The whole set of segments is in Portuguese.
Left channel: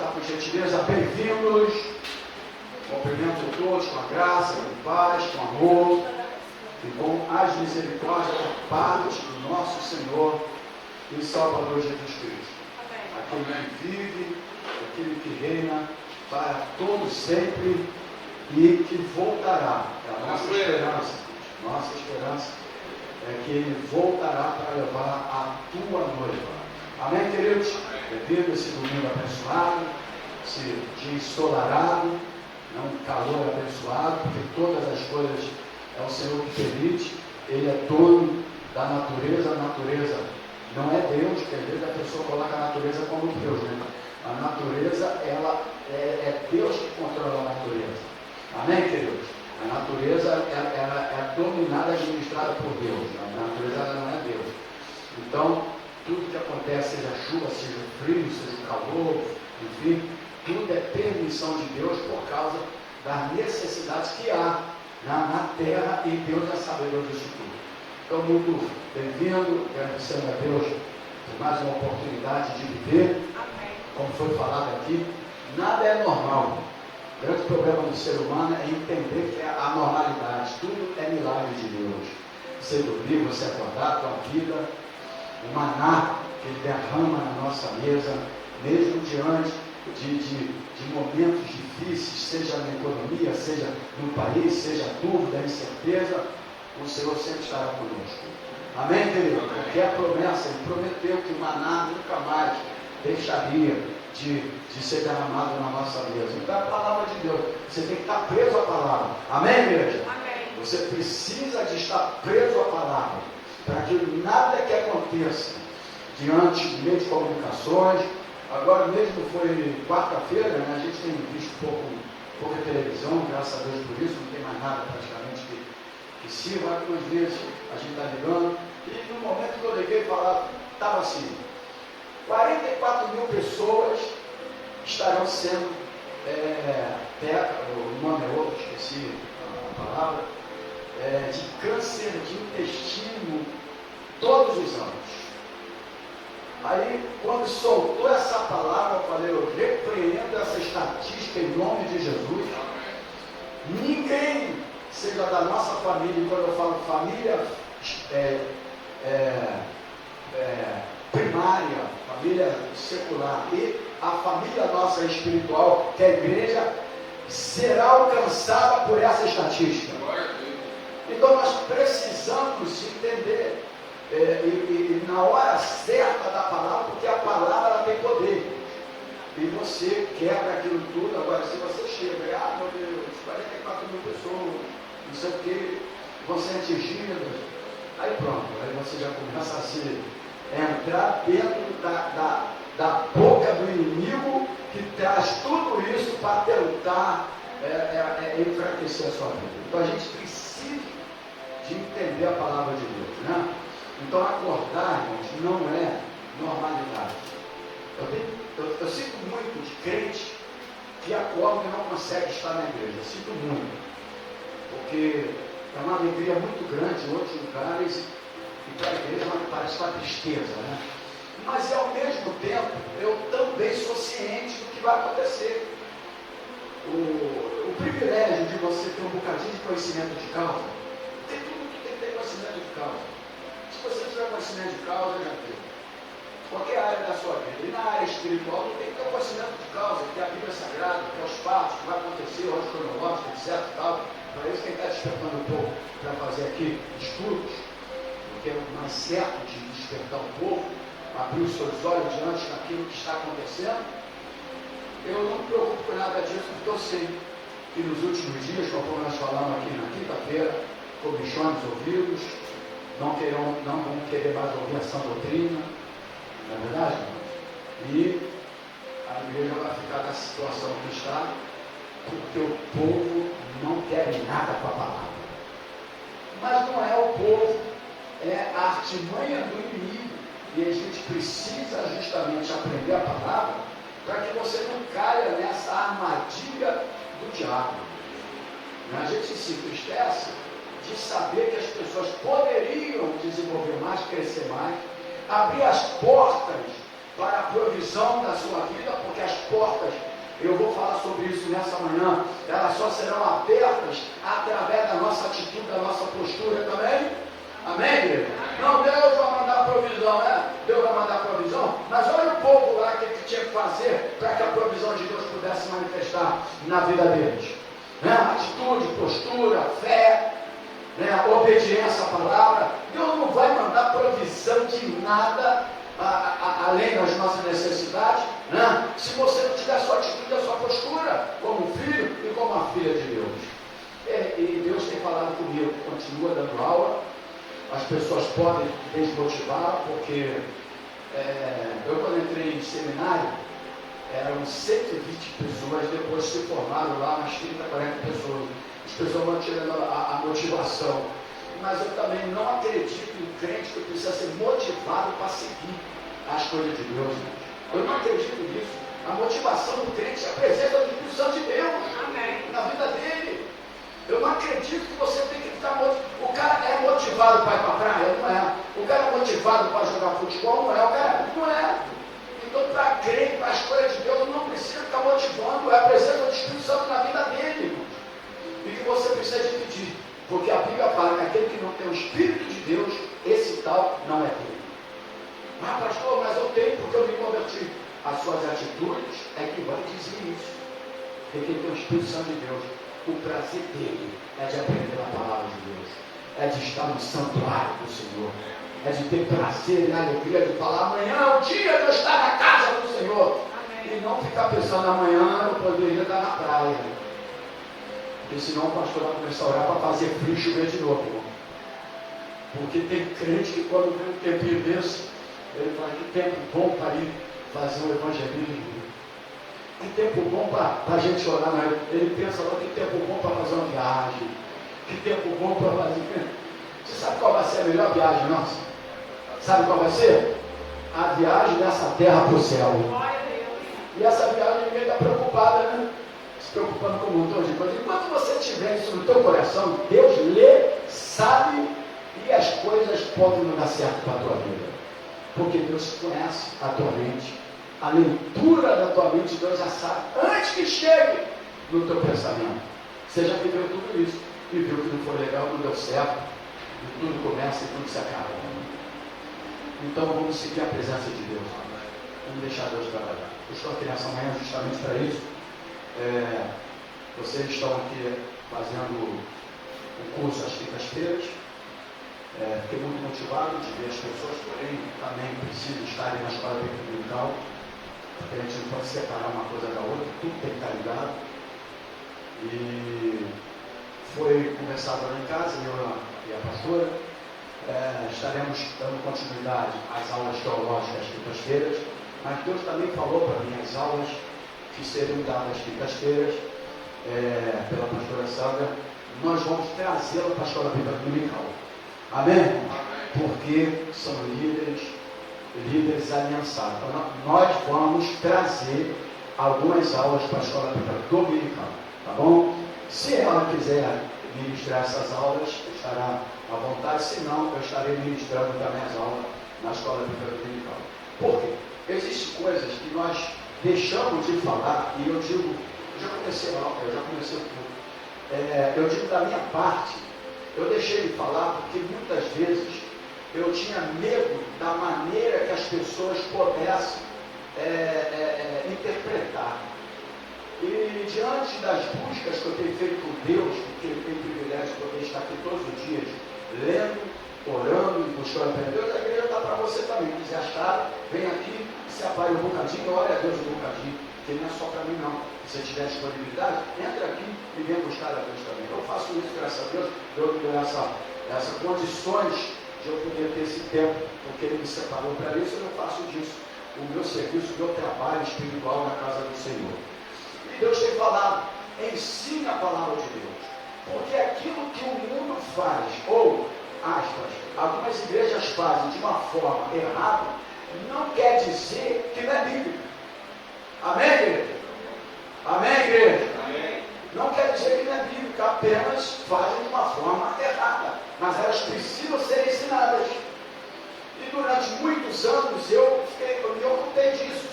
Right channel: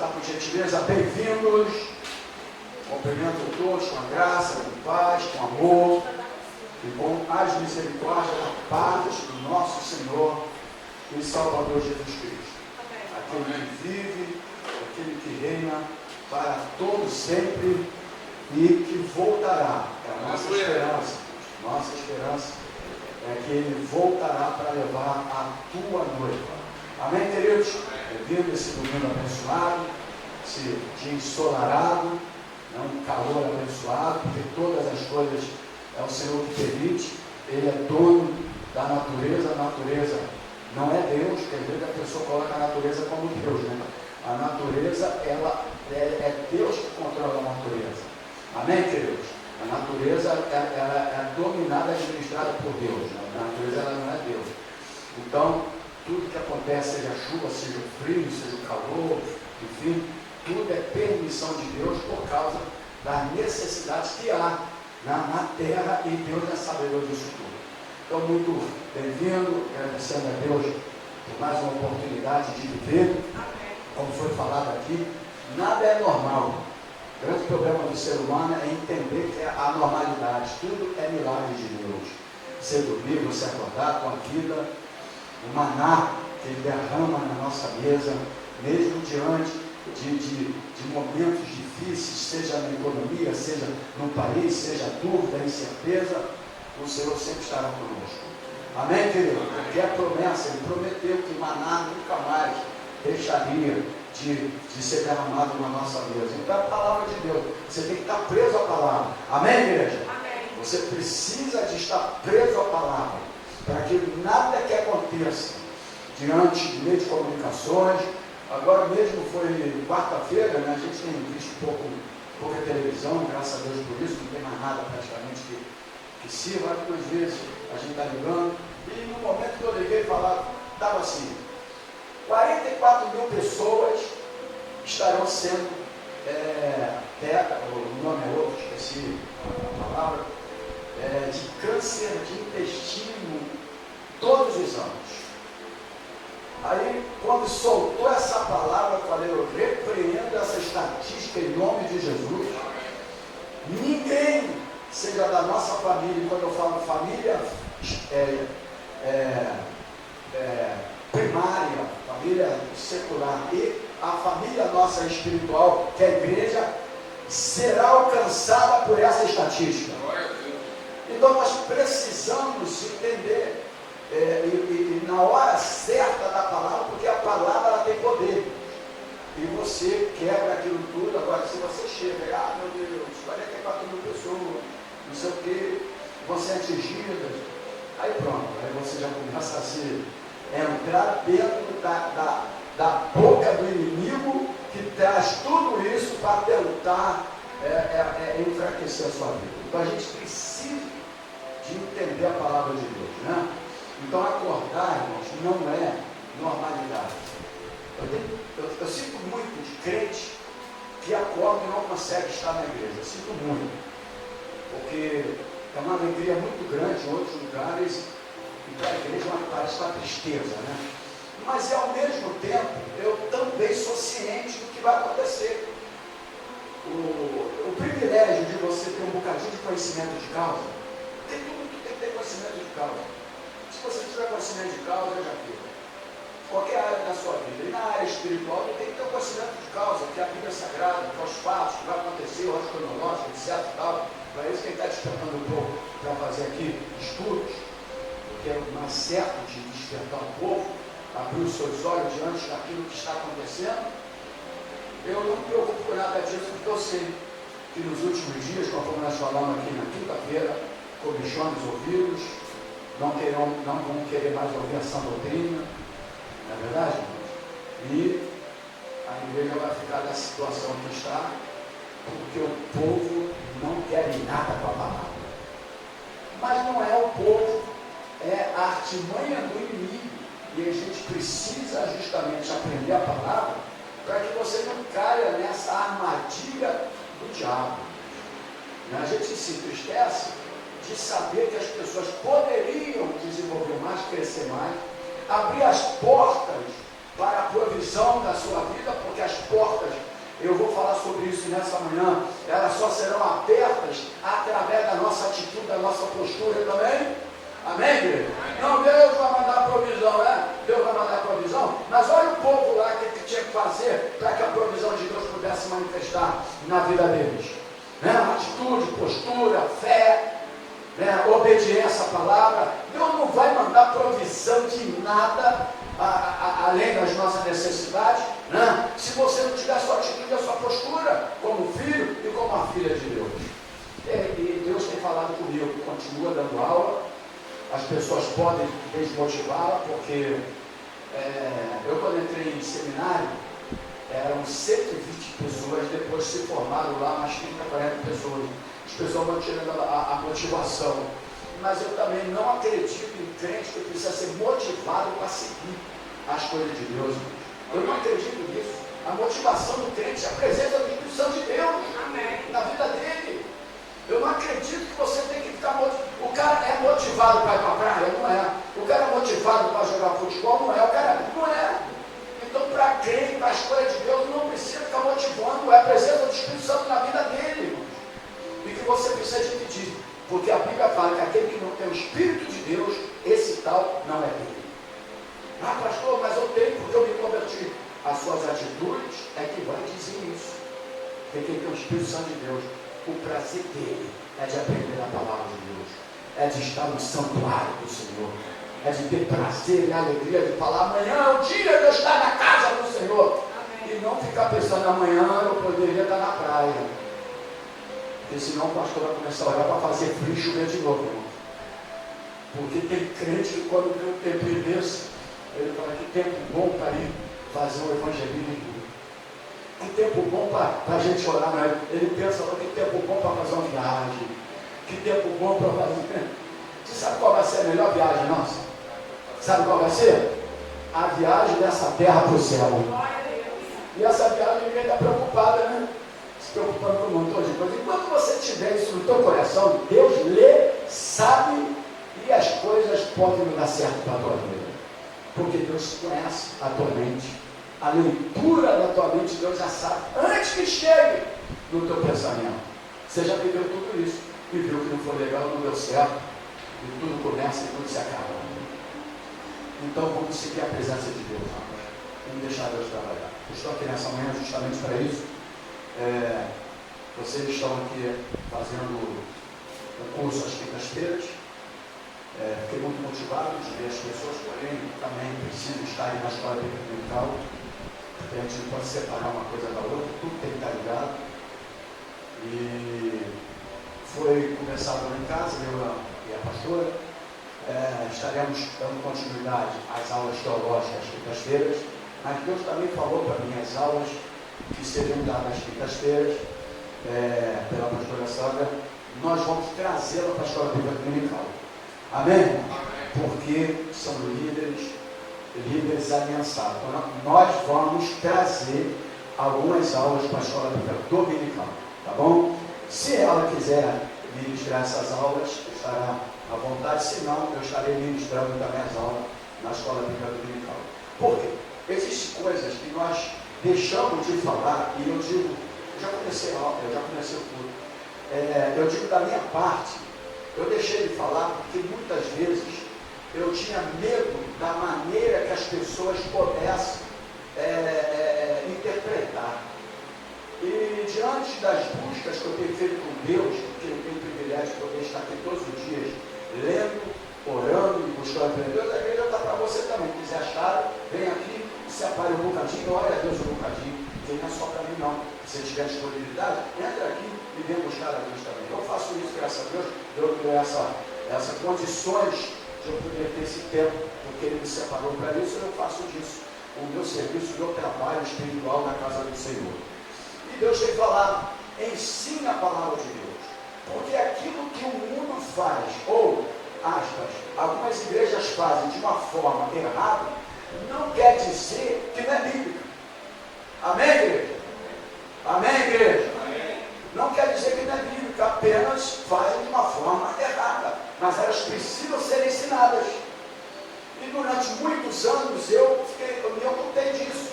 sentar por gentileza. Bem-vindos. Cumprimento todos com a graça, com paz, com amor e com as misericórdias da paz do nosso Senhor e Salvador Jesus Cristo. Aquele que vive, aquele que reina para todos sempre e que voltará. É a nossa esperança. Nossa esperança é que Ele voltará para levar a tua noiva. Amém, queridos? Devido a esse domingo abençoado, esse dia ensolarado, um calor abençoado, porque todas as coisas é o Senhor que permite. Ele é dono da natureza. A natureza não é Deus, que às vezes a pessoa coloca a natureza como Deus, né? A natureza, ela é Deus que controla a natureza. Amém, queridos? A natureza ela é dominada, administrada por Deus. Né? A natureza ela não é Deus. Então, tudo que acontece, seja chuva, seja frio, seja o calor, enfim, tudo é permissão de Deus por causa das necessidades que há na terra, e Deus é sabedor disso tudo. Então, muito bem-vindo, agradecendo a Deus por mais uma oportunidade de viver. Como foi falado aqui, nada é normal. O grande problema do ser humano é entender que é a normalidade, tudo é milagre de Deus. Você dormir, você acordar, a tua vida, o maná que Ele derrama na nossa mesa, mesmo diante de momentos difíceis, seja na economia, seja no país, seja dúvida, incerteza, o Senhor sempre estará conosco. Amém, querido? Porque a promessa, Ele prometeu que o maná nunca mais deixaria de ser derramado na nossa mesa. Então, a palavra de Deus, você tem que estar preso à palavra. Amém, igreja? Amém. Você precisa de estar preso à palavra, para que nada que aconteça diante de meio de comunicações. Agora mesmo foi quarta-feira, né? A gente tem visto pouca televisão, graças a Deus por isso, não tem mais nada praticamente que sirva. Algumas vezes a gente está ligando, e no momento que eu liguei, estava assim: 44 mil pessoas estarão sendo, o nome é outro, esqueci a palavra, de câncer de intestino todos os anos. Aí, quando soltou essa palavra, eu falei: eu repreendo essa estatística em nome de Jesus. Ninguém, seja da nossa família, e quando eu falo família primária, família secular, e a família nossa espiritual, que é a igreja, será alcançada por essa estatística. Então nós precisamos entender, e na hora certa da palavra, porque a palavra ela tem poder, e você quebra aquilo tudo. Agora, se você chega, meu Deus, 44 mil pessoas, não sei o que, vão ser atingidas, aí pronto, aí você já começa a se entrar dentro da boca do inimigo, que traz tudo isso para tentar enfraquecer a sua vida. Então a gente precisa de entender a palavra de Deus, né? Então acordar, irmãos, não é normalidade. Eu sinto muitos crentes que acordam e não conseguem estar na igreja. Eu sinto muito, porque é uma alegria muito grande em outros lugares, e para a igreja parece uma tristeza, né? Mas ao mesmo tempo, eu também sou ciente do que vai acontecer. O privilégio de você ter um bocadinho de conhecimento de causa, tem que ter conhecimento de causa. Se você não tiver conhecimento de causa, já tem. Qualquer área da sua vida, e na área espiritual, tem que ter um conhecimento de causa, que é a Bíblia Sagrada, que é os fatos, que vai acontecer, o ordem cronológica, etc. Tal. Para isso, quem está despertando um pouco para fazer aqui estudos, porque é o mais certo de despertar o povo, abrir os seus olhos diante daquilo que está acontecendo. Eu não me preocupo com nada disso, porque eu sei que nos últimos dias, conforme nós falamos aqui na quinta-feira, comichões ouvidos, não vão querer mais ouvir a sã doutrina, não é verdade? E a igreja vai ficar na situação que está, porque o povo não quer nada com a palavra. Mas não é o povo, é a artimanha do inimigo. E a gente precisa justamente aprender a palavra para que você não caia nessa armadilha do diabo. A gente se entristece de saber que as pessoas poderiam desenvolver mais, crescer mais, abrir as portas para a provisão da sua vida, porque as portas sobre isso nessa manhã, elas só serão abertas através da nossa atitude, da nossa postura também. Amém, igreja? Não, Deus vai mandar provisão, né? Deus vai mandar provisão, mas olha o povo lá que tinha que fazer para que a provisão de Deus pudesse manifestar na vida deles. Né? Atitude, postura, fé, né? Obediência à palavra. Deus não vai mandar provisão de nada além das nossas necessidades, né? Se você não tiver a sua atitude, a sua postura como filho e como a filha de Deus. E Deus tem falado comigo, continua dando aula. As pessoas podem desmotivar, porque eu quando entrei em seminário, eram 120 pessoas, depois se formaram lá umas 30, 40 pessoas. As pessoas vão tirando a motivação. Mas eu também não acredito em crente que precisa ser motivado para seguir as coisas de Deus. Eu não acredito nisso. A motivação do crente é a presença do Espírito Santo de Deus. Amém. Na vida dele. Eu não acredito que você tem que ficar motivado. O cara é motivado para ir para a praia? Não é. O cara é motivado para jogar futebol? Não é. O cara não é. Então, para crer, para a escolha de Deus, não precisa ficar motivando. É a presença do Espírito Santo na vida dele, irmãos. E que você precisa de pedir. Porque a Bíblia fala que aquele que não tem o Espírito de Deus, esse tal não é dele. Ah, pastor, mas eu tenho porque eu me converti. As suas atitudes é que vai dizer isso. Porque quem tem o Espírito Santo de Deus, o prazer dele é de aprender a palavra de Deus, é de estar no santuário do Senhor, é de ter prazer e alegria de falar: amanhã é o dia de eu estar na casa do Senhor. Amém. E não ficar pensando: amanhã eu poderia estar na praia. Porque senão o pastor vai começar a orar para fazer frio e chover de novo, irmão. Porque tem crente que quando vê um tempinho desse, ele fala: que tempo bom para ir fazer um evangelismo. Que tempo bom para a gente orar, né? Ele pensa: que tempo bom para fazer uma viagem. Que tempo bom para fazer. Você sabe qual vai ser a melhor viagem nossa? Sabe qual vai ser? A viagem dessa terra para o céu. E essa viagem ninguém está preocupada, né? Se preocupando com um montão de coisa. Enquanto você tiver isso no teu coração, Deus lê, sabe, e as coisas podem não dar certo para a tua vida. Porque Deus conhece a tua mente. A leitura da tua mente, Deus já sabe antes que chegue no teu pensamento. Você já viveu tudo isso e viu que não foi legal, não deu certo, e tudo começa e tudo se acaba. Então vamos seguir a presença de Deus, vamos deixar Deus trabalhar. Eu estou aqui nessa manhã justamente para isso. Vocês estão aqui fazendo o curso às quintas-feiras. Fiquei muito motivado de ver as pessoas, porém também preciso estar na escola dominical. A gente não pode separar uma coisa da outra, tudo tem que estar ligado. E foi conversado lá em casa, eu e a pastora, estaremos dando continuidade às aulas teológicas às quintas-feiras, mas Deus também falou para mim as aulas que seriam dadas às quintas-feiras pela pastora Sandra, nós vamos trazê-la para a escola bíblica dominical. Amém? Porque são líderes aliançados. Então, nós vamos trazer algumas aulas para a escola bíblica dominical, tá bom? Se ela quiser ministrar essas aulas, estará à vontade. Se não, eu estarei ministrando também as aulas na escola bíblica dominical. Por quê? Existem coisas que nós deixamos de falar, e eu digo, eu já comecei o tudo. Eu digo da minha parte, eu deixei de falar porque muitas vezes eu tinha medo da maneira que as pessoas pudessem interpretar. E diante das buscas que eu tenho feito com Deus, porque eu tenho o privilégio de poder estar aqui todos os dias, lendo, orando e buscando a Deus, a Bíblia está para você também. Se quiser achar, vem aqui, se apague um bocadinho, ore a Deus um bocadinho, porque não é só para mim não. Se tiver disponibilidade, entra aqui e vem buscar a Deus também. Eu faço isso, graças a Deus, Deus me deu essas condições de eu poder ter esse tempo, porque Ele me separou para isso. Eu não faço disso o meu serviço, o meu trabalho espiritual na casa do Senhor. E Deus tem falado: ensine a palavra de Deus, porque aquilo que o mundo faz, ou aspas, algumas igrejas fazem de uma forma errada, não quer dizer que não é bíblica. Amém, igreja? Amém, igreja? Amém. Não quer dizer que não é bíblica, apenas fazem de uma forma errada, mas elas precisam ser ensinadas. E durante muitos anos eu me ocupei disso,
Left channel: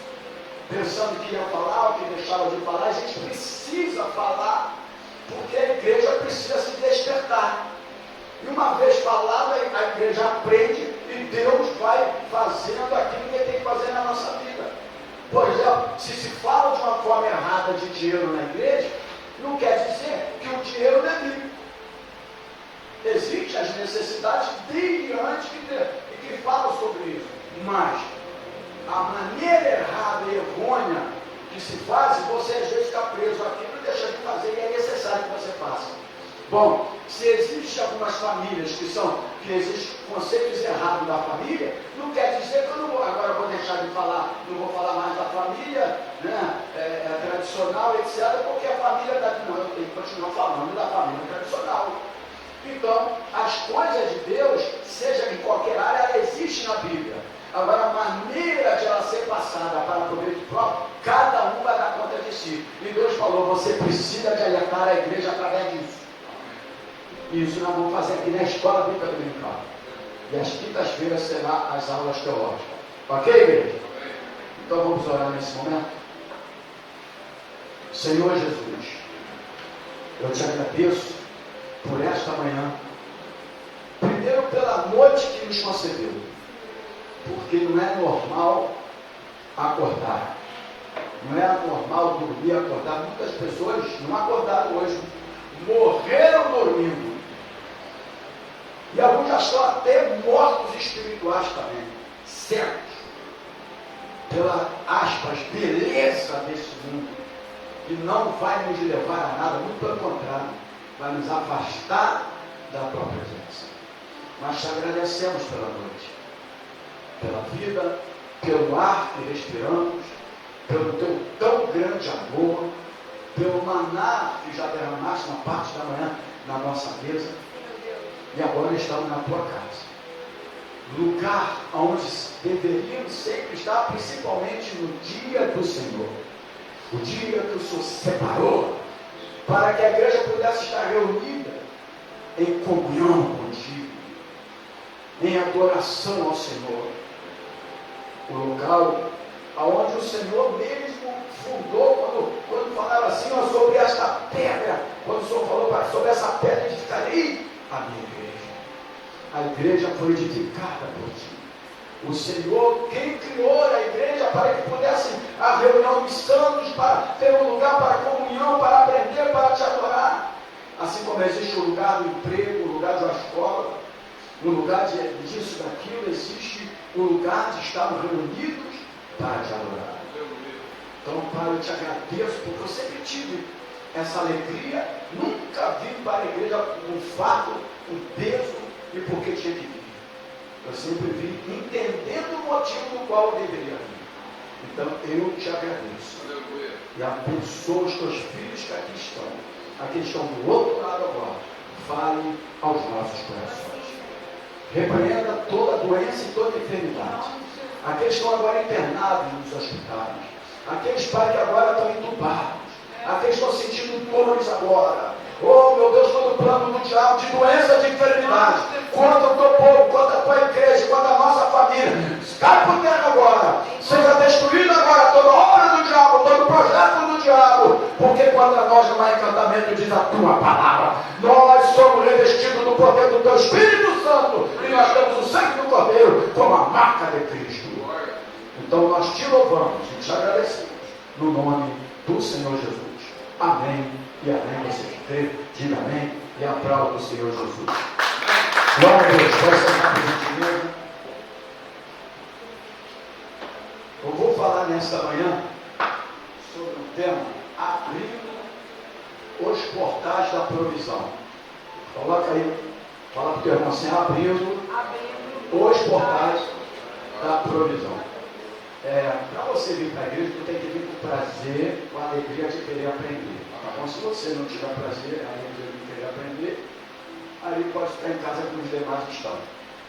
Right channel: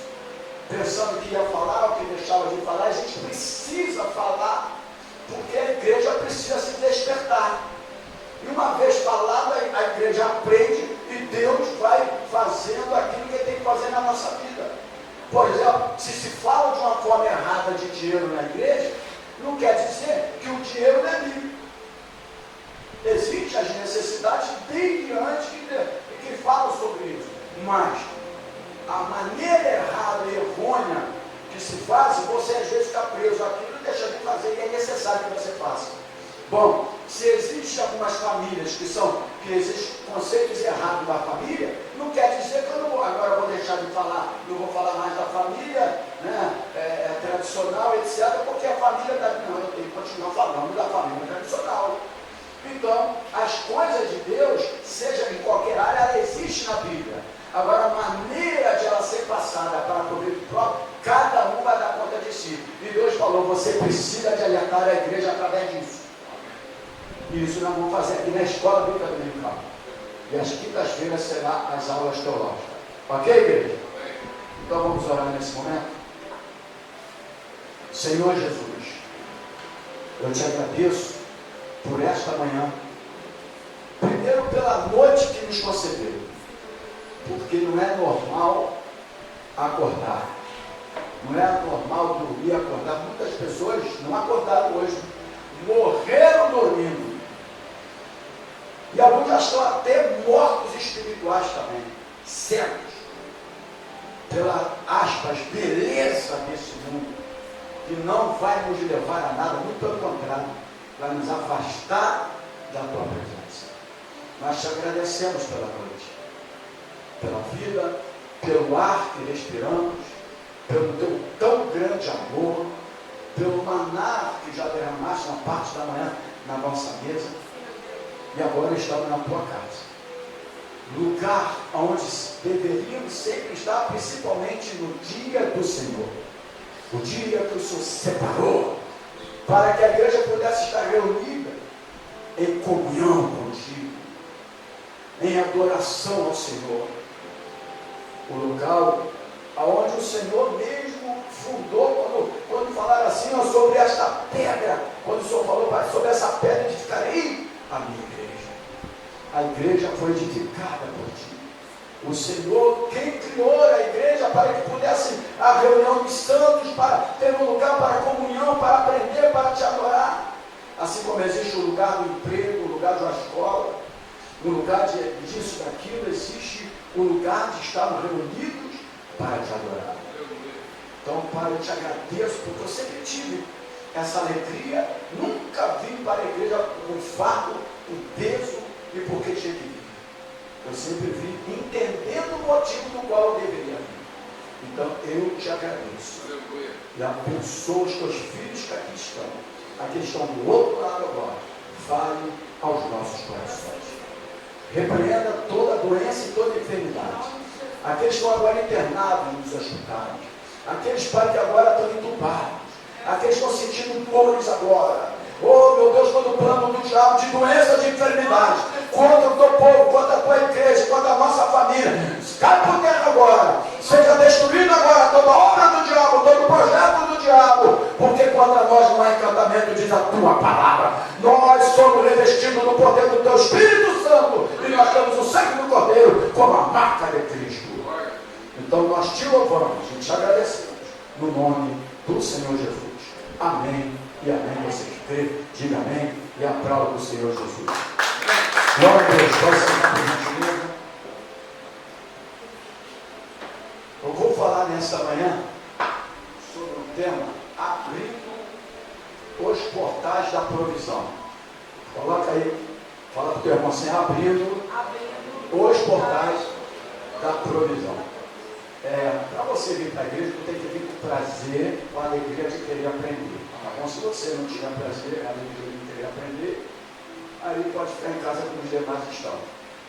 pensando que ia falar, o que deixava de falar, a gente precisa falar, porque a igreja precisa se despertar. E uma vez falado, a igreja aprende e Deus vai fazendo aquilo que Ele tem que fazer na nossa vida. Por exemplo, se se fala de uma forma errada de dinheiro na igreja, não quer dizer que o dinheiro não é bíblico. Existem as necessidades desde antes que falam sobre isso. Mas a maneira errada e errônea que se faz, você às vezes está preso àquilo e deixa de fazer, e é necessário que você faça. Bom, se existem algumas famílias que existem conceitos errados da família, não quer dizer que eu não vou, agora eu vou deixar de falar, não vou falar mais da família, né, tradicional, etc., porque a família, ele continua falando da família tradicional. Então, as coisas de Deus, seja em qualquer área, ela existe na Bíblia. Agora, a maneira de ela ser passada para proveito próprio, cada um vai dar conta de si. E Deus falou, você precisa de alertar a igreja através disso. E isso nós vamos fazer aqui na escola bíblica dominical. E às quintas-feiras será as aulas teológicas. Ok, igreja? Então vamos orar nesse momento. Senhor Jesus, eu te agradeço por esta manhã. Primeiro pela noite que nos concedeu. Porque não é normal acordar. Não é normal dormir e acordar. Muitas pessoas não acordaram hoje. Morreram dormindo. E alguns já estão até mortos espirituais também. Cegos. Pela, aspas, beleza desse mundo. Que não vai nos levar a nada. Muito pelo contrário. Vai nos afastar da tua presença. Nós te agradecemos pela noite. Pela vida, pelo ar que respiramos, pelo teu tão grande amor, pelo maná que já derramaste na parte da manhã na nossa mesa, e agora estamos na tua casa, lugar onde deveríamos sempre estar, principalmente no dia do Senhor, o dia que o Senhor separou, para que a igreja pudesse estar reunida em comunhão contigo, em adoração ao Senhor. O local onde o Senhor mesmo fundou, quando falaram assim, ó, sobre esta pedra, quando o Senhor falou sobre essa pedra, edificarei a minha igreja. A igreja foi edificada por ti. O Senhor, quem criou a igreja para que pudesse a reunião dos santos, para ter um lugar para comunhão, para aprender, para te adorar. Assim como existe o lugar do emprego, o lugar de uma escola, o lugar disso, daquilo, existe o lugar de estarmos reunidos para te adorar. Então, Pai, eu te agradeço, porque eu sempre tive essa alegria, nunca vim para a igreja com fardo, com peso, e porque tinha que vir. Eu sempre vim entendendo o motivo do qual eu deveria vir. Então, eu te agradeço. E abençoa os teus filhos que aqui estão do outro lado agora. Fale aos nossos corações. Repreenda toda doença e toda enfermidade. Aqueles que estão agora internados nos hospitais. Aqueles, Pai, que agora estão entubados. Aqueles que estão sentindo dores agora. Oh, meu Deus, todo o plano do diabo de doenças e enfermidades. Contra o teu povo, contra a tua igreja, contra a nossa família. Cai por terra agora. Seja destruído agora toda obra do diabo, todo projeto do diabo. Porque contra nós não há encantamento, diz a tua palavra. Nós somos revestidos do poder do teu Espírito Santo. E nós temos o sangue do Cordeiro como a marca de Cristo. Então nós te louvamos e te agradecemos. No nome do Senhor Jesus. Amém e amém. Você crê, diga amém e aplauda o Senhor Jesus. Glória a Deus. Pode sentar por gentileza. Eu vou falar nesta manhã sobre um tema: abrindo os portais da provisão. Coloca aí, fala para o teu irmão assim: abrindo os portais da provisão. Para você vir para a igreja, tu tem que vir com prazer, com a alegria de querer aprender. Tá bom? Se você não tiver prazer, a alegria de querer aprender, aí pode ficar em casa como os demais estão.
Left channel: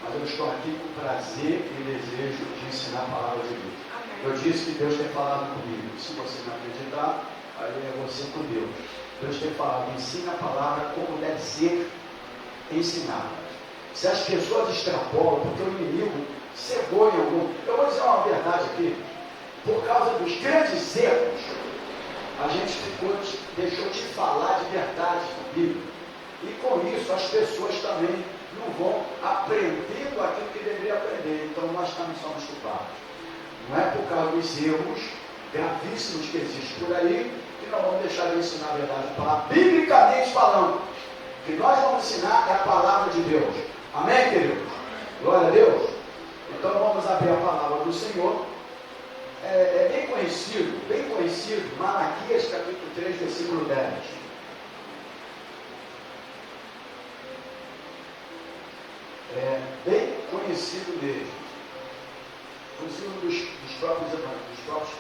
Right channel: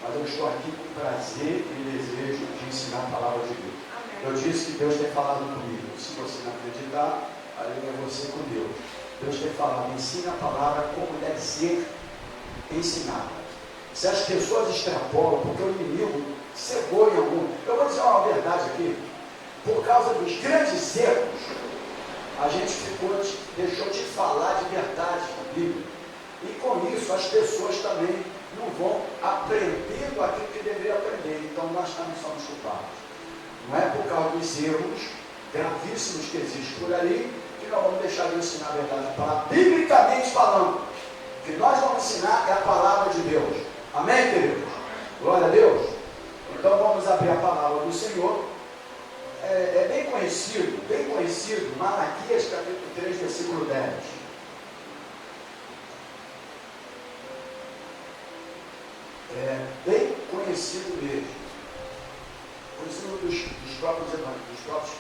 Mas eu estou aqui com prazer e desejo de ensinar a palavra de Deus. Eu disse que Deus tem falado comigo. Se você não acreditar, aí é você com Deus. Deus tem falado, ensina a palavra como deve ser ensinada. Se as pessoas extrapolam, porque o inimigo cegou em algum. Eu vou dizer uma verdade aqui. Por causa dos grandes erros, a gente deixou de falar de verdade da Bíblia. E com isso as pessoas também não vão aprendendo aquilo que deveriam aprender. Então nós também somos culpados. Não é por causa dos erros gravíssimos que existem por aí que nós vamos deixar de ensinar a verdade da palavra. Biblicamente falando, o que nós vamos ensinar é a palavra de Deus. Amém, queridos? Glória a Deus. Então vamos abrir a palavra do Senhor. É bem conhecido, Malaquias capítulo 3, versículo 10. É bem conhecido mesmo. Conhecido dos próprios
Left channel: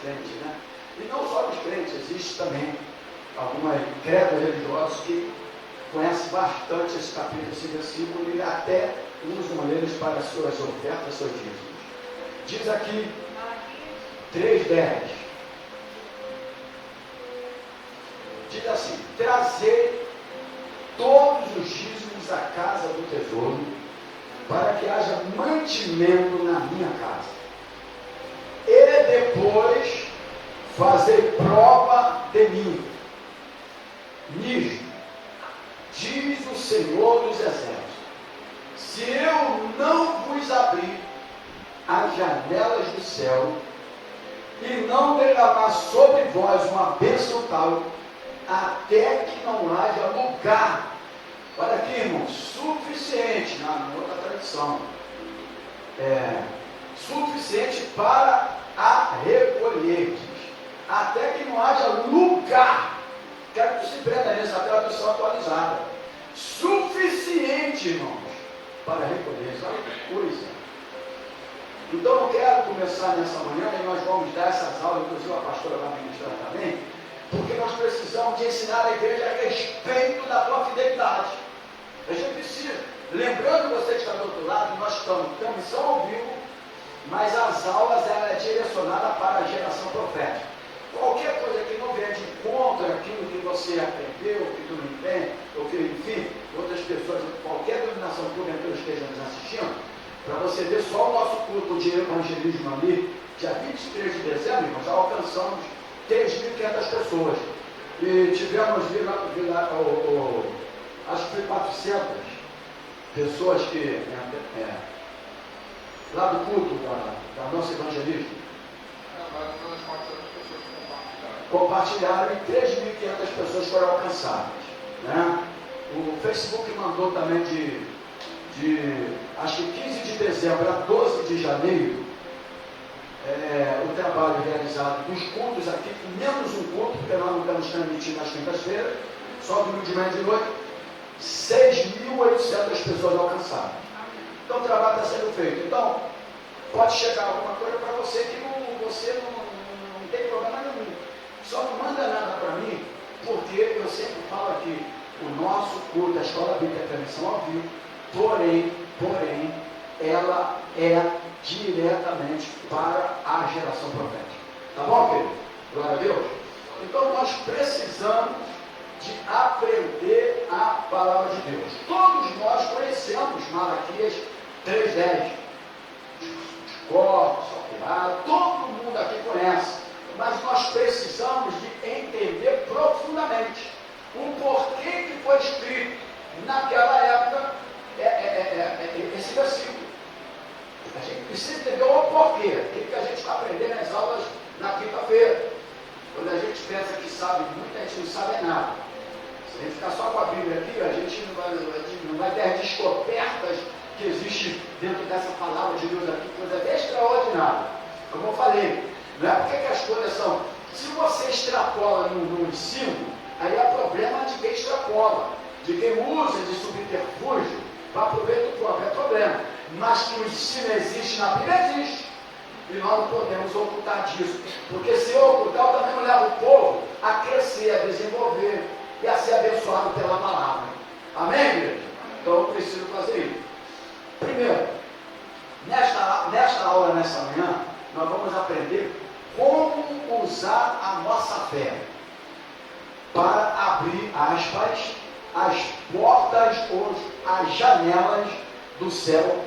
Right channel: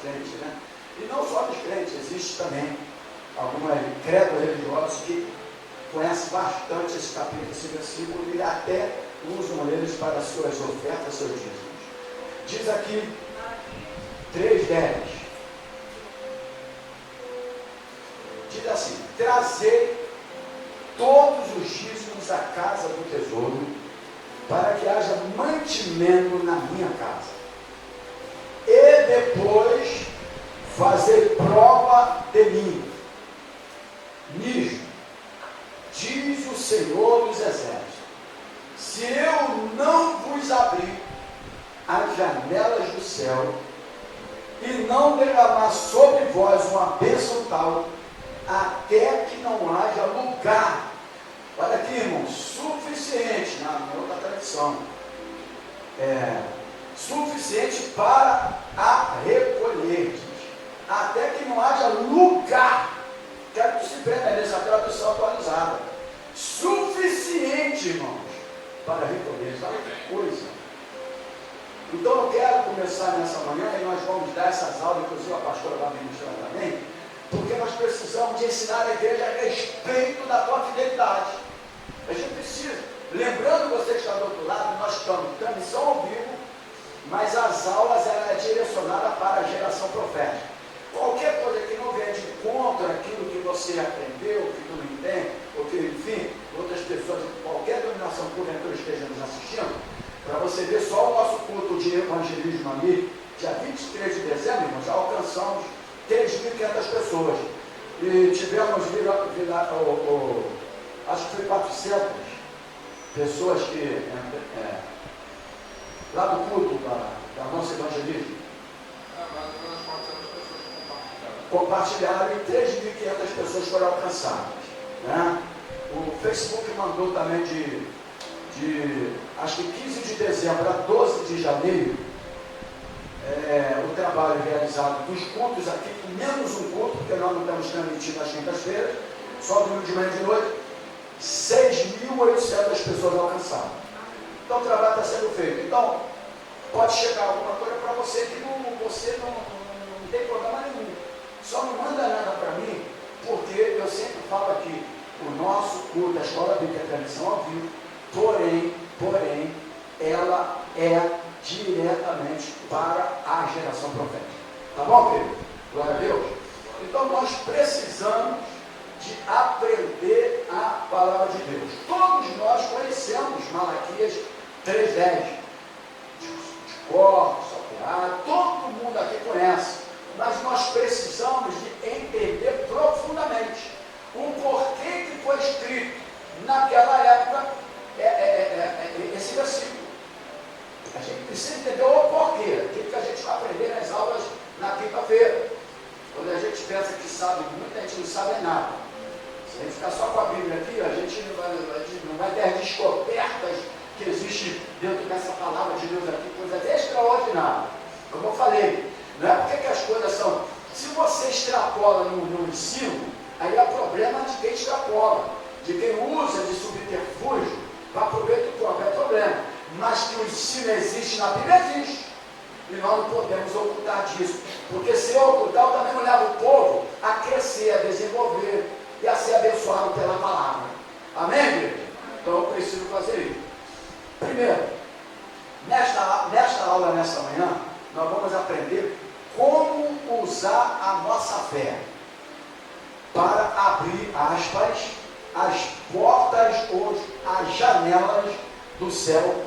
crentes, né? E não só dos crentes, existe também algumas credos religiosos que conhecem bastante esse capítulo, esse versículo, e até usam eles para suas ofertas, seus dízimos. Diz aqui 3:10. Diz assim: trazei todos os dízimos à casa do tesouro, para que haja mantimento na minha casa. E depois fazei prova de mim. Nisto, diz o Senhor dos Exércitos: se eu não vos abrir as janelas do céu e não derramar sobre vós uma bênção tal, até que não haja lugar, olha aqui, irmão, suficiente, na outra tradição, suficiente para a recolher, até que não haja lugar. Quero que se prenda nessa tradução atualizada. Suficiente, irmãos, para recolher. Olha que coisa. Então eu quero começar nessa manhã, e nós vamos dar essas aulas, inclusive a pastora vai ministrar também, porque nós precisamos de ensinar a igreja a respeito da tua fidelidade. A gente precisa. Lembrando você que está do outro lado, nós estamos em transmissão ao vivo, mas as aulas ela é direcionada para a geração profética. Qualquer coisa que não vier de encontro àquilo que você aprendeu, que tu não entende, ou que, enfim, outras pessoas, qualquer denominação porventura estejam nos assistindo, para você ver só o nosso culto de evangelismo ali, dia 23 de dezembro, nós já alcançamos 3.500 pessoas. E tivemos, acho que foi 400 pessoas que, lá do culto da nossa evangelismo, compartilharam e 3.500 pessoas foram alcançadas. Né? O Facebook mandou também acho que 15 de dezembro a 12 de janeiro, o trabalho realizado dos cultos aqui, menos um culto, porque nós não estamos transmitindo nas quintas-feiras, só domingo de manhã e de noite, 6.800 pessoas alcançadas. Então o trabalho está sendo feito. Então, pode chegar alguma coisa para você que você não tem problema nenhum. Só não manda nada para mim, porque eu sempre falo aqui, o nosso culto, a Escola Bíblica Transmissão ao vivo, porém, ela é diretamente para a geração profética. Tá bom, querido? Glória a Deus. Então nós precisamos de aprender a palavra de Deus. Todos nós conhecemos Malaquias 3:10. De cor, salteado, todo mundo aqui conhece. Mas nós precisamos de entender profundamente o porquê que foi escrito naquela época esse versículo. A gente precisa entender o porquê, aquilo que a gente vai aprender nas aulas na quinta-feira. Quando a gente pensa que sabe muito, a gente não sabe nada. Se a gente ficar só com a Bíblia aqui, a gente não vai ter as descobertas que existem dentro dessa palavra de Deus aqui, coisas extraordinárias. Como eu falei, não é porque que as coisas são. Se você extrapola no ensino, aí é problema de quem extrapola, de quem usa de subterfúgio para aproveitar o próprio problema. Mas que o ensino existe na Bíblia, existe. E nós não podemos ocultar disso. Porque se eu ocultar, eu também não levo o povo a crescer, a desenvolver e a ser abençoado pela palavra. Amém, igreja? Então eu preciso fazer isso. Primeiro, nesta aula, nesta manhã, nós vamos aprender como usar a nossa fé para abrir, aspas, as portas ou as janelas do céu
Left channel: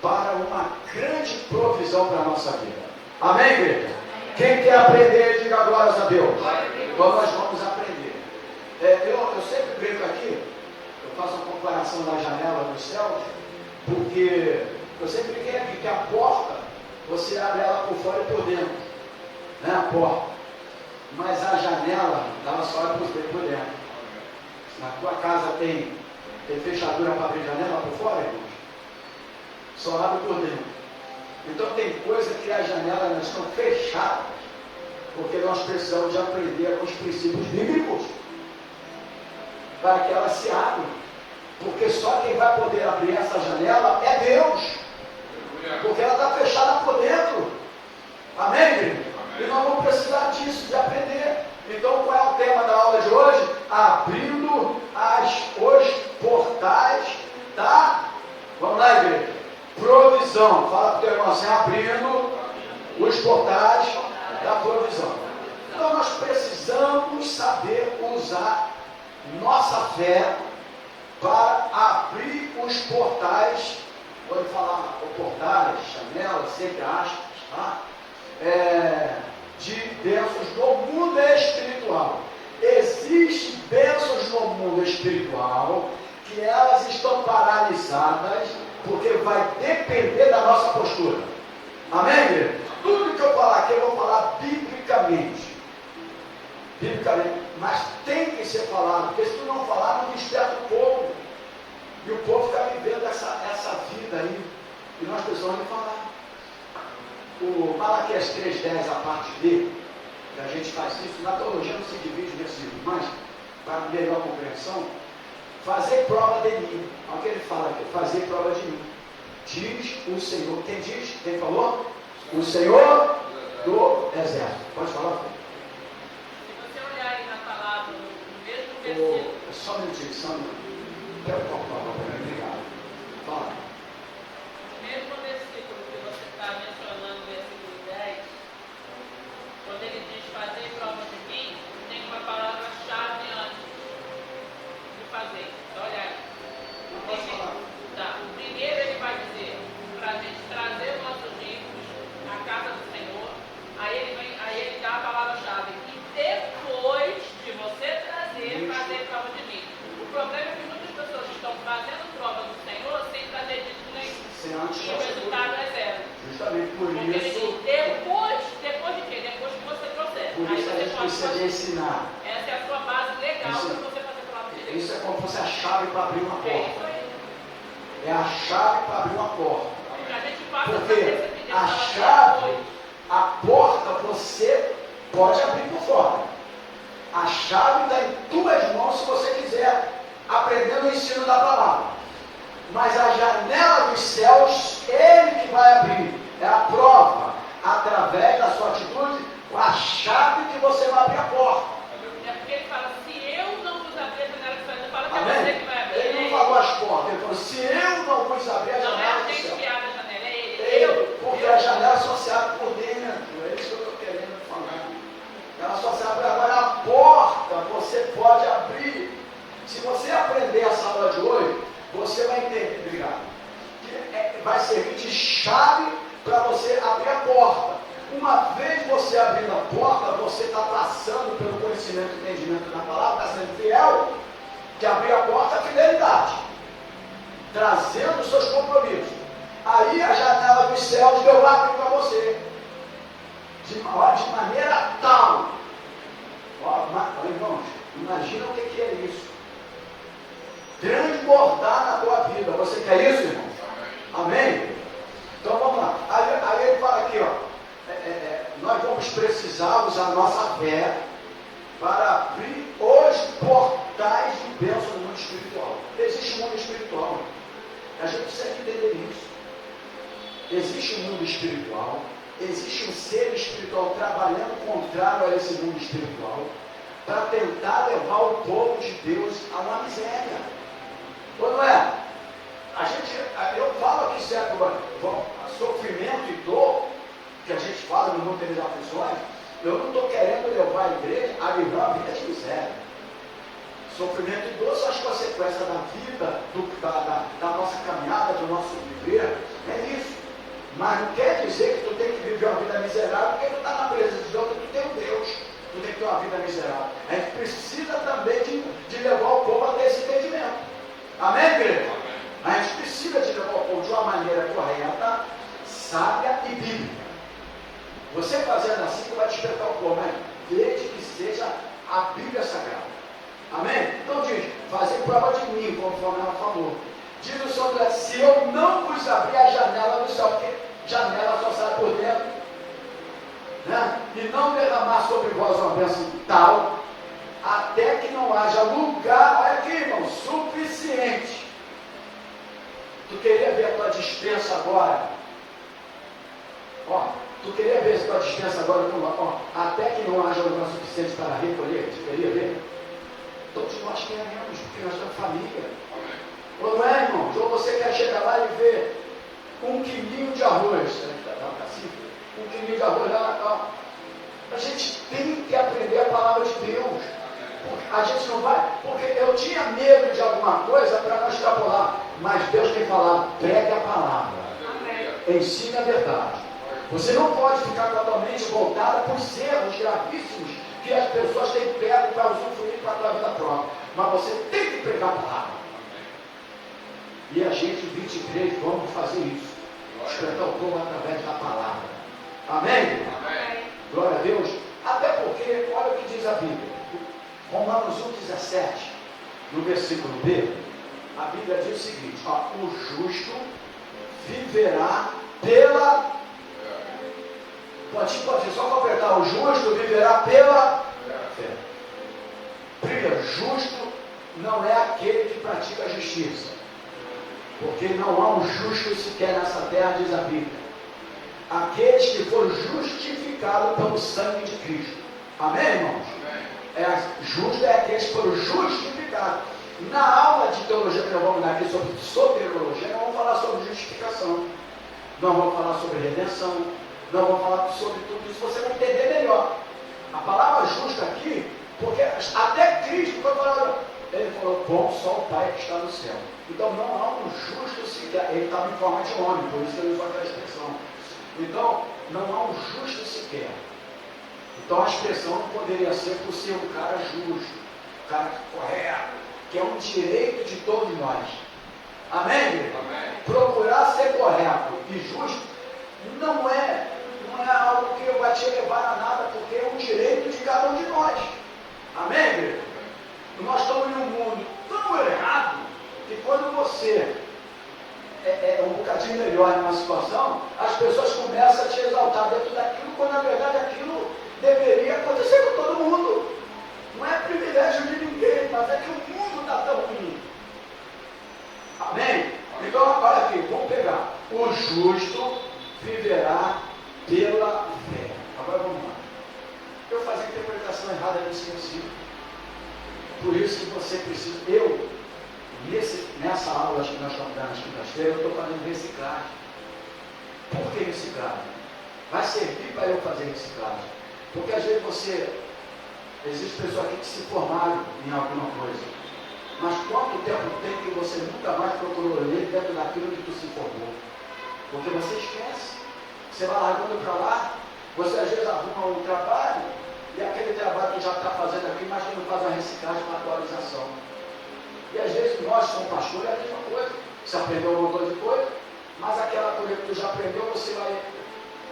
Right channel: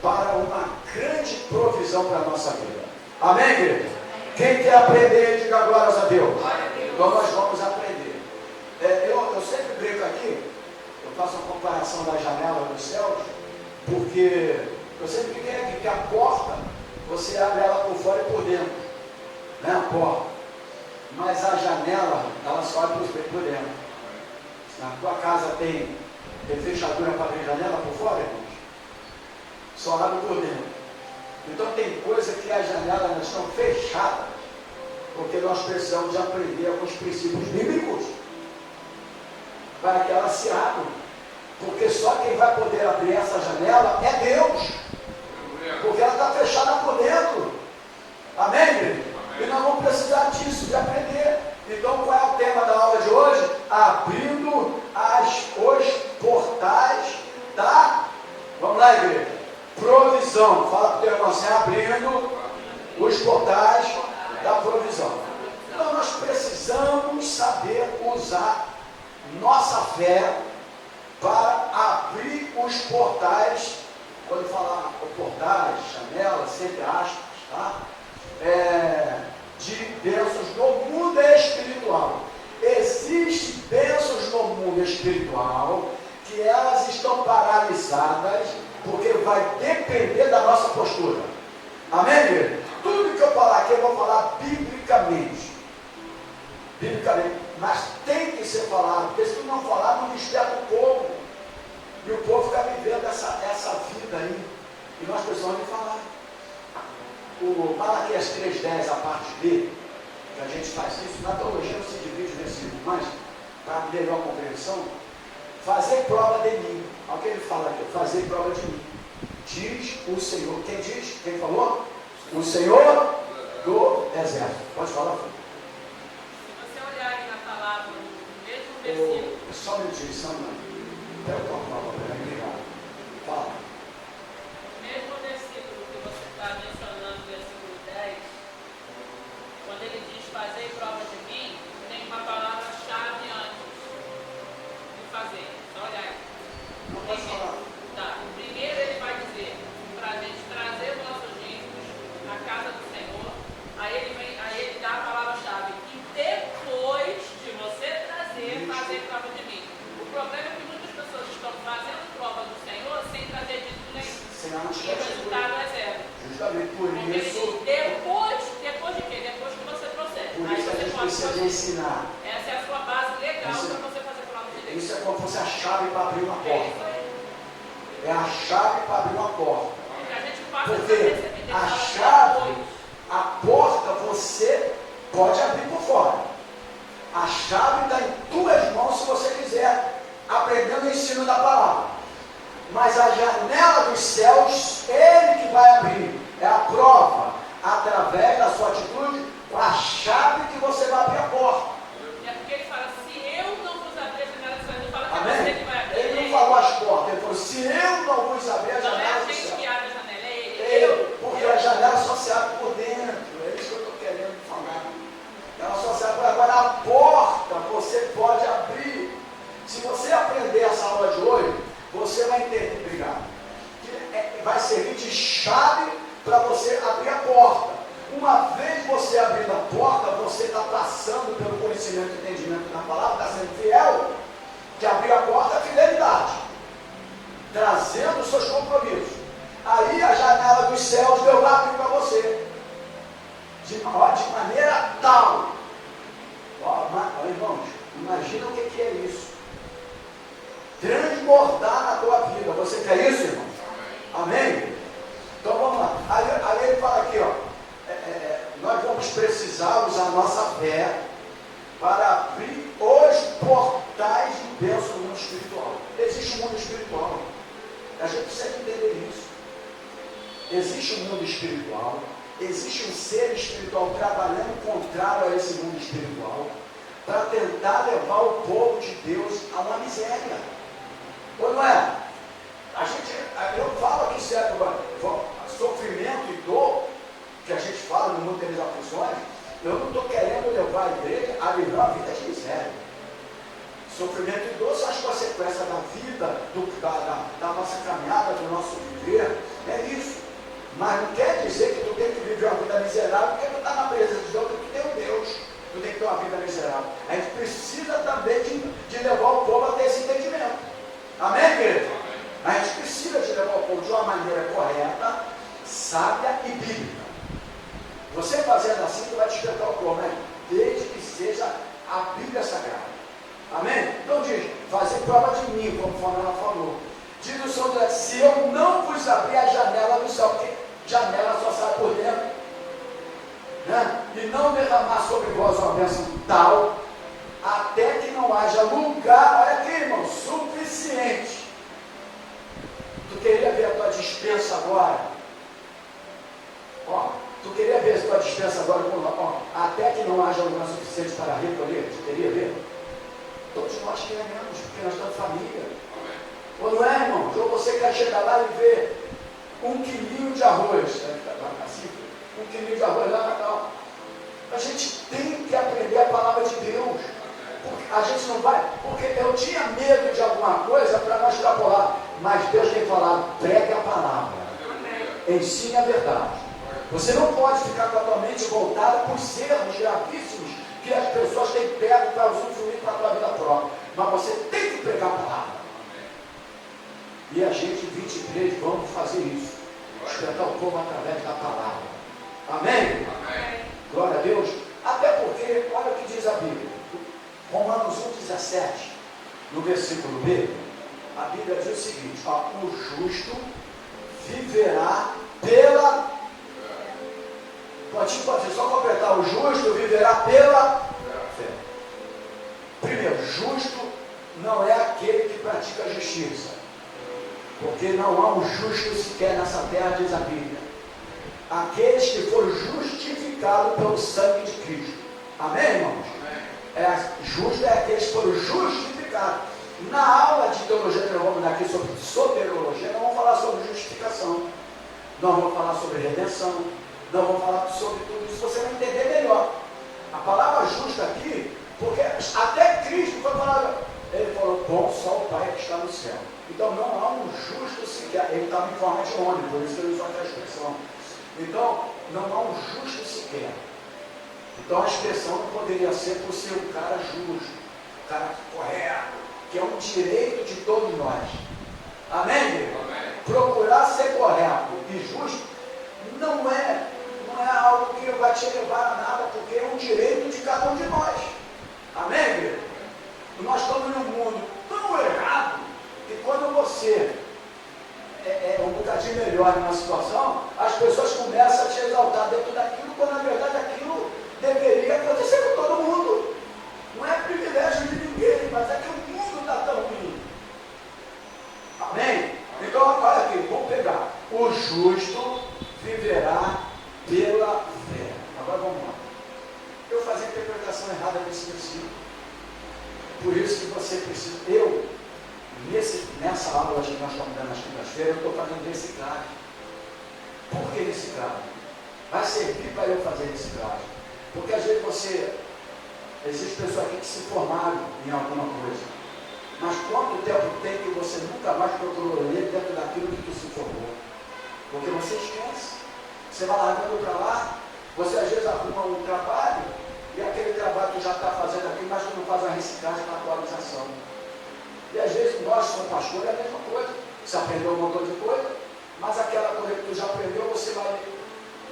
para uma grande provisão para a nossa vida. Amém, igreja? Quem quer aprender, diga glórias a Deus. Então nós vamos aprender. Eu sempre brinco aqui, eu faço uma comparação da janela dos céus, porque eu sempre brinquei aqui que a porta, você abre ela por fora e por dentro, né? A porta. Mas a janela, ela só abre por dentro. Na tua casa tem fechadura para abrir janela por fora, irmãos? Só abre por dentro. Então tem coisa que as janelas estão fechadas, porque nós precisamos de aprender alguns princípios bíblicos para que elas se abram. Porque só quem vai poder abrir essa janela é Deus. Porque ela está fechada por dentro. Amém, querido? E nós vamos precisar disso, de aprender. Então, qual é o tema da aula de hoje? Abrindo os portais da... Vamos lá, igreja. Provisão. Fala para o teu irmão assim, abrindo os portais da provisão. Então, nós precisamos saber usar nossa fé para abrir os portais. Quando falar portais, janelas, sempre aspas, tá? De bênçãos no mundo espiritual. Existem bênçãos no mundo espiritual que elas estão paralisadas porque vai depender da nossa postura. Amém, querido? Tudo que eu falar aqui eu vou falar biblicamente. Biblicamente. Mas tem que ser falado, porque se tu não falar, não desperta o povo. E o povo fica vivendo essa vida aí. E nós precisamos falar. O Malaquias 3,10, a parte B, que a gente faz isso, na teologia não se divide nesse, mas para melhor compreensão, fazer prova de mim. Olha o que ele fala aqui, fazer prova de mim. Diz o Senhor. Quem diz? Quem falou? O Senhor do exército. Pode falar, filho. Se você olhar aí na palavra, no mesmo versículo. Só um minutinho, só um minutinho. Quero cortar o papel, obrigado. Fala. No mesmo versículo que você está mencionando, versículo 10, quando ele diz fazer prova de mim, tem uma palavra-chave antes de fazer. Só olha aí. Não posso falar. Tá. Primeiro ele vai dizer para a gente trazer os nossos dízimos à casa do Senhor. Aí ele dá a palavra-chave. E depois de você trazer, fazer prova de mim. O problema é que muitas pessoas estão fazendo prova do Senhor sem trazer dízimo nenhum. Sem antes E o resultado é zero. Justamente por Porque ele isso. diz, depois de quê? Depois que você procede. Por Aí isso a você gente pode precisa de fazer. ensinar. Essa é a sua base legal Isso. para você fazer prova de Deus. Isso é como se fosse a chave para abrir uma É porta. isso aí. É a chave para abrir uma porta. Porque a gente passa a Porque cabeça que Deus a fala chave, depois. a porta você pode abrir por fora. A chave está em tuas mãos se você quiser, aprendendo o ensino da palavra. Mas a janela dos céus, ele que vai abrir. É a prova, através da sua atitude, com a chave que você vai abrir a porta. É porque ele fala, se eu não vos abrir a janela do céu, ele fala que é Amém? você que vai abrir. Ele não falou as portas, ele falou, se eu não vos abrir a Não é janela a do gente céu. que abre a janela, é ele. Ele, porque a janela só se abre por dentro. É isso que eu estou querendo falar. Ela só se abre agora. A porta você pode abrir. Se você aprender essa aula de hoje, você vai entender, obrigado, que vai servir de chave para você abrir a porta. Uma vez você abrindo a porta, você está passando pelo conhecimento e entendimento da palavra, está sendo fiel, que abrir a porta é fidelidade, trazendo os seus compromissos. Aí a janela dos céus Deus vai abrir para você, de maneira tal. Irmãos, imagina o que é isso. Transbordar na tua vida. Você quer isso, irmão? Amém? Então vamos lá. Aí ele fala aqui, ó. Nós vamos precisar usar a nossa fé para abrir os portais de bênção no mundo espiritual. Existe um mundo espiritual. A gente precisa entender isso. Existe um mundo espiritual. Existe um ser espiritual trabalhando contrário a esse mundo espiritual para tentar levar o povo de Deus a uma miséria. Ou não é? Eu falo aqui certo, sofrimento e dor, que a gente fala no mundo das aflições, eu não estou querendo levar a igreja a viver uma vida de miséria. Sofrimento e dor são as consequências da vida, da nossa caminhada, do nosso viver, é isso. Mas não quer dizer que tu tem que viver uma vida miserável porque tu está na presença de Deus, que tu tem um Deus. não tem que ter uma vida miserável. A gente precisa também de levar o povo a ter esse entendimento. Amém, igreja? A gente precisa de levar o povo de uma maneira correta, sábia e bíblica. Você fazendo assim, você vai despertar o povo, né? Desde que seja a Bíblia Sagrada. Amém? Então diz, fazer prova de mim, conforme ela falou. Diz o Senhor, se eu não vos abrir a janela do céu, porque janela só sai por dentro, né? E não derramar sobre vós uma bênção tal, até que não haja lugar, olha aqui, irmão, suficiente. Tu queria ver a tua dispensa agora? Ó, tu queria ver a tua dispensa agora? Ó, até que não haja lugar suficiente para recolher? Tu queria ver? Todos nós queremos, porque nós temos família. Ou não é, irmão? Ou você quer chegar lá e ver 1 quilinho de arroz, um quilinho de arroz lá, tal. A gente tem que aprender a palavra de Deus. A gente não vai, porque eu tinha medo de alguma coisa para não extrapolar, mas Deus tem falado, pregue a palavra. Amém. Ensine a verdade. Você não pode ficar com a tua mente voltada por erros gravíssimos que as pessoas têm pego para usufruir para a tua vida própria. Mas você tem que pregar a palavra. E a gente, 23, vamos fazer isso. Despertar o povo através da palavra. Amém? Amém? Glória a Deus. Até porque, olha o que diz a Bíblia. Romanos 1,17, no versículo B, a Bíblia diz o seguinte, ó, o justo viverá pela... Pode só completar, o justo viverá pela fé. Primeiro, justo não é aquele que pratica a justiça, porque não há um justo sequer nessa terra, diz a Bíblia. Aqueles que foram justificados pelo sangue de Cristo. Amém, irmãos? Justo é aqueles que foram justificados. Na aula de teologia que nós vamos dar aqui sobre soteriologia, nós vamos falar sobre justificação, nós vamos falar sobre redenção, nós vamos falar sobre tudo isso, você vai entender melhor. A palavra justa aqui, porque até Cristo foi falado, ele falou, bom só o Pai que está no céu. Então não há um justo sequer, ele estava em forma de homem, por isso ele usou a expressão. Então não há um justo sequer. Então a expressão não poderia ser por ser um cara justo, um cara correto, que é um direito de todos nós. Amém, igreja? Amém. Procurar ser correto e justo não é algo que vai te levar a nada, porque é um direito de cada um de nós. Amém, igreja? Nós estamos em um mundo tão errado que quando você é um bocadinho melhor numa situação, as pessoas começam a te exaltar dentro daquilo, quando na verdade aquilo deveria acontecer com todo mundo. Não é privilégio de ninguém, mas é que o mundo está tão ruim. Amém? Então, olha aqui, vamos pegar. O justo viverá pela fé. Agora vamos lá. Eu fazia a interpretação errada desse versículo. Por isso que você precisa. Nessa aula que nós estamos dando nas quintas-feiras, eu estou fazendo reciclagem. Por que reciclagem? Vai servir para eu fazer reciclagem. Porque às vezes existe pessoas aqui que se formaram em alguma coisa. Mas quanto tempo tem que você nunca mais procurou ler dentro daquilo que tu se formou? Porque você esquece. Você vai largando para lá, você às vezes arruma um trabalho, e aquele trabalho que já está fazendo aqui, mas que não faz a reciclagem para atualização. E às vezes nós, como pastores, é a mesma coisa. Você aprendeu um montão de coisa, mas aquela coisa que tu já aprendeu, você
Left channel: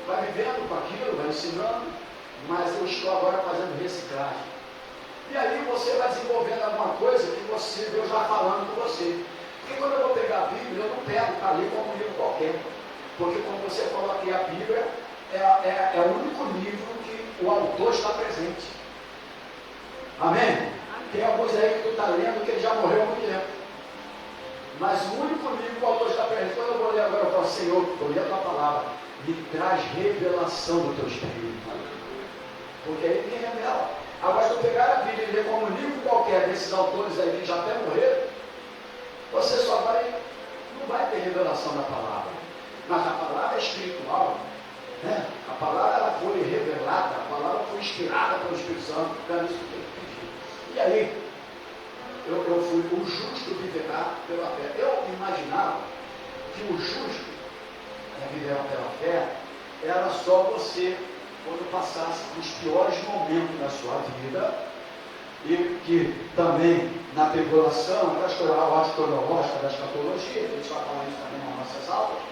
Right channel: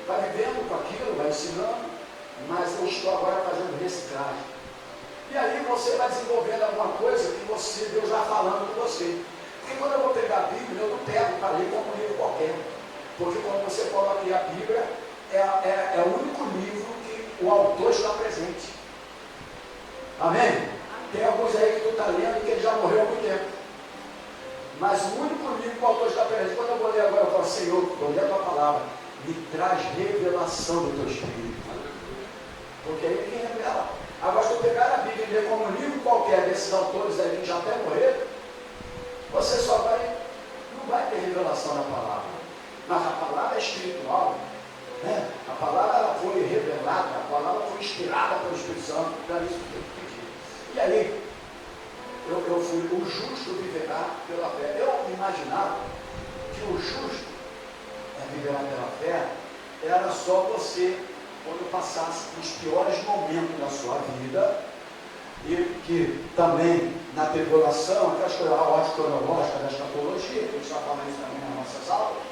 vai vivendo com aquilo, vai ensinando, mas eu estou agora fazendo reciclagem. E aí você vai desenvolvendo alguma coisa que Deus vai falando com você. Porque quando eu vou pegar a Bíblia, eu não pego para ler como um livro qualquer. Porque como você falou aqui, a Bíblia é o único livro que o autor está presente. Amém? Tem alguns aí que tu está lendo que ele já morreu há muito tempo. Mas o único livro que o autor está presente. Quando eu vou ler agora, eu falo, Senhor, estou lendo a tua palavra, me traz revelação do teu Espírito. Porque aí ninguém revela. Agora, se eu pegar a Bíblia e ler como um livro qualquer desses autores aí que já até morreram, você não vai ter revelação da palavra. Mas a palavra é espiritual, né? A palavra ela foi revelada, a palavra foi inspirada pelo Espírito Santo, para isso que eu pedi. E aí, eu fui, o justo viverá pela fé. Eu imaginava que o justo viverá pela fé era só você quando passasse os piores momentos da sua vida, e que também na tribulação, aquelas coisas, a ordem cronológica da escatologia, que eles só falam isso também nas nossas aulas,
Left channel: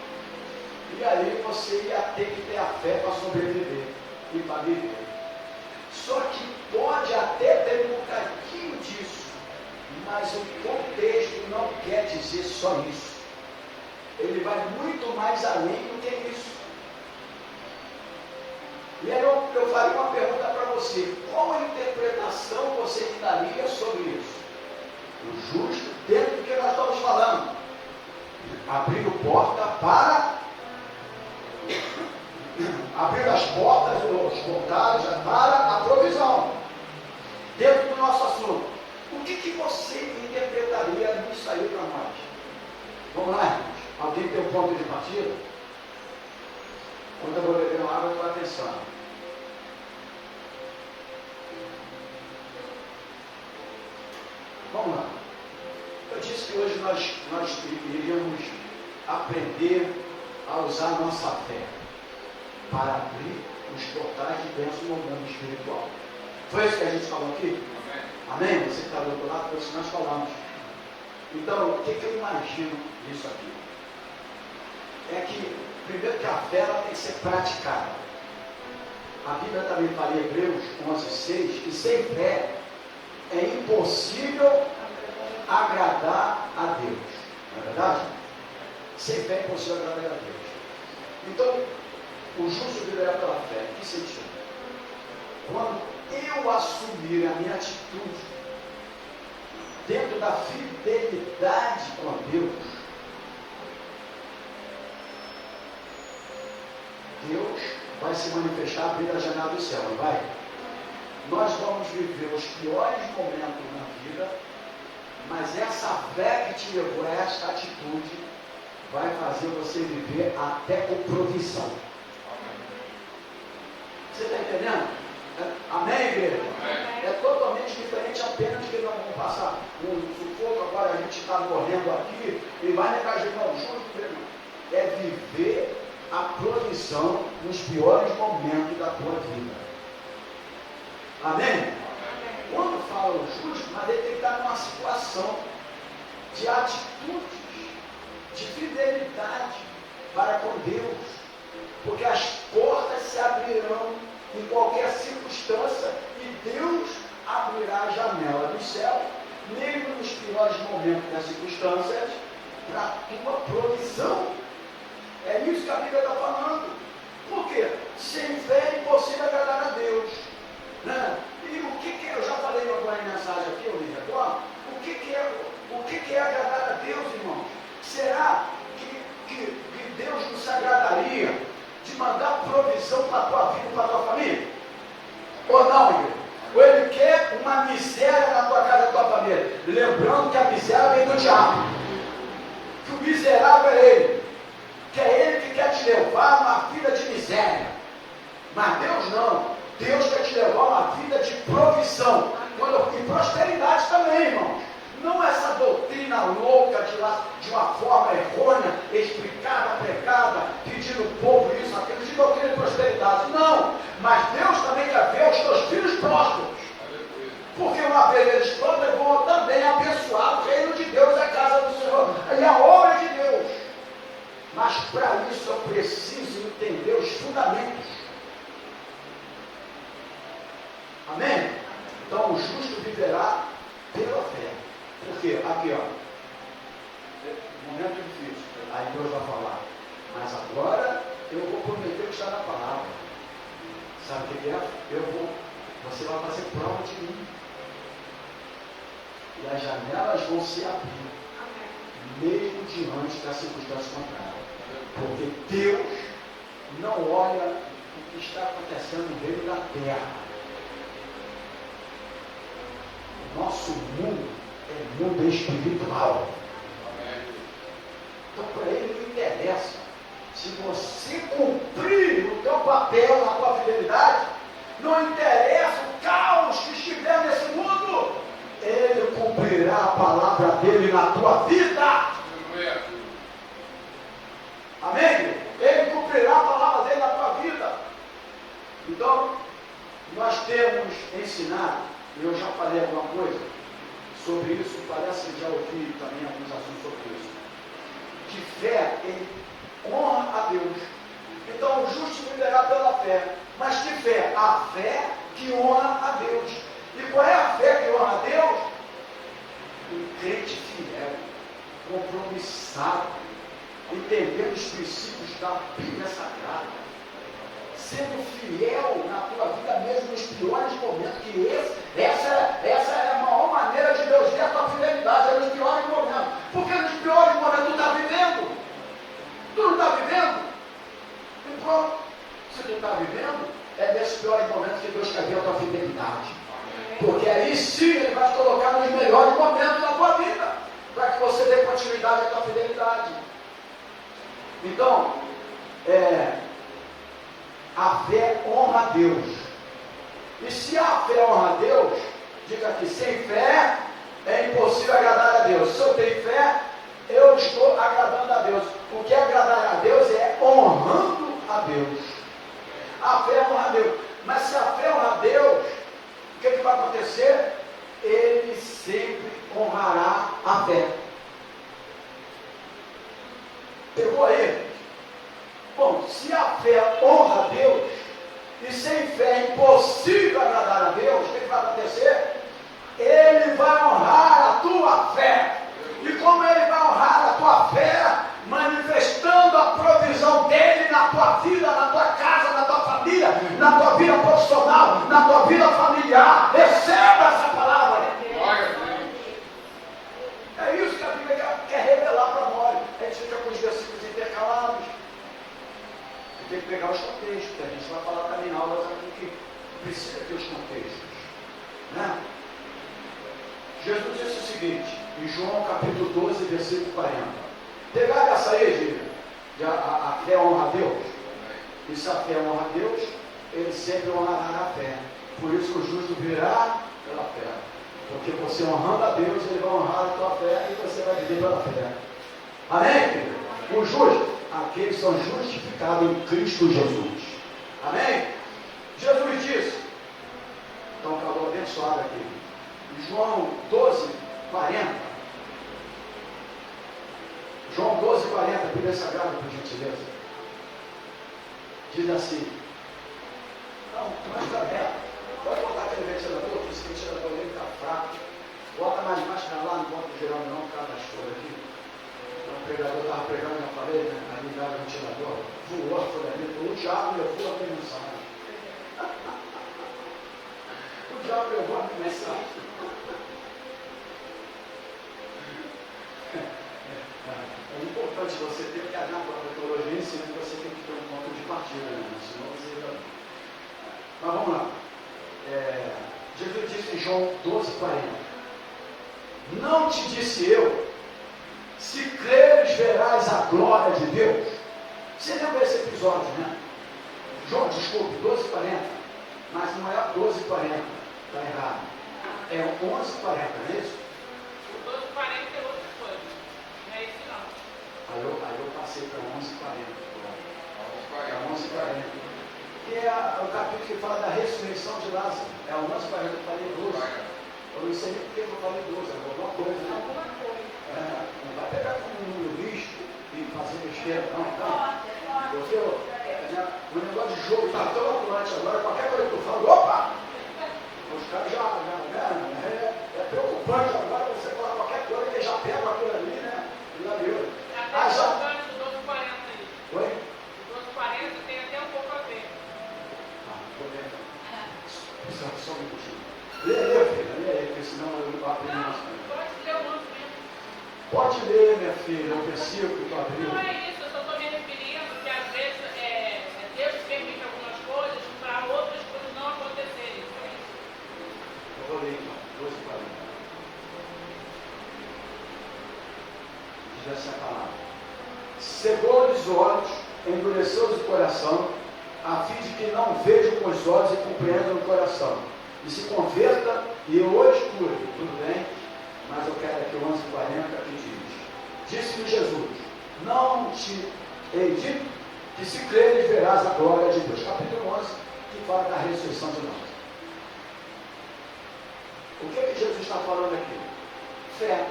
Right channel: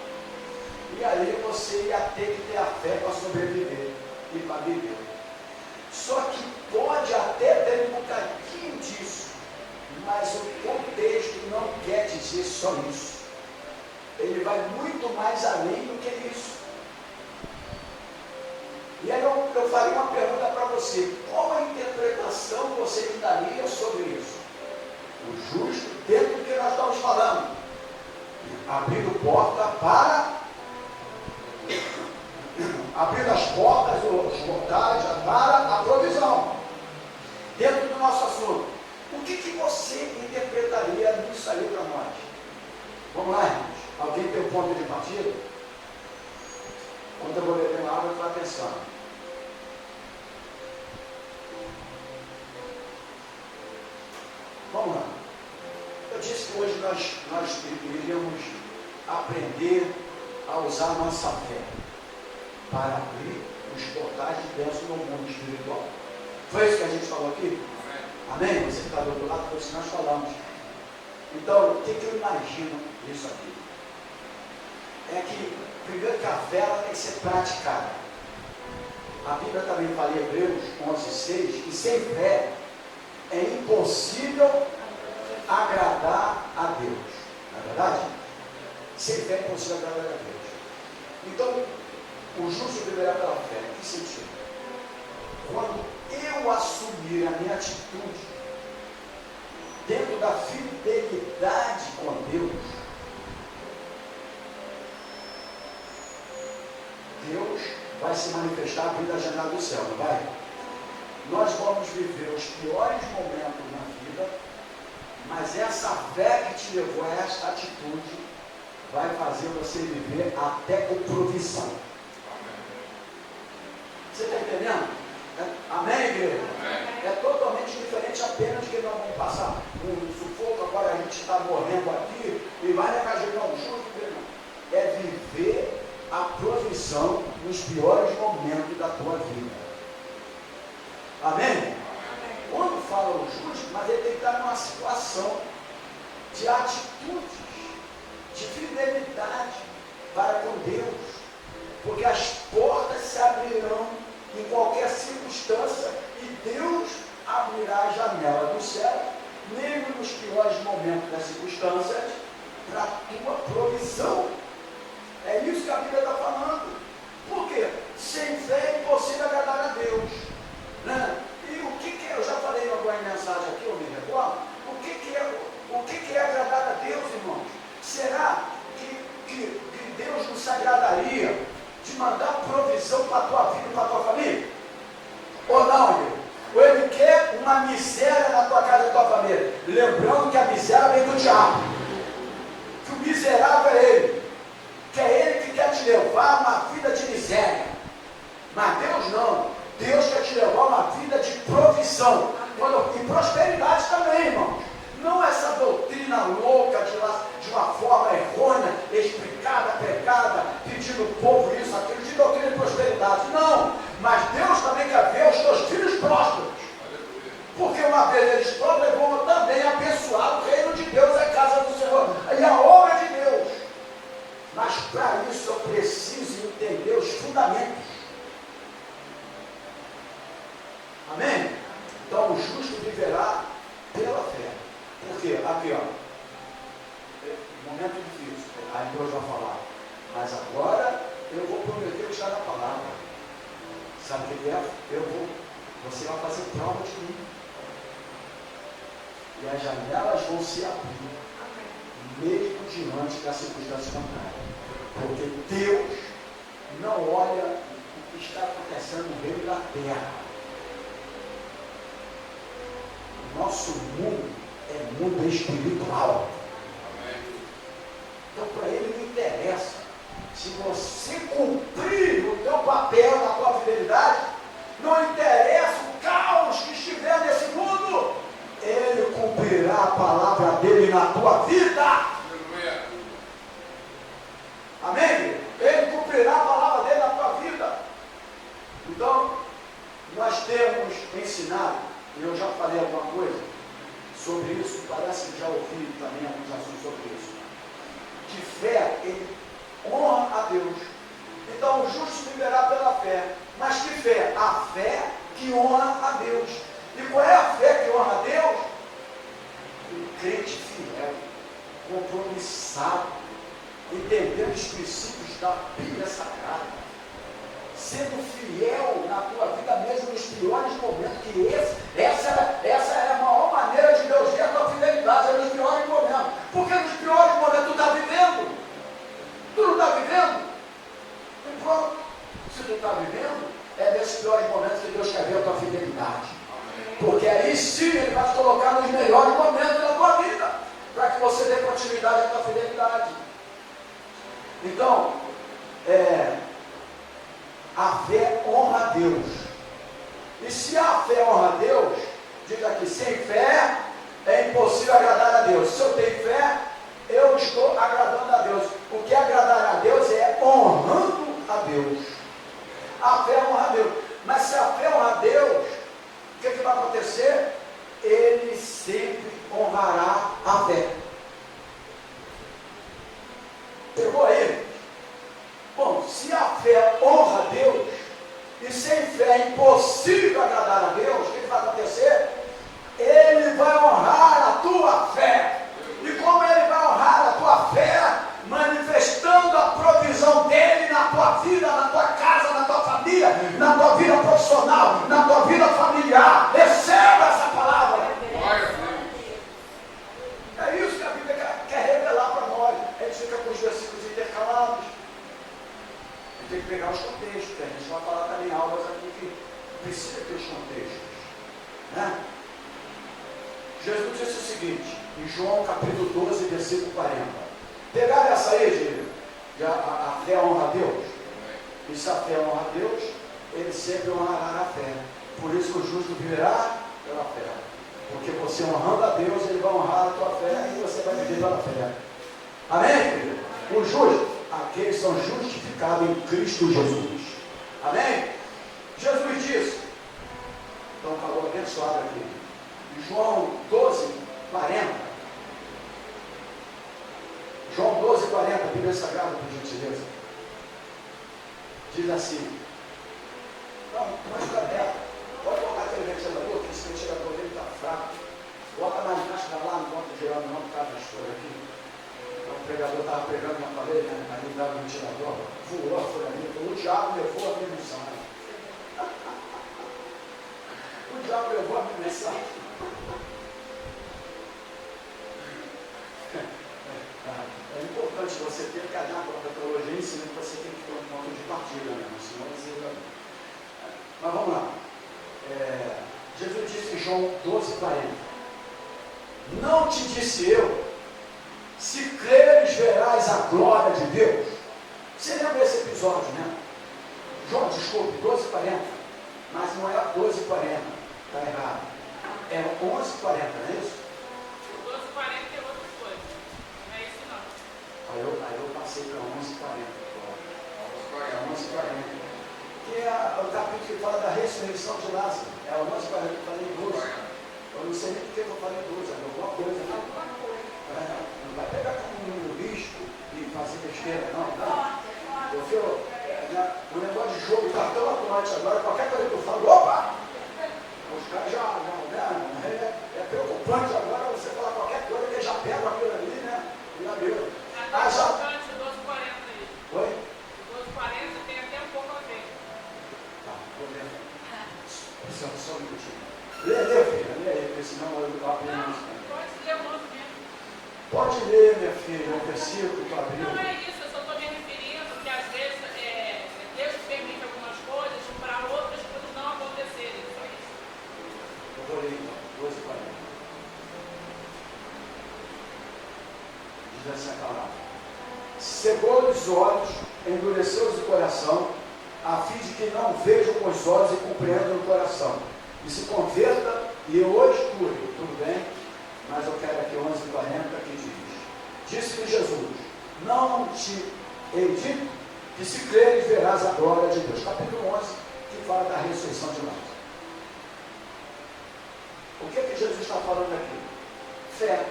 e aí você ia ter que ter a fé para sobreviver e para viver. Só que pode até ter um bocadinho disso, mas o contexto não quer dizer só isso. Ele vai muito mais além do que isso. E aí eu faria uma pergunta para você: qual a interpretação você daria sobre isso? O justo, dentro do que nós estamos falando, abrindo porta para abrir as portas, os portais para a provisão. Dentro do nosso assunto, o que você interpretaria nisso aí para nós? Vamos lá, irmãos. Alguém tem um ponto de partida? Quando eu vou beber uma água, eu estou atenção. Vamos lá. Eu disse que hoje nós iríamos aprender a usar a nossa fé para abrir os portais de bênção no mundo espiritual. Foi isso que a gente falou aqui? Amém? Você que está do outro lado, foi isso que nós falamos. Então, o que eu imagino disso aqui? É que, primeiro, que a fé ela tem que ser praticada. A Bíblia também fala em Hebreus 11:6 que sem fé é impossível agradar a Deus. Não é verdade? Sem fé é impossível agradar a Deus. Então, o justo viverá pela fé. Em que sentido? Quando eu assumir a minha atitude dentro da fidelidade com Deus, Deus vai se manifestar abrindo a janela do céu, não vai? Nós vamos viver os piores momentos na vida, mas essa fé que te levou a esta atitude vai fazer você viver até com provisão. Você está entendendo? Amém, igreja? É totalmente diferente apenas de que nós vamos passar um sufoco, agora a gente está morrendo aqui e vai negar o justo. É viver a provisão nos piores momentos da tua vida. Amém? Amém? Quando fala o justo, mas ele tem que estar numa situação de atitudes, de fidelidade para com Deus, porque as portas se abrirão em qualquer circunstância e Deus abrirá a janela do céu, mesmo nos piores momentos das circunstâncias, para a tua provisão. É isso que a Bíblia está falando. Por quê? Sem fé é impossível agradar a Deus. Né? E o que é? Eu já falei em alguma mensagem aqui, eu me recordo. O que é agradar a Deus, irmãos? Será que Deus nos agradaria de mandar provisão para a tua vida e para a tua família? Ou não, irmão? Ou ele quer uma miséria na tua casa e na tua família? Lembrando que a miséria vem do diabo. Que o miserável é ele. Que é ele que quer te levar a uma vida de miséria. Mas Deus não. Deus quer te levar a uma vida de provisão. E prosperidade também, irmãos. Não essa doutrina louca de uma forma errônea, explicada, pregada, pedindo o povo isso, aquilo, de doutrina de prosperidade. Não. Mas Deus também quer ver os teus filhos prósperos. Porque uma vez eles prósperos vão também abençoar o reino de Deus, a casa do Senhor e a obra de Deus. Mas para isso eu preciso entender os fundamentos. Amém? Então o justo viverá pela fé. Porque aqui, ó, momento difícil, aí Deus vai falar, mas agora eu vou prometer o que está na palavra. Sabe o que é? Você vai fazer prova de mim. E as janelas vão se abrir, mesmo diante das circunstâncias contrárias. Porque Deus não olha o que está acontecendo no reino da terra. O nosso mundo é mundo espiritual. Então para ele não interessa. Se você cumprir o teu papel na tua fidelidade, não interessa o caos que estiver nesse mundo, ele cumprirá a palavra dele na tua vida. Amém? Ele cumprirá a palavra dele na tua vida. Então ensinar, e eu já falei alguma coisa sobre isso, parece que já ouvi também alguns assuntos sobre isso, que fé, ele honra a Deus. Então o justo viverá pela fé. Mas que fé? A fé que honra a Deus. E qual é a fé que honra a Deus? Um crente fiel, compromissado, entendendo os princípios da Bíblia Sagrada, sendo fiel na tua vida mesmo nos piores momentos, que essa é a maior maneira de Deus ver a tua fidelidade, é nos piores momentos. Porque nos piores momentos tu está vivendo. Tu não está vivendo? E pronto. Se tu está vivendo, é nesses piores momentos que Deus quer ver a tua fidelidade. Porque aí sim Ele vai te colocar nos melhores momentos da tua vida, para que você dê continuidade à tua fidelidade. Então, a fé honra a Deus. E se a fé honra a Deus, diga aqui, sem fé é impossível agradar a Deus. Se eu tenho fé, eu estou agradando a Deus. O que é agradar a Deus é honrando a Deus. A fé honra a Deus. Mas se a fé honra a Deus, o que vai acontecer? Ele sempre honrará a fé. Pegou aí? Bom, se a fé honra a Deus, e sem fé é impossível agradar a Deus, o que vai acontecer? Ele vai honrar a tua fé. E como Ele vai honrar a tua fé? Manifestando a provisão dEle na tua vida, na tua casa, na tua família, na tua vida profissional, na tua vida familiar. Receba essa palavra. É isso que a Bíblia quer revelar para nós. A gente fica com os versículos intercalados. Tem que pegar os contextos, que a gente vai falar também em aulas aqui que precisa ter os contextos. Né? Jesus disse o seguinte, em João capítulo 12, versículo 40. Pegaram essa aí de a fé honra a Deus? E se a fé honra a Deus, Ele sempre honrará a fé. Por isso que o justo viverá pela fé. Porque você honrando a Deus, Ele vai honrar a tua fé e você vai viver pela fé. Amém, querido? O justo, aqueles são justificados em Cristo Jesus. Amém? Jesus disse, então acabou abençoado aqui, em João 12, 40. João 12, 40, Bíblia Sagrada, por gentileza. Diz assim, não, mas está aberto. Pode botar aquele ventilador, que esse ventilador dele está fraco. Bota mais máscara lá, não bota o geral não, por causa da história aqui. O pregador estava pregando, já falei, né? Aí dava o ventilador, voou, foi ali, o diabo levou a minha mensagem. O diabo levou a minha mensagem. É importante você ter que olhar para a teologia em cima, que você tem que ter um ponto de partida, né? Senão você... Mas vamos lá. Jesus disse em João 12, 40. Não te disse eu, se creres, verás a glória de Deus. Você lembra esse episódio, né? João, desculpe, 12:40. Mas não é 12:40. Está errado. É 11:40, não é isso? O 12:40 é outra coisa. Não é isso não. Aí eu passei para 11:40. É 11:40. Que é o capítulo que fala da ressurreição de Lázaro. É 11:40, eu falei 12. Eu não sei nem porque eu falei 12. Alguma coisa, né? Alguma coisa. Não vai pegar como um lixo e fazer besteira, não. O negócio de jogo está tão atuante agora, qualquer coisa que eu falo, opa! Os caras é preocupante agora você falar qualquer coisa que já pega aquilo ali, né? Até importante o 12:40 aí. Oi? O 12:40 tem até um pouco a ver. Vou ver. Só um minutinho. Lê, filha, lê aí, porque senão eu aprendo mais. Pode ler o 11 mesmo. Pode ler, minha filha, o versículo que tu abriu. Não é isso, eu só estou me referindo que às vezes Deus permite algumas coisas para outras coisas não acontecerem. Só isso. Eu vou ler então, 12:40. Diz essa palavra. Cegou-lhes os olhos, endureceu-lhes o coração, a fim de que não vejam com os olhos e compreendam o coração. E se converta e eu hoje cure. Tudo bem? Mas eu quero aqui 11:40 que diz. Disse-lhe Jesus, não te hei dito que se creres verás a glória de Deus. Capítulo 11, que fala da ressurreição de Lázaro. O que Jesus está falando aqui? Fé.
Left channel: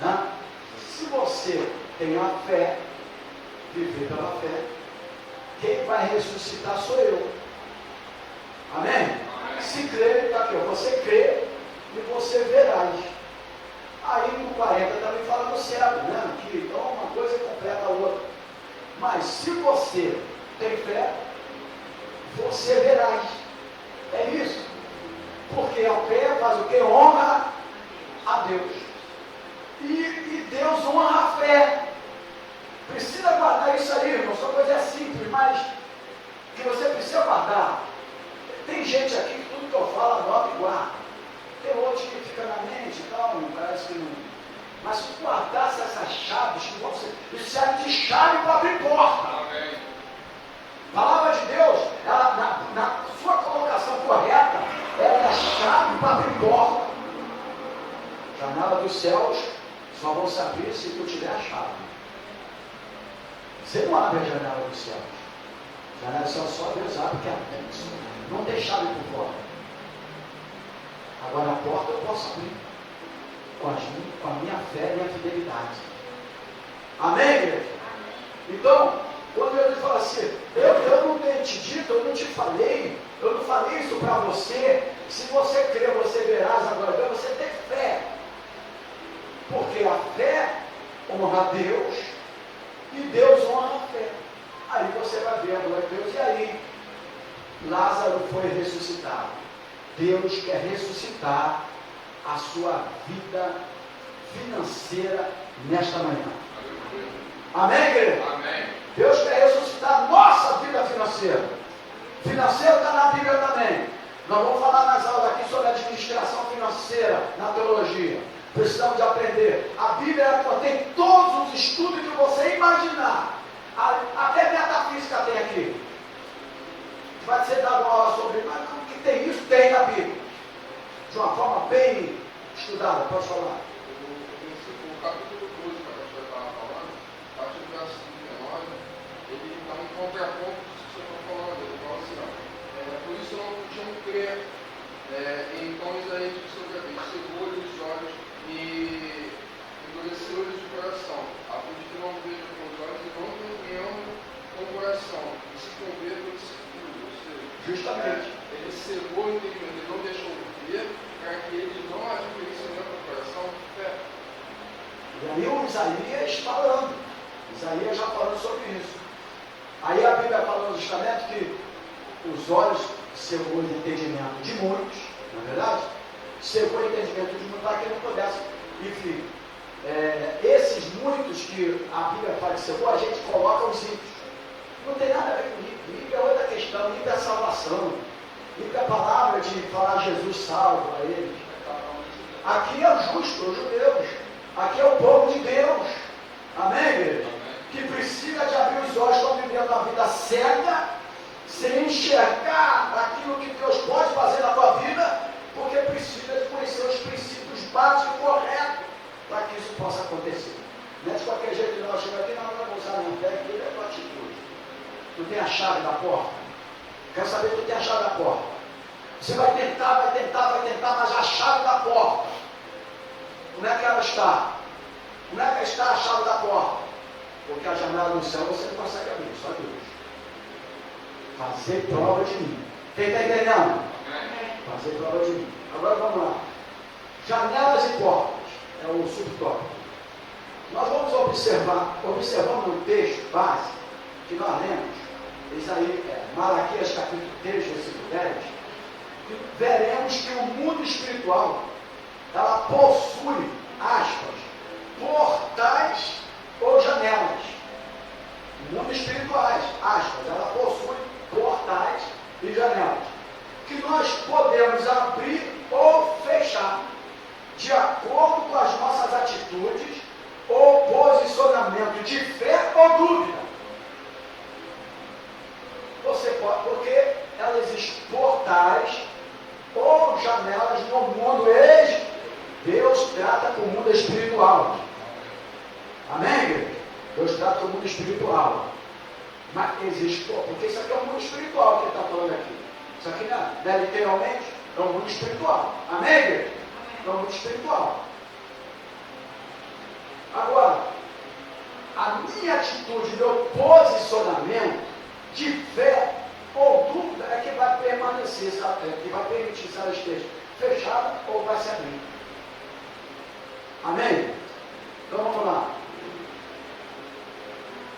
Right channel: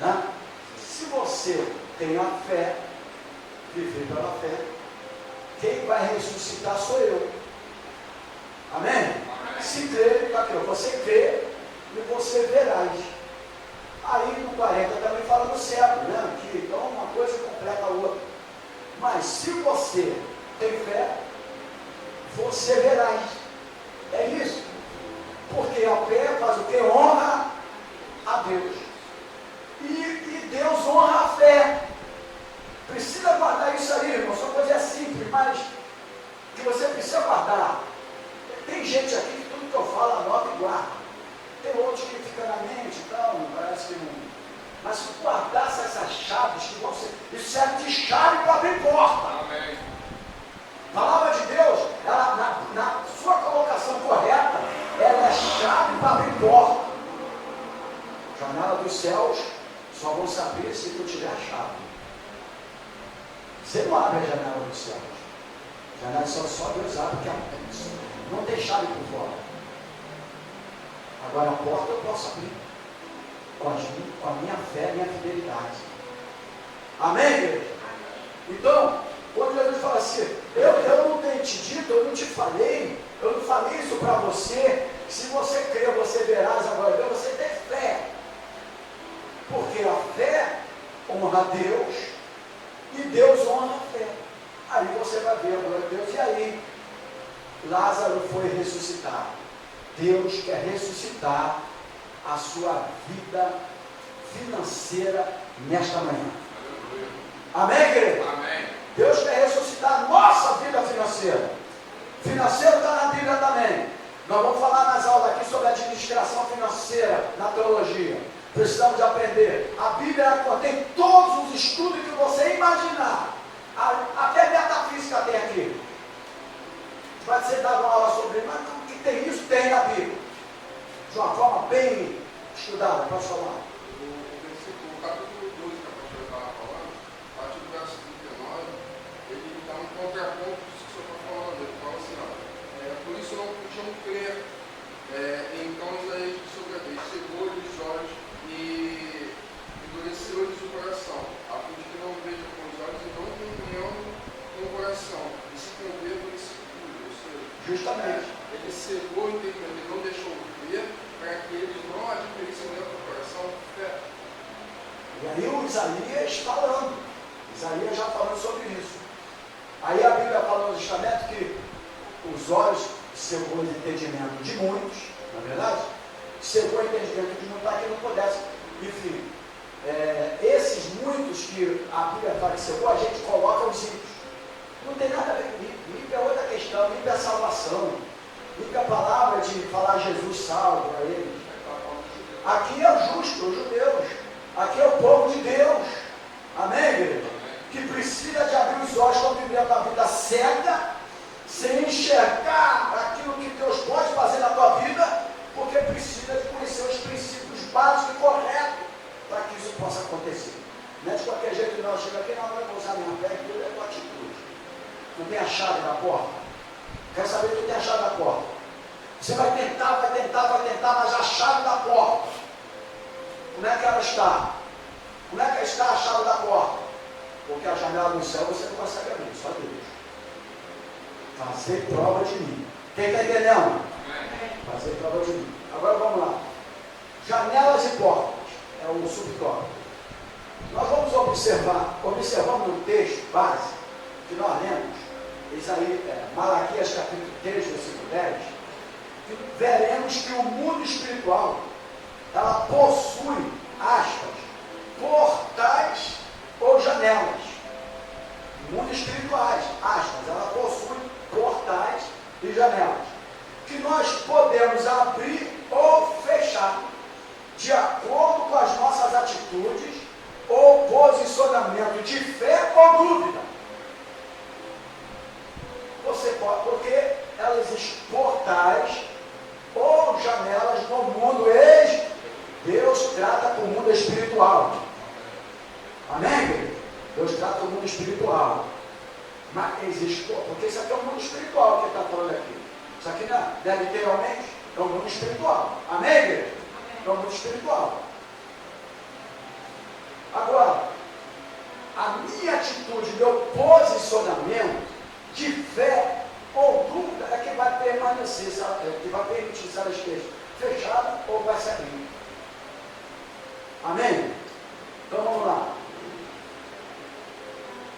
Né? Se você tem a fé, viver pela fé, quem vai ressuscitar sou eu. Amém? Amém. Se crer, está aqui, você crê e você verás. Aí no 40 também fala no céu, né? Que então uma coisa completa a outra. Mas se você tem fé, você verás. É isso. Porque a fé faz o que? Honra a Deus. E Deus honra a fé. Precisa guardar isso aí, irmão. Só coisa simples, mas que você precisa guardar. Tem gente aqui que tudo que eu falo anota e guarda. Tem outros que ficam na mente e tal, parece que não. Mas se guardasse essas chaves, que vão ser, isso serve de chave para abrir porta. A palavra de Deus, ela, na sua colocação correta, ela é chave para abrir porta. Janela dos céus só vão se abrir se tu tiver a chave. Você não abre a janela dos céus. A janela dos céus só Deus abre, que é não tem chave por fora. Agora a porta eu posso abrir com a minha fé e a fidelidade. Amém, igreja? Então, quando Jesus fala assim, eu não tenho te dito, eu não te falei, eu não falei isso para você. Se você crer, você verás agora. Então você tem fé. Porque a fé honra a Deus e Deus honra a fé. Aí você vai ver a glória de Deus. E aí, Lázaro foi ressuscitado. Deus quer ressuscitar a sua vida financeira nesta manhã. Amém, igreja? Amém. Deus quer ressuscitar a nossa vida financeira. Financeiro está na Bíblia também. Nós vamos falar nas aulas aqui sobre administração financeira na teologia. Precisamos de aprender. A Bíblia contém todos os estudos que você imaginar. Até metafísica tem aqui. Vai ser dado uma aula sobre isso, mas o que tem isso? Tem na Bíblia. De uma forma bem estudada. Pode falar. O capítulo 12 que eu estava falando, a partir do verso 39, ele dá um contraponto disso que eu estou falando. Ele fala assim, ó, por isso não podiam crer. Então Isaías disse sobre eles, cegou-lhes os olhos e endureceu-lhes o coração, a fim de que não vejam com os olhos e não compreendam com o coração, e se convertam e se cuidem. Ou seja, justamente. Ele cegou o entendimento, ele não deixou ver, para que eles não adquirissem dentro do coração fé. E aí o Isaías falando. Isaías já falando sobre isso. Aí a Bíblia fala no Testamento que os olhos cegou o entendimento de muitos, não é verdade? Cegou o entendimento de muitos para que não pudesse. Enfim, esses muitos que a Bíblia fala que cegou, a gente coloca os ímpios. Não tem nada a ver com ímpio. Ímpio é outra questão. Ímpio é salvação. Ímpio é a palavra de falar Jesus salvo a eles. Aqui é o justo, os judeus. Aqui é o povo de Deus. Amém, igreja? Que precisa de abrir os olhos, estão vivendo a vida cega, sem enxergar aquilo que Deus pode fazer na tua vida, porque precisa de conhecer os princípios básicos e corretos para que isso possa acontecer. Não é de qualquer jeito que nós chegamos aqui, não, eu vou usar minha fé, tudo é tua atitude. Tu tem a chave da porta? Quero saber que tu tem a chave da porta. Você vai tentar, mas a chave da porta, como é que ela está? Como é que está a chave da porta? Porque a janela do céu você não consegue abrir, só Deus. Fazer prova de mim. Quem está entendendo? Fazer prova de mim. Agora vamos lá. Janelas e portas. É o subtópico. Nós vamos observando no texto base que nós lemos, Malaquias capítulo 3, versículo 10, que veremos que o mundo espiritual, ela possui, aspas, portais ou janelas. Mundo espirituais, aspas, ela possui portais e janelas, que nós podemos abrir ou fechar, de acordo com as nossas atitudes ou posicionamento de fé ou dúvida. Você pode, porque ela existe portais ou janelas no mundo. Deus trata com o mundo espiritual. Amém? Deus trata com o mundo espiritual. Mas existe, porque isso aqui é o mundo espiritual que ele está falando aqui. Isso aqui não é literalmente, É um mundo espiritual. Amém, igreja? É um mundo espiritual. Agora, a minha atitude, meu posicionamento de fé ou dúvida é que vai permanecer, sabe? Que vai permitir se ela esteja fechada ou vai se abrir. Amém? Então vamos lá.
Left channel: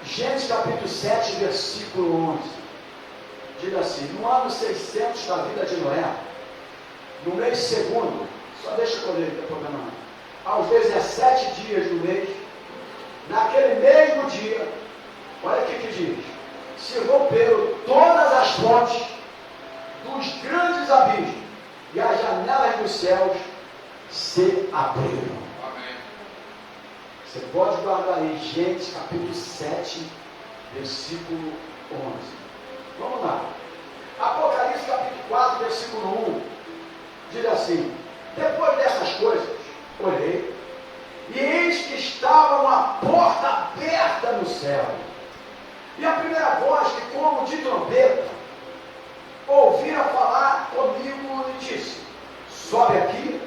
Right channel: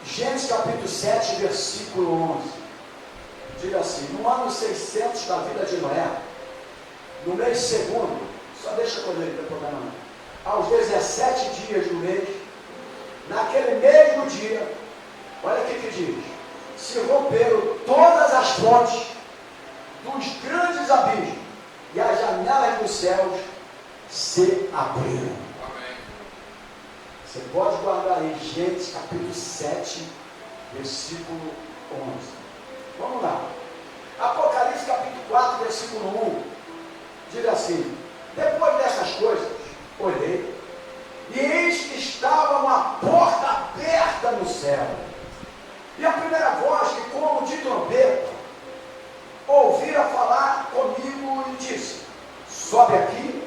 Gênesis capítulo 7, versículo 11. Diz assim: no ano 600 da vida de Noé, no mês segundo, só deixa eu ler, não tem problema não. Aos 17 dias do mês, naquele mesmo dia, olha o que diz: se romperam todas as fontes dos grandes abismos, e as janelas dos céus se abriram. Você pode guardar aí, Gênesis capítulo 7, versículo 11. Vamos lá. Apocalipse capítulo 4, versículo 1. Diz assim: depois dessas coisas, olhei, e eis que estava uma porta aberta no céu. E a primeira voz, que como de trombeta, ouvira falar comigo e disse: sobe aqui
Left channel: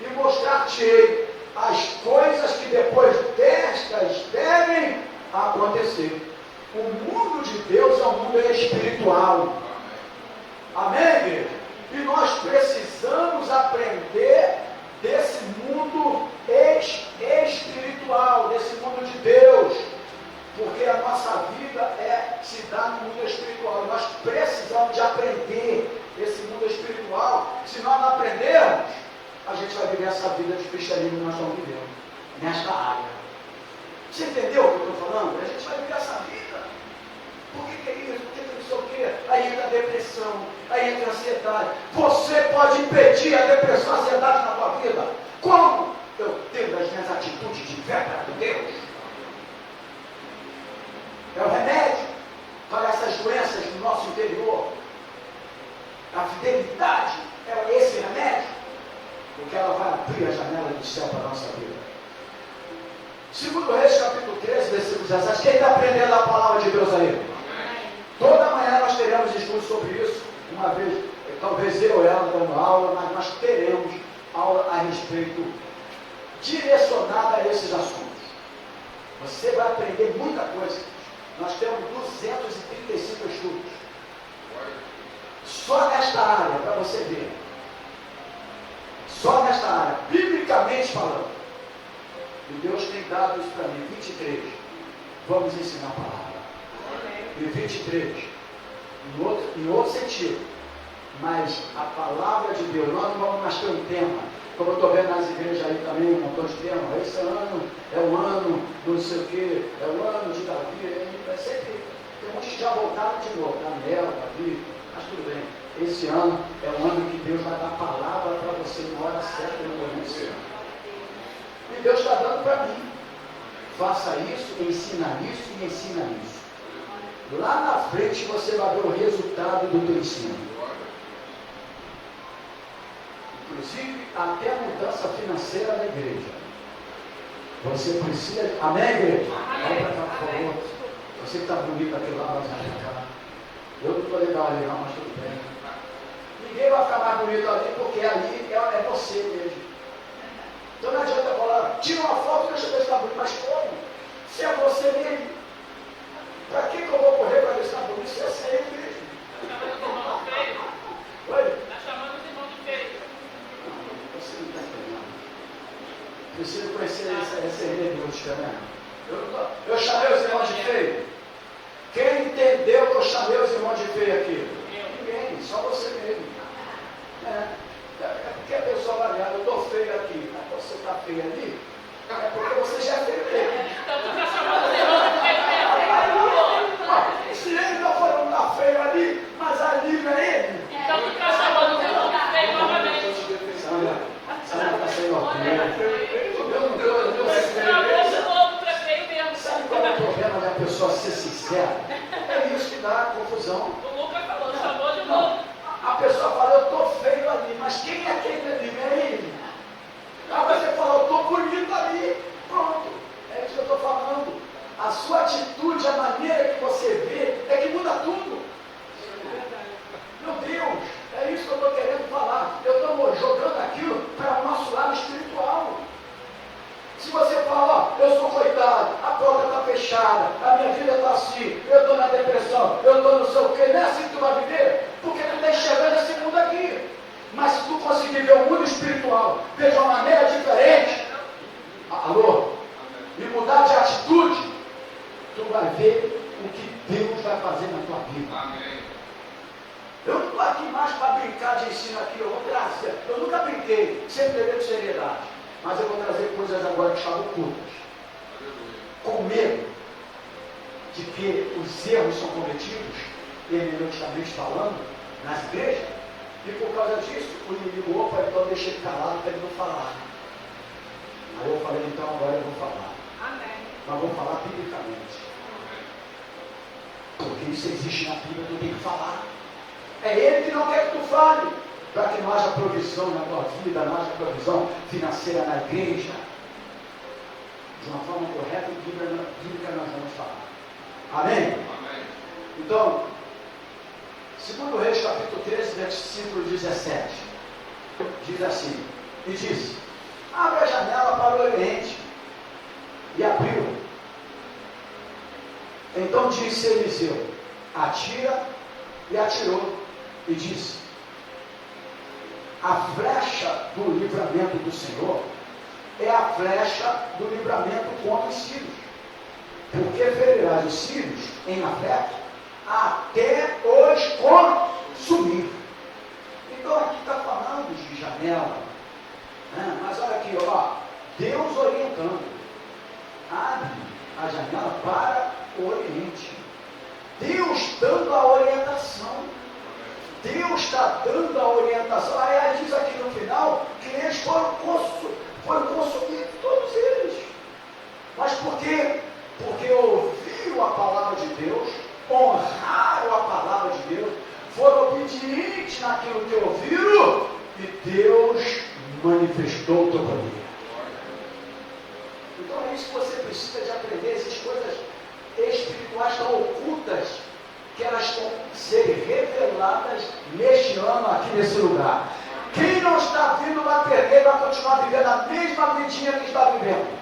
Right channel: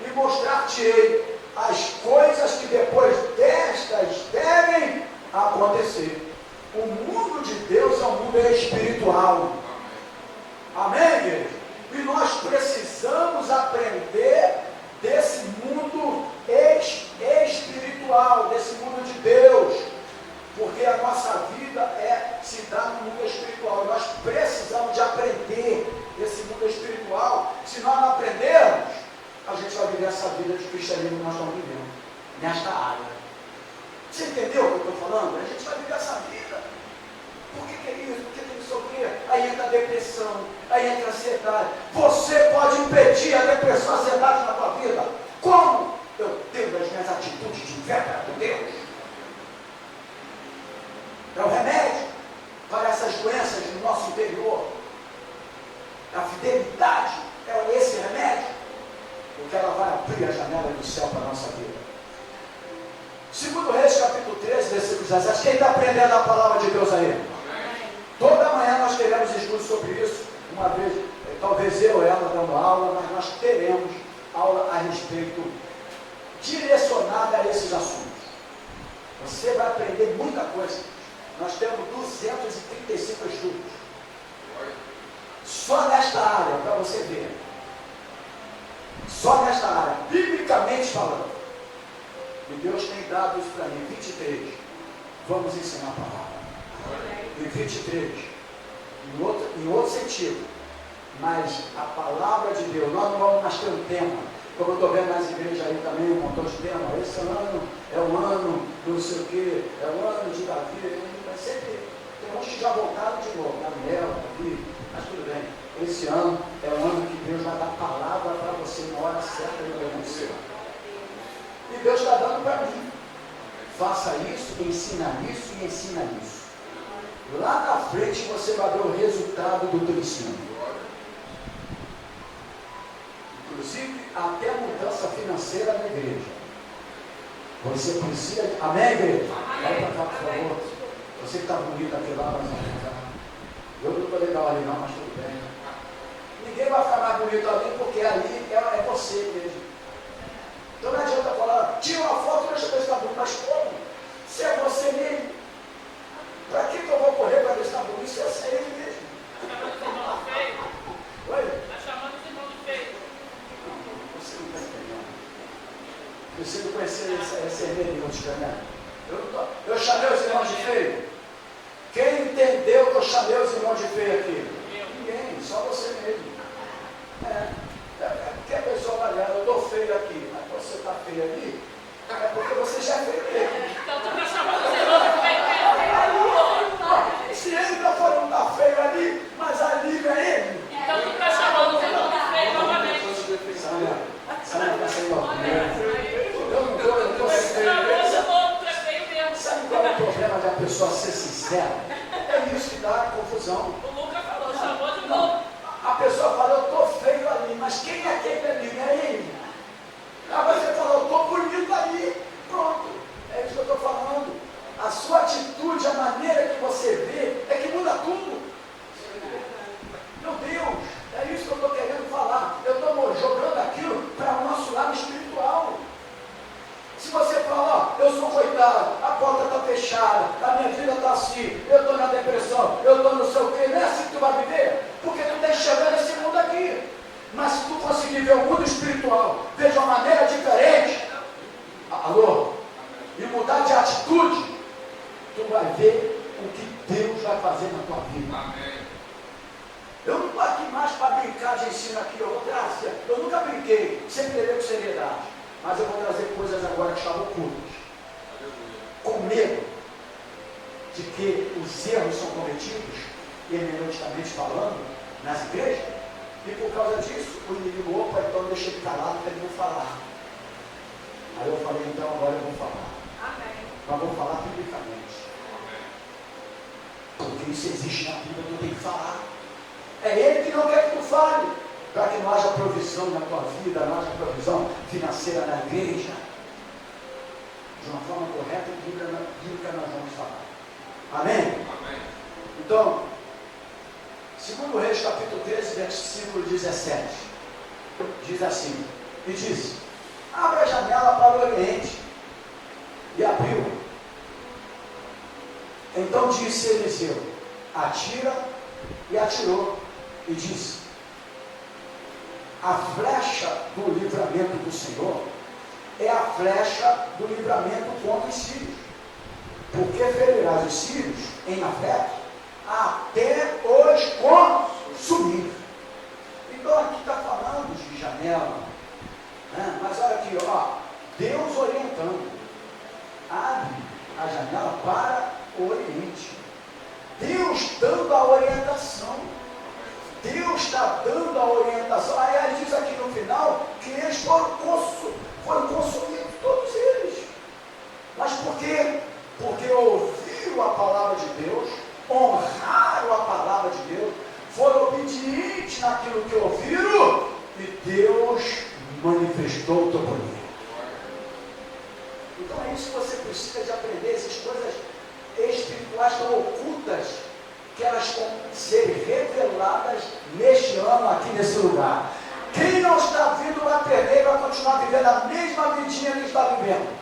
e mostrar-te-ei as coisas que depois destas devem acontecer. O mundo de Deus é um mundo espiritual. Amém, igreja? E nós precisamos aprender desse mundo espiritual, desse mundo de Deus, porque a nossa vida se dá no mundo espiritual. Nós precisamos de aprender esse mundo espiritual. Se nós não aprendermos, a gente vai viver essa vida de cristianismo que nós estamos vivendo, nesta área. Você entendeu o que eu estou falando? A gente vai viver essa vida. Por que é isso? Por que não sei o quê? Aí entra a depressão, aí entra a ansiedade. Você pode impedir a depressão, a ansiedade na tua vida. Como? Eu tenho as minhas atitudes de fé para Deus. É o remédio para essas doenças no nosso interior. A fidelidade é esse remédio. Porque ela vai abrir a janela do céu para a nossa vida. Segundo Reis, capítulo 13, versículo 17. Quem está aprendendo a palavra de Deus aí? Toda manhã nós teremos estudo sobre isso. Uma vez, talvez eu e ela dando aula, mas nós teremos aula a respeito direcionada a esses assuntos. Você vai aprender muita coisa. Nós temos 235 estudos. Só nesta área, para você ver. Só nesta área, biblicamente falando. E Deus tem dado isso para mim. 23. Vamos ensinar a palavra. E 23. Em outro sentido. Mas a palavra de Deus, nós não vamos mais ter um tema. Como eu estou vendo nas igrejas aí também, um montão de temas. Esse ano é o ano do não sei o quê, é o ano de Davi. É sempre. Tem uns que já voltaram de novo. Daniel, Davi, mas tudo bem. Esse ano é o ano que Deus vai dar palavra para você na hora certa e no momento certo. E Deus está dando para mim. Faça isso, ensina isso e ensina isso. Lá na frente você vai ver o resultado do teu ensino. Inclusive, até a mudança financeira na igreja. Você precisa. Amém, igreja? Vai para cá, por favor. Você que está bonito aqui lá, vai para cá. Eu não estou legal ali, não, mas tudo bem. Ninguém vai ficar mais bonito ali, porque ali é você mesmo. Então não adianta falar, tira uma foto e deixa eu ver se está bonito. Mas como? Se é você mesmo. Para que eu vou correr para ver se está bonito? Se é você mesmo. Oi? Está chamando os irmãos de feio. Não, você não está entendendo. Você não conhecer essa hermenêutica, né? Eu chamei os irmãos de feio. Quem entendeu que eu chamei os irmãos de feio aqui? Ninguém, só você mesmo. Porque a pessoa vai olhar, eu estou feio aqui, mas você está feio ali, é porque você já é feio mesmo. Então tu está chamando os irmãos de feio mesmo. Se ele está falando que está feio ali, mas ali não é ele. Então tu está chamando os irmãos de feio novamente. Sabe para ser eu não estou Esse sendo travou feio. de novo para feio mesmo. Sabe qual é o problema da pessoa ser sincera? É isso que dá confusão. O Lucas falou, chamou de novo. A pessoa fala, eu estou feio ali, mas quem é aquele ali? Não é ele. Aí você fala, eu estou bonito ali. Pronto. É isso que eu estou falando. A sua atitude, a maneira que você vê, é que muda tudo. Meu Deus, é isso que eu estou querendo falar. Eu fechada, a minha vida está assim, eu estou na depressão, eu estou não sei o quê. Não é assim que tu vai viver, porque tu está enxergando esse mundo aqui. Mas se tu conseguir ver o mundo espiritual, ver de uma maneira diferente, alô, e mudar de atitude, tu vai ver o que Deus vai fazer na tua vida. Amém. Eu não estou aqui mais para brincar de ensino aqui, eu vou trazer. Eu nunca brinquei, sempre levei com seriedade. Mas eu vou trazer coisas agora que chamam ocultas. Com medo de que os erros são cometidos, hermeneuticamente falando, nas igrejas, e por causa disso, o inimigo, opa, então deixa ele calado para ele não falar. Aí eu falei, então agora eu vou falar. Amém. Mas vou falar biblicamente. Porque isso existe na Bíblia, tu tem que falar. É Ele que não quer que tu fale, para que não haja provisão na tua vida, não haja provisão financeira na igreja. De uma forma correta e bíblica nós vamos falar. Amém? Amém. Então, 2 Reis, capítulo 13, versículo 17, diz assim, e disse, abre a janela para o oriente, e abriu. Então disse Eliseu, atira, e atirou, e disse, a flecha do livramento do Senhor é a flecha do livramento contra os sírios, porque ferirás os sírios em Afec até os consumir. Então aqui está falando de janela, né? Mas olha aqui, ó, Deus orientando, abre a janela para o oriente, Deus dando a orientação, Deus está dando a orientação. Aí diz aqui no final que eles foram consumidos, todos eles. Mas por quê? Porque ouviram a palavra de Deus, honraram a palavra de Deus, foram obedientes naquilo que ouviram, e Deus manifestou o teu poder. Então é isso que você precisa de aprender, essas coisas espirituais tão ocultas, que elas vão ser reveladas neste ano aqui nesse lugar. Quem não está vindo vai perder, vai continuar vivendo a mesma vidinha que está vivendo.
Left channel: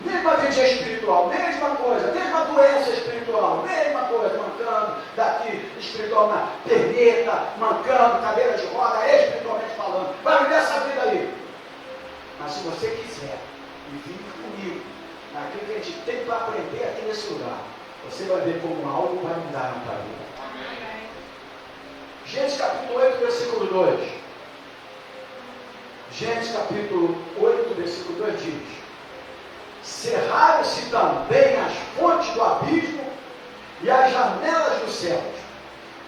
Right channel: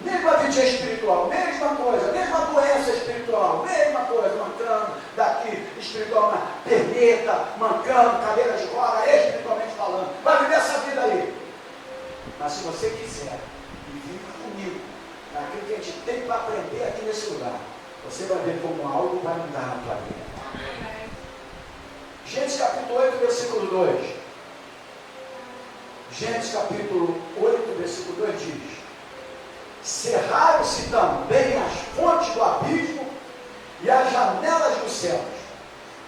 Mesma vidinha espiritual, mesma coisa, mesma doença espiritual, mesma coisa, mancando daqui espiritual na perneta, mancando, cadeira de roda, espiritualmente falando. Vai viver essa vida aí. Mas se você quiser e vir comigo, naquilo que a gente tem para aprender aqui nesse lugar, você vai ver como algo vai mudar na tua vida. Amém. Gênesis capítulo 8, versículo 2. Gênesis capítulo 8, versículo 2 diz, cerraram-se também as fontes do abismo e as janelas dos céus,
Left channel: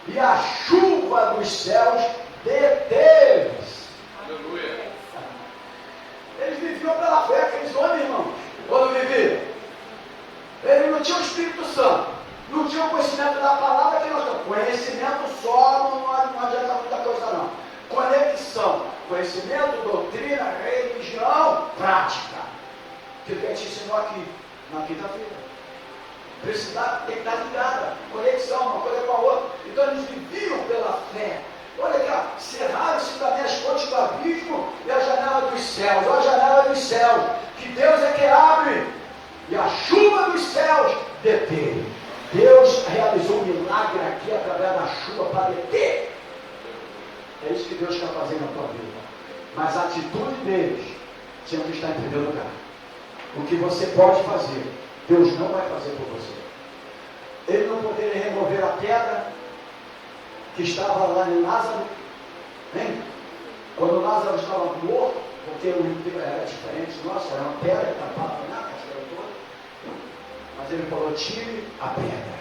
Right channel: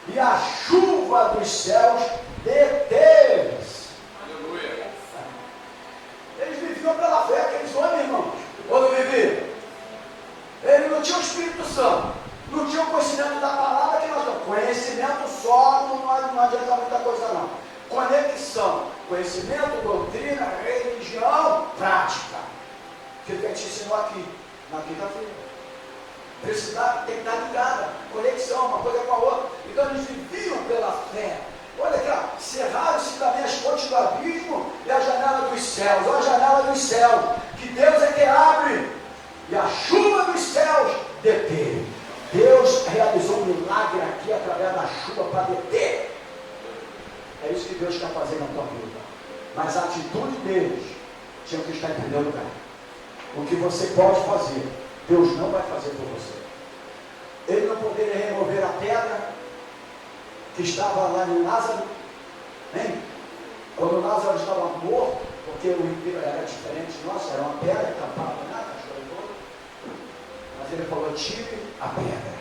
e a chuva dos céus deteve-se. Aleluia. Eles viviam pela fé, aqueles homens, irmãos, ou não viviam? Eles não tinham o Espírito Santo, não tinham conhecimento da palavra que nós temos. Conhecimento só não adianta muita coisa não. Conexão, conhecimento, doutrina, religião, prática. Que a gente ensinou aqui, na quinta-feira. Precisa tem que estar ligada, conexão, uma coisa com a outra. Então eles viviam pela fé. Olha aqui, ó, cerraram-se também as fontes do abismo e a janela dos céus. Olha a janela dos céus, que Deus é que abre, e a chuva dos céus deteve. Deus realizou um milagre aqui através da chuva para deter. É isso que Deus quer fazer na tua vida. Mas a atitude deles tinha que estar em primeiro lugar. O que você pode fazer, Deus não vai fazer por você. Ele não poderia remover a pedra que estava lá em Lázaro, hein? Quando Lázaro estava morto, porque o enterro era diferente do nosso, era uma pedra que tampava na caixeira toda. Mas ele falou, tire a pedra.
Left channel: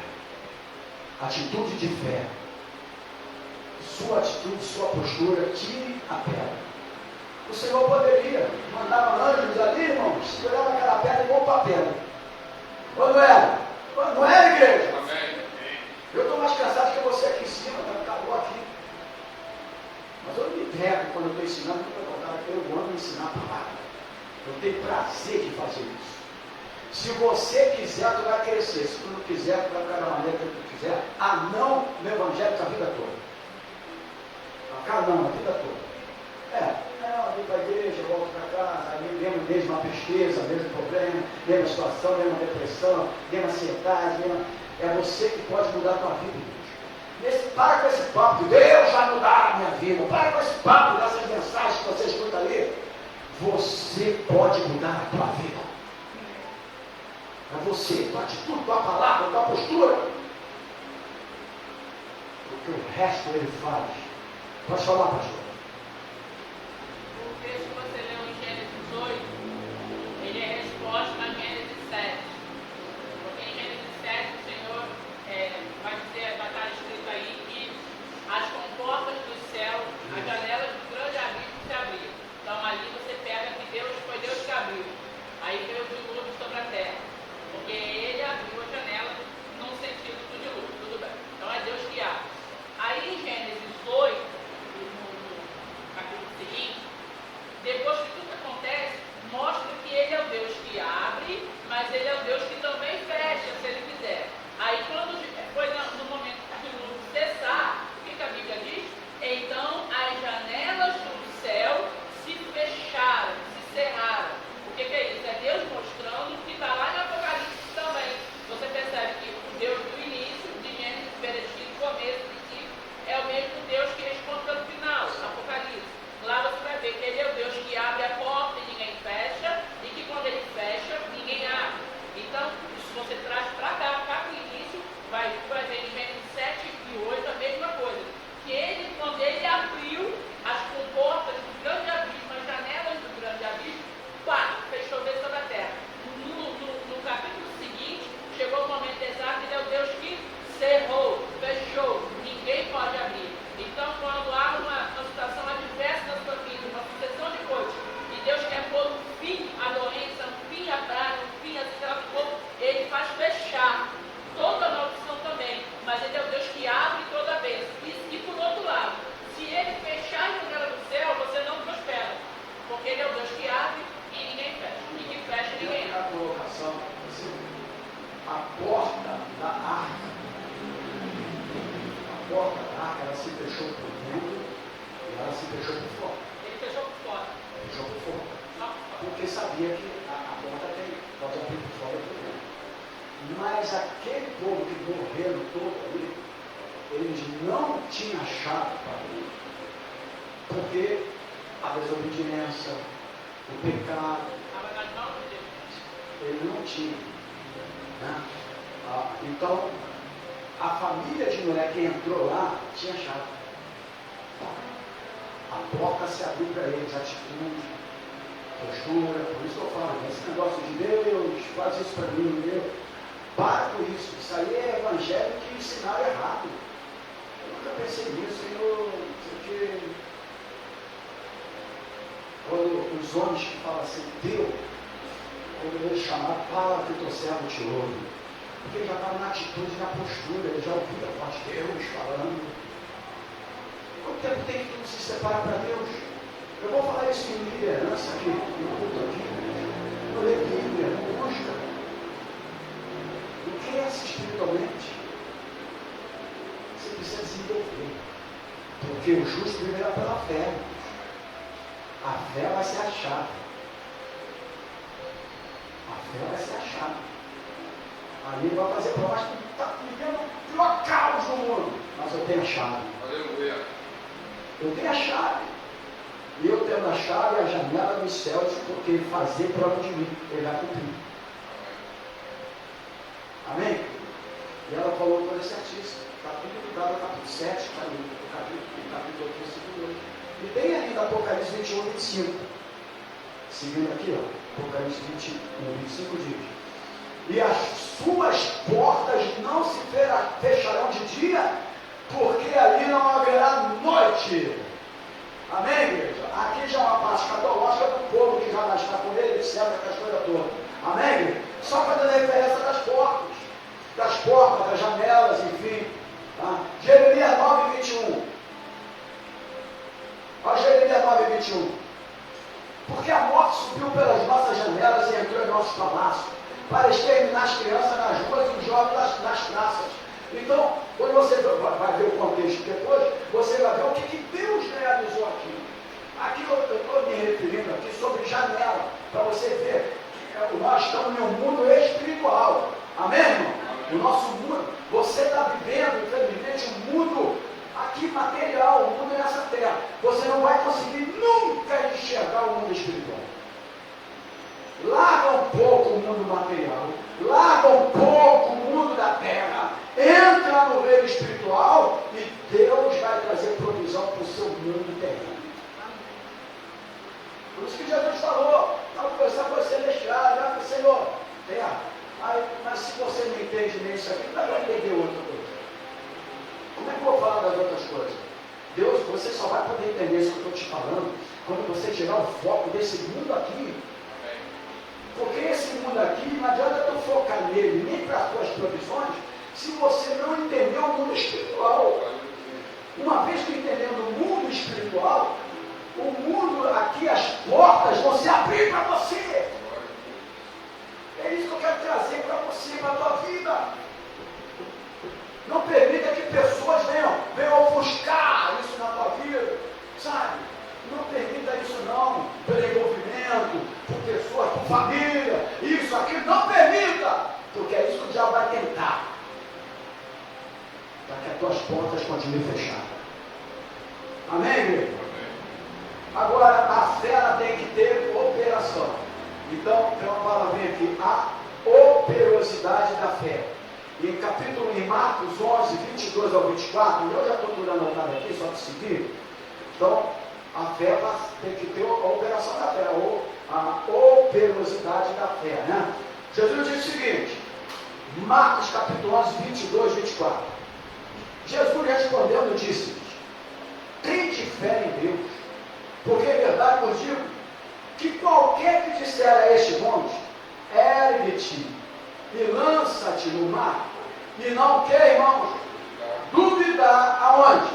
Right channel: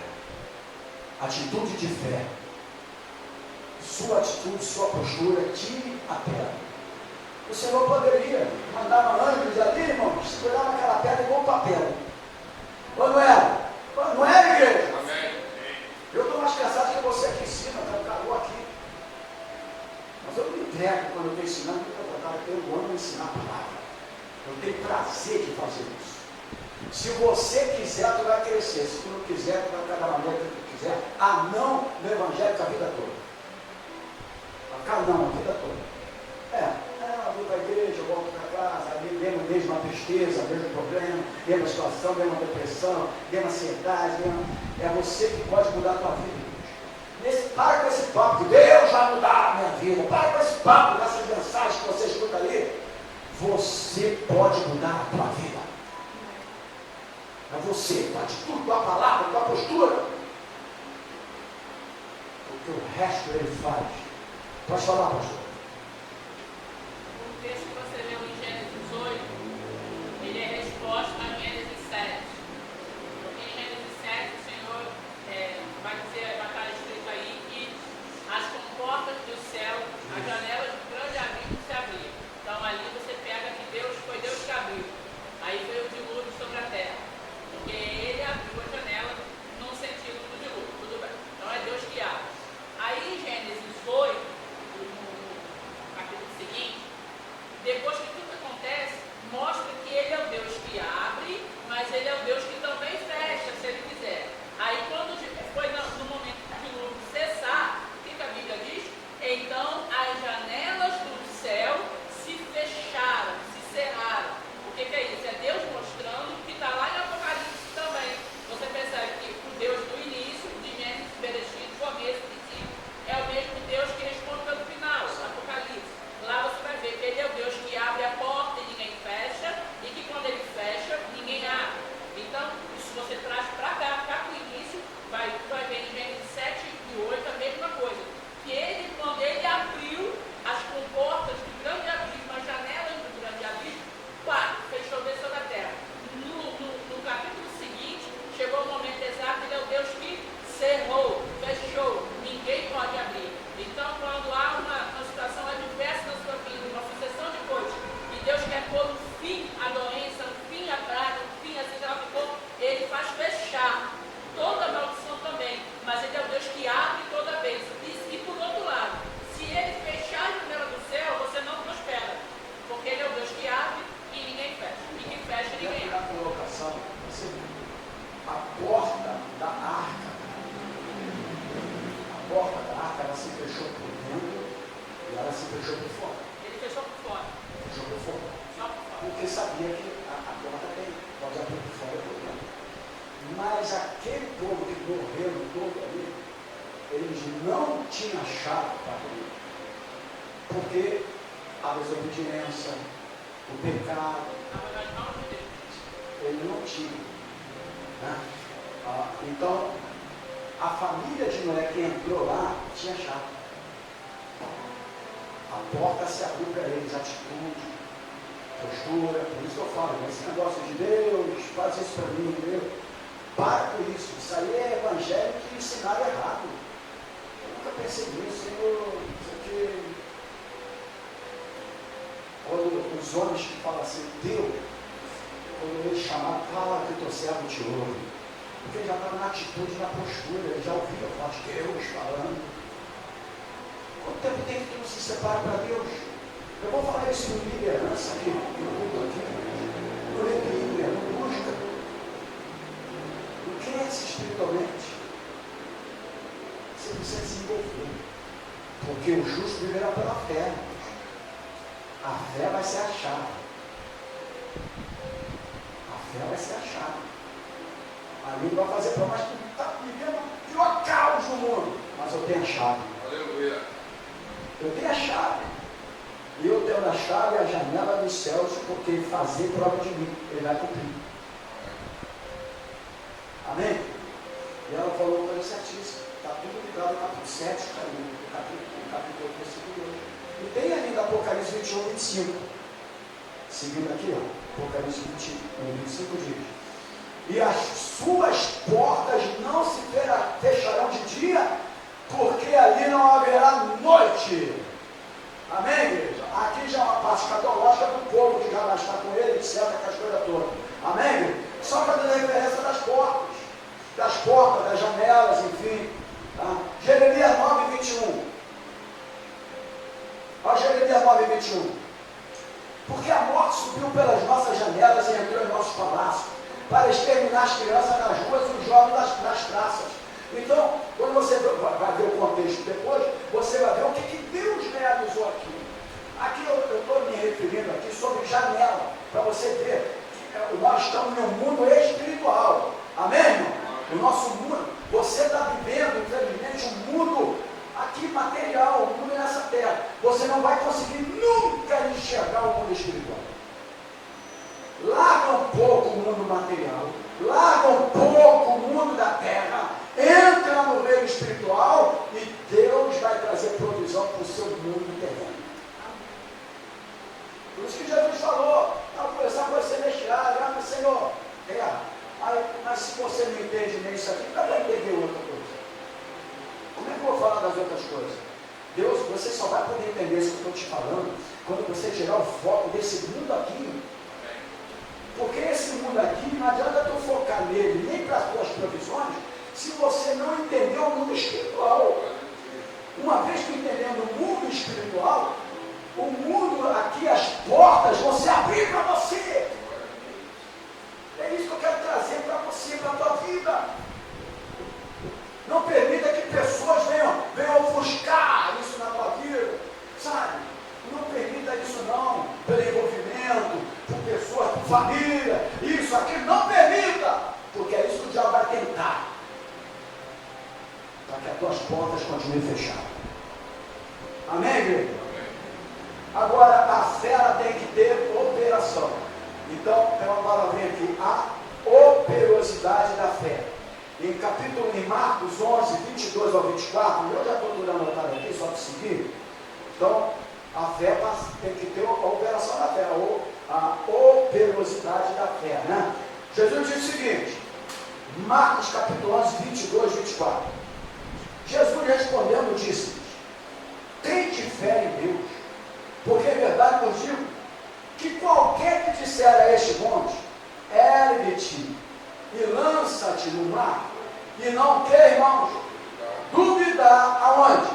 Atitude de fé. Sua atitude, sua postura, tire a pedra. O Senhor poderia mandar anjos ali, irmãos, segurava aquela pedra igual papel. Ou não era? Não era, igreja? Amém. Eu estou mais cansado que você aqui em cima, está um calor aqui. Mas eu me entrego quando eu estou ensinando, porque eu amo ensinar a palavra. Eu tenho prazer de fazer isso. Se você quiser, tu vai crescer. Se tu não quiser, tu vai ficar da maneira que tu quiser. Não no evangelho a vida toda. Não, a vida toda. Eu vou para a igreja, eu volto para casa, aí mesmo mesma tristeza, mesmo problema, mesma situação, mesma depressão, mesma ansiedade, é você que pode mudar a tua vida. Para com esse papo de Deus vai mudar a minha vida. Para com esse papo dessas mensagens que você escuta ali. Você pode mudar a tua vida. É você, tua atitude, tua palavra, tua postura. Porque o resto ele faz. Pode falar, pastor. O texto que você leu em Gênesis 8, ele é resposta a Gênesis 7. Porque em Gênesis 7 o Senhor vai estar escrito aí que as comportas do céu, as janelas do grande abismo se abriram. Então ali você pega que foi Deus que abriu. Aí veio o dilúvio sobre a terra. Porque ele abriu a janela num sentido do dilúvio. Tudo bem. Então é Deus que abre. Aí em Gênesis 8, no capítulo seguinte, depois que tudo acontece, mostra que ele é o Deus que abre, mas ele é o Deus que também fecha, se ele quiser. Aí quando foi no momento que o dilúvio cessar, o que a Bíblia diz? Então as janelas do céu se fecharam, se cerraram. O que é isso? É Deus mostrando que está lá em Apocalipse também. Você percebe que o Deus do início, de Gênesis, Bereshit, começo, princípio, é o mesmo Deus que responde pelo final, Apocalipse. Lá você vai ver que ele é o Deus que abre a porta e ninguém fecha, e que quando ele fecha, ninguém abre. Então, se você traz para cá para o início, vai ver em Gênesis 7 e 8 a mesma coisa. Que ele, quando ele abriu as comportas do grande abismo, as janelas do grande abismo, pá, fechou Deus sobre a terra. No capítulo seguinte, chegou o momento exato, ele é o Deus que cerrou, fechou, ninguém pode abrir. Então, quando há uma situação adversa na sua vida, uma sucessão de coisas, e Deus quer pôr um fim à doença, um fim à praga, um fim a ele faz fechar toda a maldição também, mas ele é o Deus que abre toda a bênção. E por outro lado, se ele fechar a janela do céu, você não prospera, porque ele é o Deus que abre e ninguém fecha, e que fecha ninguém abre. A colocação, a porta da arca, ela se fechou por dentro e ela se fechou por fora. Ele fechou por fora. Fechou por fora. Só por fora. Porque sabia que a porta pode abrir por fora e por dentro. Mas aquele povo que morreram todo ali, eles não tinham chave para abrir. Porque a desobediência, o pecado, ele não tinha. Né? Então, a família de Noé que entrou lá tinha chave. A porta se abriu para eles, atitude, postura. Por isso que eu falo, esse negócio de Deus, faz isso para mim, Deus. Para com isso. Isso aí é evangelho que ensinaram errado. Eu nunca pensei nisso, Senhor. Porque quando os homens que falam assim, Deus, quando eles chamaram, fala que o teu servo te ouve. Porque ele já estava na atitude, na postura, ele já ouviu a voz de Deus falando. Quanto tempo tem que se separar para Deus? Eu vou falar isso em liderança aqui, no culto aqui. No líder, não busca. Não cresce espiritualmente. Você precisa desenvolver. Porque o justo viverá pela fé. A fé vai ser a chave. A fé vai ser a chave. Aí ele vai fazer prova, mas está vivendo o pior caos do mundo. Mas eu tenho a chave. Aleluia. Eu tenho a chave. E eu tenho a chave e a janela dos céus, porque ele fazer prova de mim, ele vai cumprir. Amém? E ela falou com ele certíssimo. Está tudo ligado ao capítulo 7, o capítulo 8, e tem ali no Apocalipse 21, 25. Seguindo aqui, ó, Apocalipse 21, 25 diz. E as suas portas não se fecharão de dia, porque ali não haverá noite. Amém, igreja? Aqui já é uma parte catológica do povo que já está com ele, etc., que as coisas todas. Amém, igreja? Só fazendo referência das portas, das janelas, enfim. Tá? Jeremias 9, 21. Olha Jeremias 9, 21. Porque a morte subiu pelas nossas janelas e entrou em nossos palácios, para exterminar as crianças nas ruas e os jovens nas praças. Então, quando você vai ver o contexto depois, você vai ver o que Deus realizou aqui. Aqui eu estou me referindo aqui sobre janela, para você ver nós estamos em um mundo espiritual. Amém, irmão? O nosso mundo, você está vivendo, infelizmente, um mundo aqui material, o mundo nessa terra. Você não vai conseguir nunca enxergar o mundo espiritual. Larga um pouco o mundo material, larga um pouco o mundo da terra, entra no reino espiritual e Deus vai trazer provisão para o seu mundo terreno. Por isso que Jesus falou, não começar com as celestiais, para o Senhor, terra. Mas se você não entende nem isso aqui, não vai entender outra coisa. Como é que eu vou falar das outras coisas? Deus, você só vai poder entender isso que eu estou te falando quando você tirar o foco desse mundo aqui. Porque esse mundo aqui, não adianta tu focar nele, nem para as tuas provisões, se você não entender o mundo espiritual. Uma vez que entendendo o mundo espiritual, o mundo aqui, as portas vão se abrir para você. É isso que eu quero trazer para você, para a tua vida. Não permita que pessoas venham ofuscar isso na tua vida, sabe? Não permita isso não, pelo envolvimento, por pessoas, por família, isso, aquilo, não permita, porque é isso que o diabo vai tentar, para que as tuas portas continuem fechadas. Amém, igreja? Agora, a fé ela tem que ter operação. Então, tem uma palavrinha aqui, a operosidade da fé. Em Marcos 11, 22 ao 24, eu já estou tudo anotado aqui, só para seguir. Então, a fé tem que ter a operação da fé, ou a operosidade da fé, né? Jesus disse o seguinte, Marcos capítulo 11, 22, 24. Jesus respondendo disse-lhes, tende fé em Deus, porque é verdade vos digo, que qualquer que disser a este monte, ergue-te e lança-te no mar, e não quer, irmãos, duvidar aonde?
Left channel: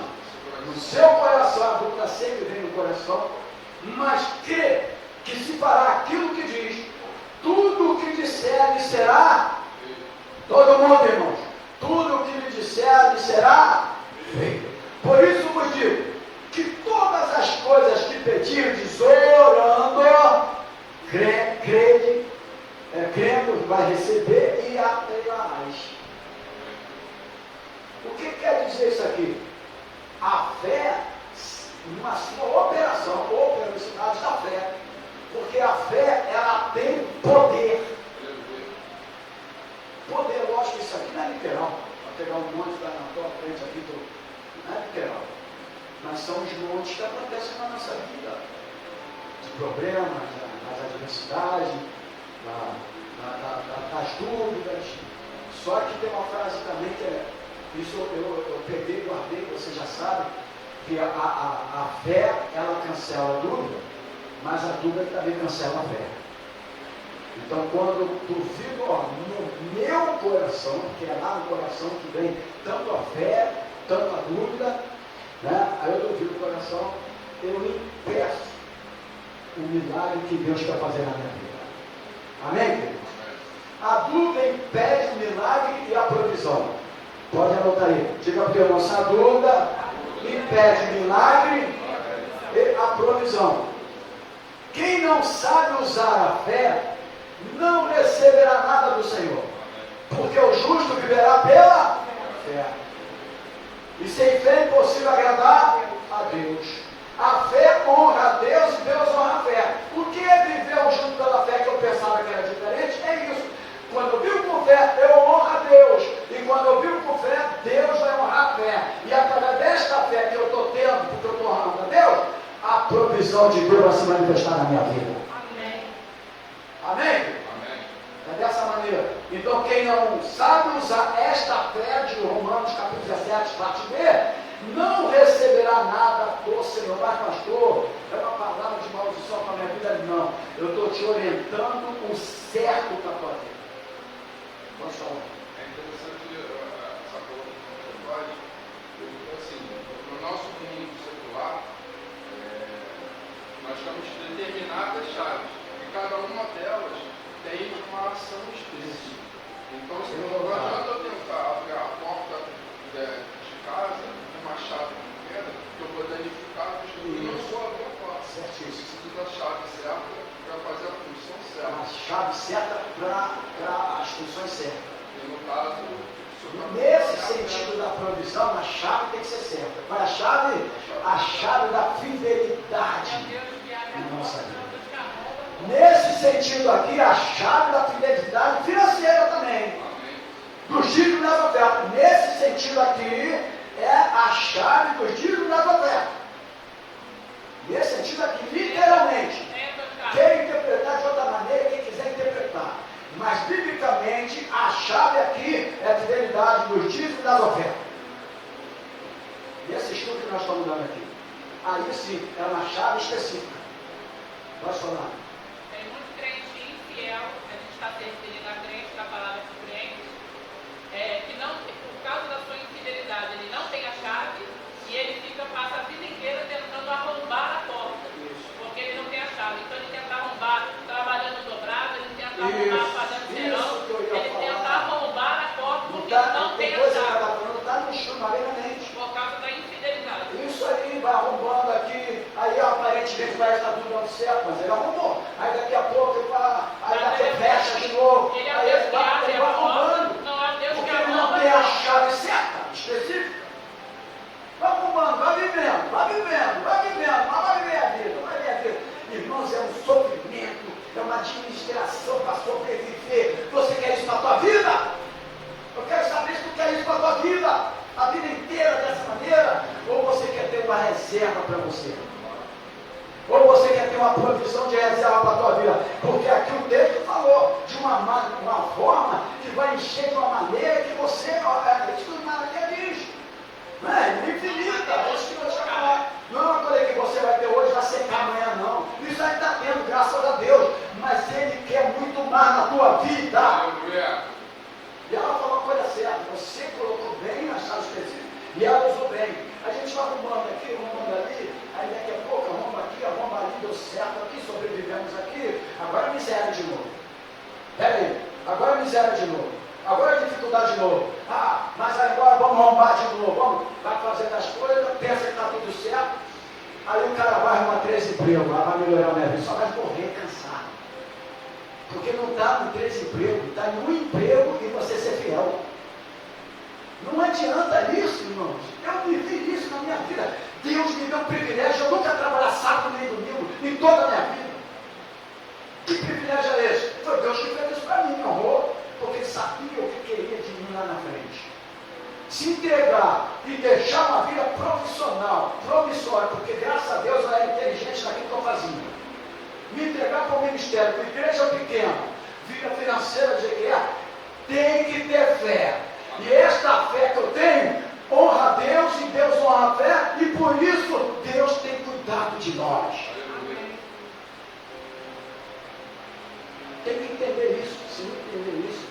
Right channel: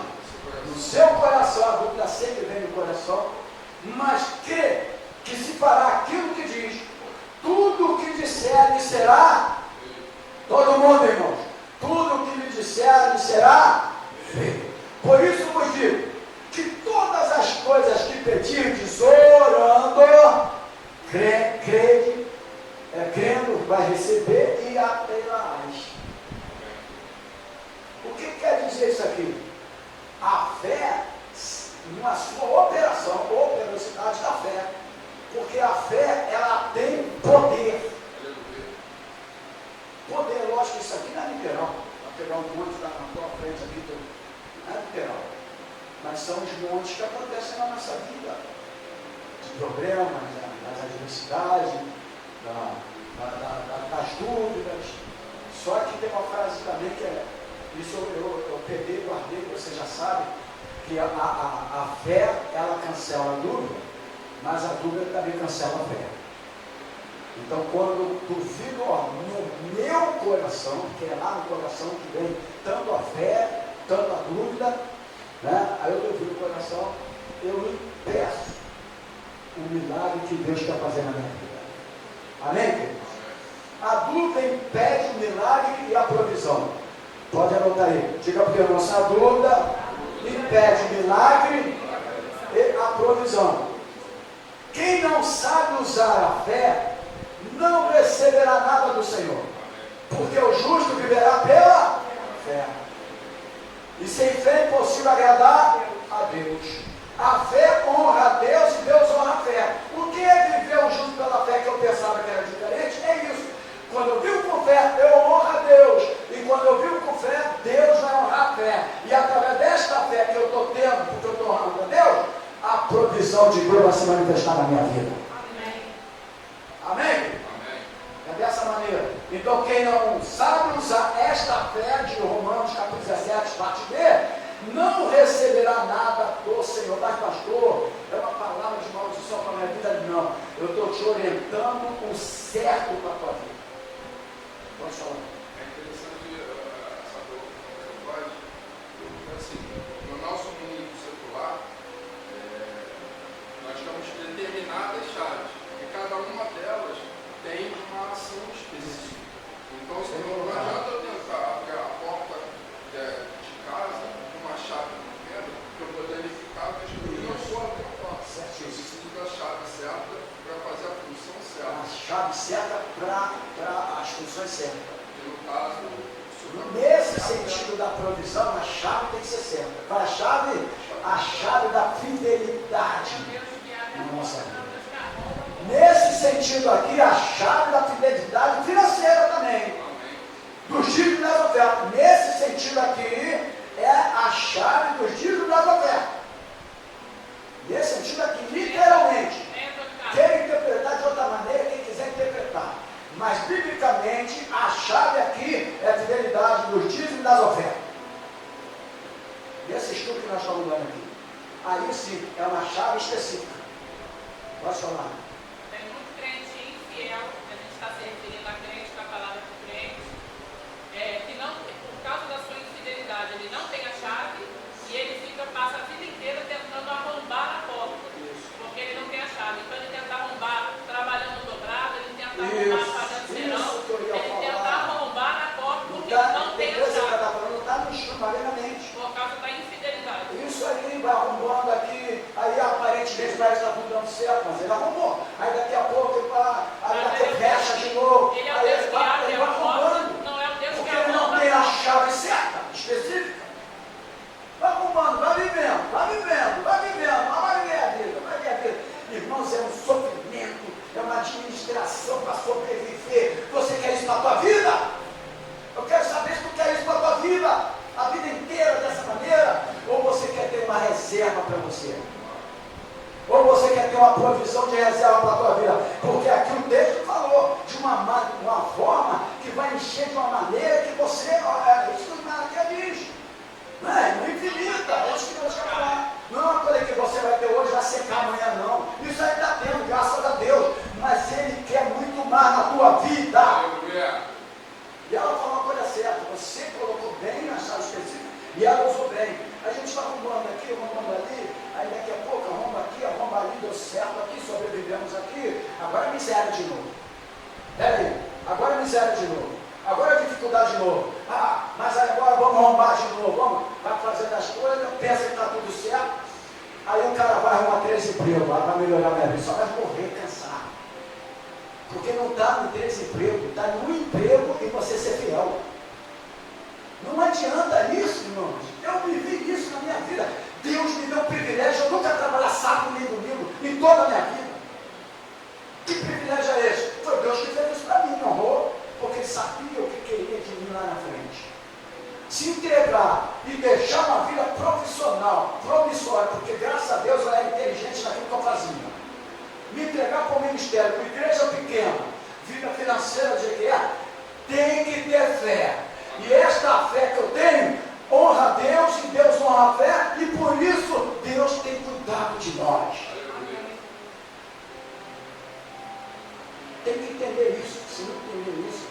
No seu coração, a dúvida sempre vem no coração, mas que se fará aquilo que diz, tudo o que disser lhe será, todo mundo, irmãos, tudo o que lhe disser lhe será feito. Por isso vos digo, que todas as coisas que pedirdes orando, crendo, vai receber e a-terás. O que quer dizer isso aqui? A fé, na sua operação, a operosidade da fé, porque a fé, ela tem poder. Poder, lógico que isso aqui não é literal, vai pegar um monte na tua frente aqui, não é literal. Mas são os montes que acontecem na nossa vida, de problemas, das adversidades, das dúvidas. Só que tem uma frase também que é, isso eu peguei, guardei, você já sabe, que a fé, ela cancela a dúvida, mas a dúvida também cancela a fé. Então, quando eu duvido no meu coração, que é lá no coração que vem tanto a fé, tanto a dúvida, né? Aí eu duvido o coração, eu lhe peço o milagre que Deus quer fazer na minha vida. Amém, queridos? A dúvida impede o milagre e a provisão. Pode anotar aí. Diga para o irmão, a dúvida impede o milagre e a provisão. Quem não sabe usar a fé, não receberá nada do Senhor. Porque o justo viverá pela fé. E sem fé é impossível agradar a Deus. A fé honra a Deus e Deus honra a fé. O que é viver o justo pela fé, que eu pensava que era diferente? É isso. Quando eu vivo com fé, eu honro a Deus. E quando eu vivo com fé, Deus vai honrar a fé. E através desta fé que eu estou tendo, porque eu estou honrando a Deus, a provisão de Deus vai se manifestar na minha vida. Amém? Amém? É dessa maneira. Então, quem não sabe usar esta fé de Romanos capítulo 17, parte B, não receberá nada do Senhor. Mas, pastor, é uma palavra de maldição para a minha vida? Não. Eu estou te orientando o certo para a tua vida. Pode falar. É interessante essa coisa que você faz, porque assim, no nosso mundo secular, nós temos determinadas chaves, e cada uma delas tem uma ação específica. Então, se não adianta eu tentar abrir a porta de casa com uma chave pequena, que eu vou danificar que eu não sou a minha porta. Certíssimo. Precisa da chave certa para fazer a função certa. chave certa para as funções certas. E no caso, Nesse sentido da provisão, a chave tem que ser certa. Qual é a chave? A chave da fidelidade na nossa vida. Nesse sentido aqui, a chave da fidelidade financeira também. Dos dízimos das ofertas. Nesse sentido aqui, é a chave dos dízimos das ofertas. Nesse sentido aqui, literalmente. Quem interpretar de outra maneira, quem quiser interpretar. Mas, biblicamente, a chave aqui é a fidelidade dos dízimos e das ofertas. E esse estudo que nós estamos dando aqui. Aí sim, é uma chave específica. Pode falar. Tem muito crente infiel, a gente está se referindo a crente, da palavra de crente, que não, por causa da sua infidelidade, ele não tem a chave e ele passa a vida inteira tentando arrombar a porta. Porque ele não tem a chave. Então ele tenta arrombar trabalhando dobrado, ele tenta arrombar fazendo serão, ele tenta arrombar a porta porque ele não tem a chave. Não está no chão, mente. Por causa da infidelidade. Isso aí vai arrombando aqui, aí aparentemente parece que está tudo dando certo, mas ele arrombou. Aí daqui a pouco, aí daqui a pouco fecha de novo. Ele é Aí o Deus ele que abre vai a porta, arrombando. não é o Deus que Porque ele não tem a chave certa, específica. Vai arrombando, vai vivendo, vai vivendo, vai vivendo, mas vai viver a vida, vai viver a vida. Irmãos, é um sofrimento, é uma administração para sobreviver. Você quer isso para a tua vida? Eu quero saber se tu quer isso para a tua vida, a vida inteira dessa maneira, ou você quer ter uma reserva para você? Ou você quer ter uma provisão de reserva para a tua vida? Porque aqui o texto falou de uma forma que vai encher de uma maneira que você, isso que o Malaquias diz, é infinita, é isso que nós estamos falando. Não é uma coisa que você vai ter hoje, vai secar amanhã, não. Isso aí está tendo, graças a Deus, mas Ele quer muito mais na tua vida. aleluia. E ela falou a coisa certa, você colocou bem na chave específica e ela usou bem. A gente vai arrumando aqui, arrumando ali, aí daqui a pouco arruma aqui, arruma ali, deu certo aqui, sobrevivemos aqui, agora é miséria de novo. Peraí, agora é miséria de novo, agora é dificuldade de novo. Ah, mas agora vamos arrumar de novo, vai fazendo as coisas, pensa que está tudo certo, aí o cara vai arrumar 3 empregos, vai melhorar a minha vida, só vai morrer cansado. Porque não está no 3 empregos, está no emprego e você ser fiel. Não adianta isso, irmãos. Eu vivi isso na minha vida. Deus me deu o privilégio, eu nunca trabalhar sábado nem domingo em toda a minha vida. Que privilégio é esse? Foi Deus que fez isso para mim, me honrou, porque Ele sabia o que queria de mim lá na frente. Se entregar e deixar uma vida profissional, promissória, porque graças a Deus eu era inteligente naquilo que eu fazia. Me entregar para o ministério, para a igreja pequena, vida financeira de guerra, tem que ter fé. E esta fé que eu tenho, honra a Deus e Deus honra a fé, e por isso Deus tem cuidado de nós. Tem que entender isso. Se não entender isso,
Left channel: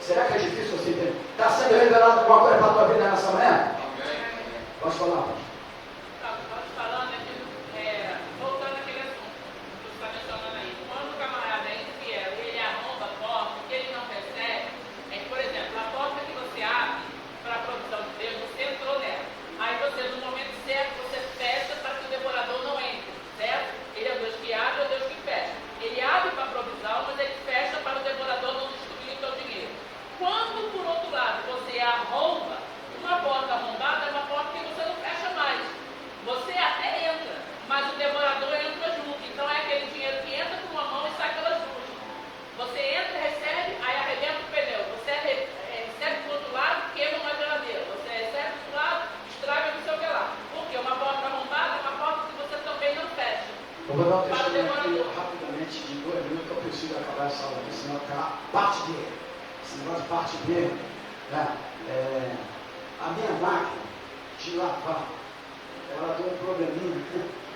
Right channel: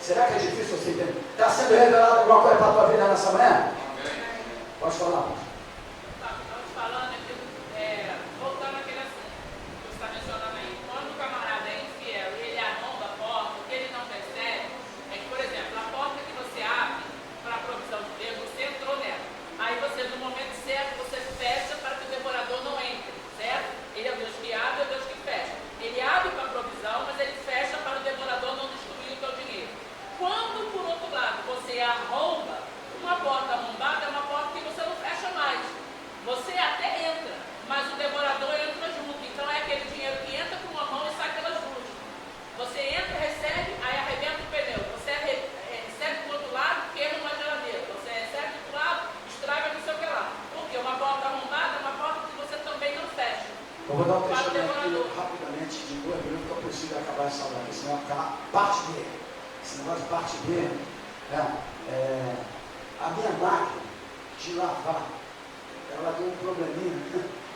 será que é difícil você entender? Está sendo revelado alguma coisa para a tua vida nessa manhã? Pode falar, pastor. Estamos falando aqui, voltando àquele assunto que você está mencionando aí. Quando o camarada é infiel e ele arromba a porta, o que ele não percebe é que, por exemplo, a porta que você abre para a provisão de Deus, você entrou nela. Aí você, no momento certo, você fecha para que o devorador não entre, certo? Ele é o Deus que abre, é o Deus que fecha. Ele abre para a provisão, mas ele fecha para o devorador não destruir o teu dinheiro. Quando, por outro lado, você arromba, uma porta arrombada é uma porta que você não fecha mais. Você até entra, mas o devorador entra junto. Então é aquele dinheiro que entra por uma mão e sai pelas duas. Você entra, recebe, aí arrebenta o pneu. Você recebe por outro lado, queima uma geladeira. Você recebe do outro lado, estraga não sei o que lá. Porque uma porta arrombada é uma porta que você também não fecha. Eu vou dar um testemunho aqui rapidamente, de 2 minutos, que eu consigo acabar essa aula aqui, senão ficar parte dele. Esse negócio de parte dele, a minha máquina de lavar, ela deu um probleminha,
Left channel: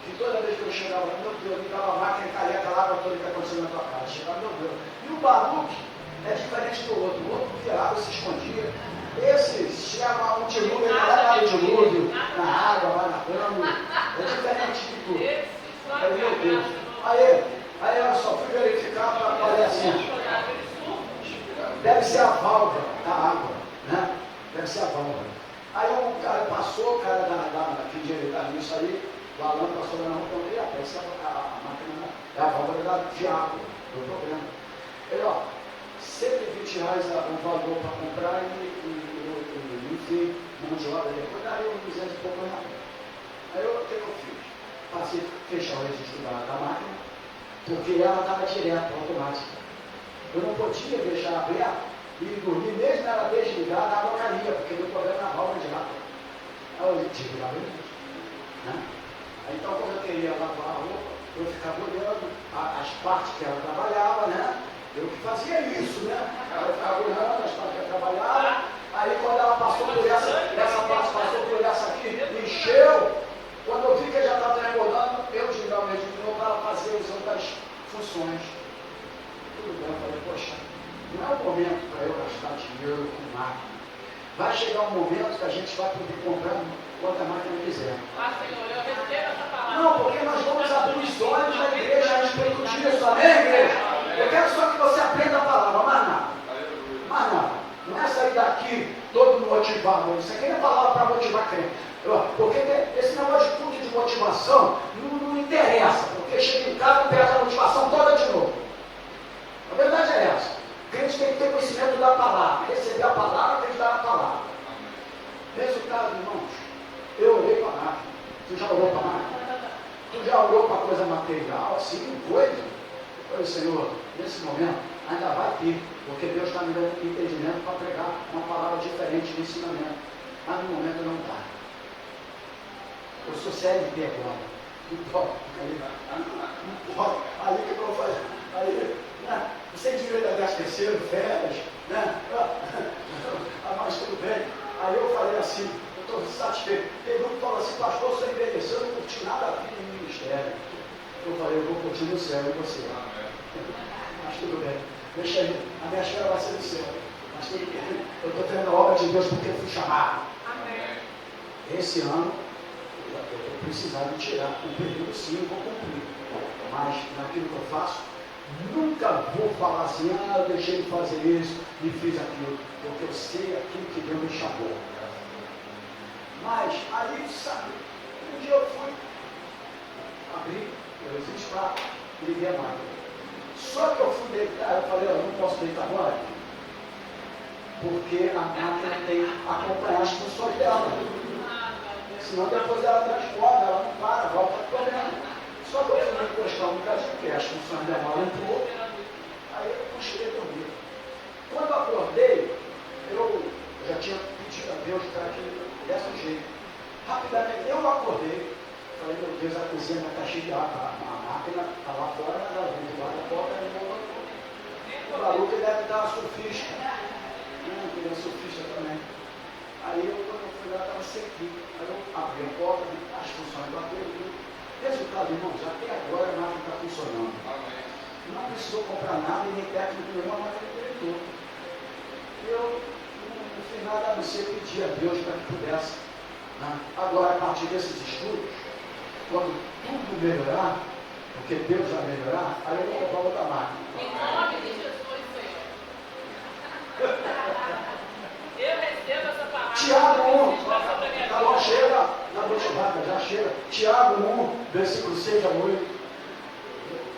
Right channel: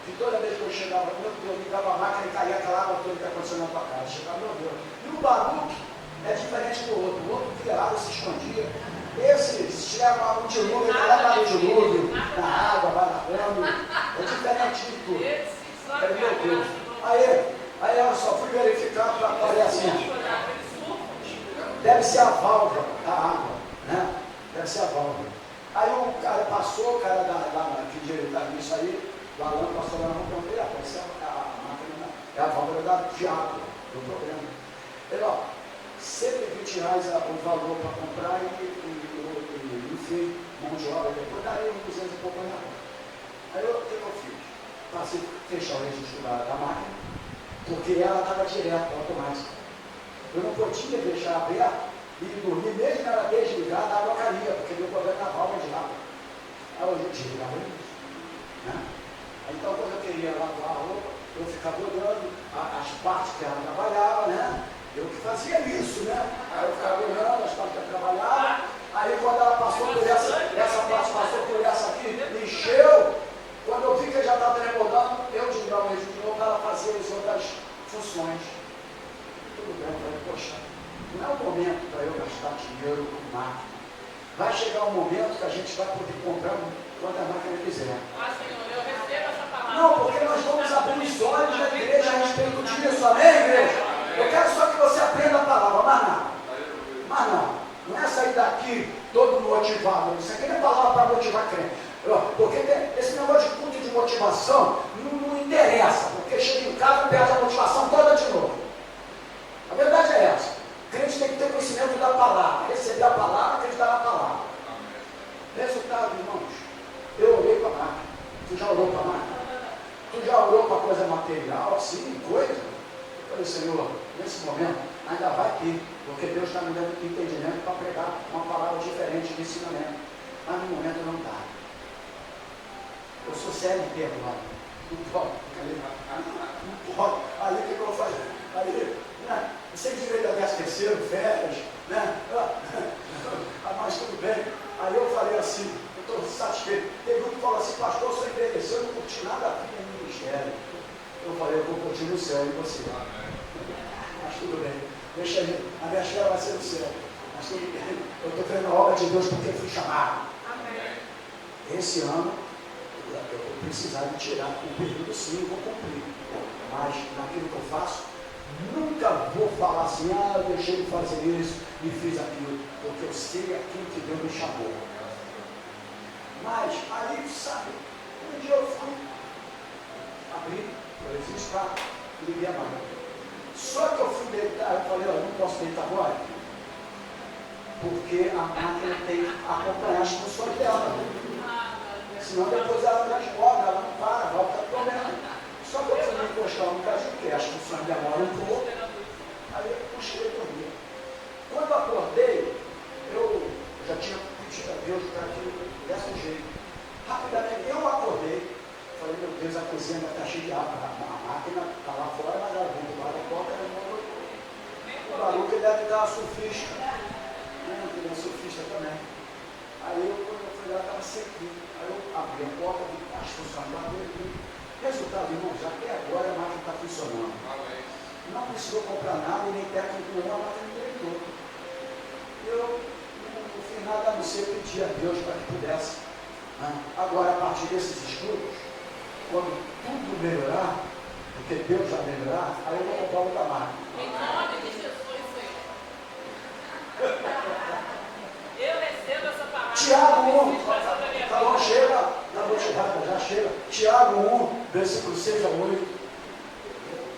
que toda vez que eu chegava, meu Deus, ligava a máquina e caía aquela água toda que está acontecendo na tua casa. Chegava, meu Deus. E o Baruque é diferente do outro. O outro via água, se escondia. Esse, se leva um dilúvio, ele leva no dilúvio, na água, vai nadando. É diferente de tudo. Aí, meu Deus. Aí eu só fui verificar para fazer assim. Deve ser a válvula da água, né? Deve ser a válvula. Aí o cara passou, o cara que direitaria isso aí, falando, passou lá na mão, deve ser a máquina, é a válvula de água, do problema. Ele, ó, R$120 o valor para comprar enfim, mão de obra, depois daí uns 200 e pouco na mão. Aí o que eu fiz? Passei a fechar o registro da máquina, porque ela estava direto, automática. Eu não podia deixar aberto e dormir, mesmo ela desligada, a água caía, porque deu problema na válvula de água. Aí eu desligava isso. Né? Aí, então, quando eu queria lavar a roupa, eu ficava olhando as partes que ela trabalhava, né? Eu que fazia isso, né? Aí eu ficava olhando as partes que ela trabalhava. Aí, quando ela passou por essa parte passou por essa aqui, encheu. Quando eu vi que já estava transbordando, eu desliguava o registro de novo para ela fazer as outras funções. Tudo bem, eu falei, poxa, não é o momento para eu gastar dinheiro com máquina. Vai chegar um momento que a gente vai poder comprar quanta máquina quiser. Senhor, eu recebo essa palavra. Não, porque nós vamos abrir os olhos da igreja a respeito disso, amém, igreja? Eu quero só que você aprenda a palavra, mas nada. Mas nada. Não é sair daqui todo motivado. Isso aqui não é palavra para motivar crente. Porque esse negócio de culto de motivação não interessa, porque chega em casa e perde a motivação toda de novo. A verdade é essa. O crente tem que ter conhecimento da palavra, receber a palavra, acreditar na palavra. Resultado, irmãos, eu orei para a máquina. Tu já orou para a máquina? Tu já orou para coisa material, assim, coisa? Eu falei, Senhor, nesse momento ainda vai ter, porque Deus está me dando entendimento para pregar uma palavra diferente de ensinamento. Mas no momento não dá. Eu sou CLT agora. Aí o que eu vou fazer? Aí, né? Sem direito a 13º, férias, né? Mas tudo bem. Aí eu falei assim, eu estou satisfeito. Teve um que falou assim, pastor, eu sou envelheceu, eu não curti nada a vida em ministério. Eu falei, eu vou curtir no céu e você. Mas tudo bem. Deixa aí, a minha história vai ser no céu. Mas tudo bem. Eu estou fazendo a obra de Deus porque eu fui chamado. Amém. Esse ano, eu vou precisar de tirar o período, sim, eu vou cumprir. Mas naquilo que eu faço, nunca vou falar assim, eu deixei de fazer isso e fiz aquilo, porque eu sei aquilo que Deus me chamou. Mas aí, sabe, um dia eu fui abrir o registro, liguei a máquina. Só que eu fui deitar, eu falei, eu não posso deitar agora, porque a máquina tem que acompanhar as funções dela. Senão depois ela transborda, ela não para, volta a problema. Só que eu fui me encostar no caso, porque as funções demoram um pouco, aí eu puxei e dormi. Quando eu acordei, eu já tinha pedido a Deus para que desse jeito. Rapidamente, eu acordei, falei, meu Deus, a cozinha está cheia de água, a máquina está lá fora, mas ela vem lá da porta, ela não voltou. O Baruque deve estar surfista, ele é surfista também. Aí quando eu fui lá, estava sequinho. Aí eu abri a porta, as funções bateram. Resultado, irmãos, até agora a máquina está funcionando. Não precisou comprar nada e nem técnico nenhum, a máquina direitou. Eu não fiz nada a não ser pedir a Deus para que pudesse. Agora, a partir desses estudos, quando tudo melhorar, porque Deus vai melhorar, aí eu vou comprar outra máquina. Em nome de Jesus, Senhor. Eu recebo essa palavra. Tiago 1, tá bom, chega, na motivada, já chega. Tiago 1, versículo 6 a 8.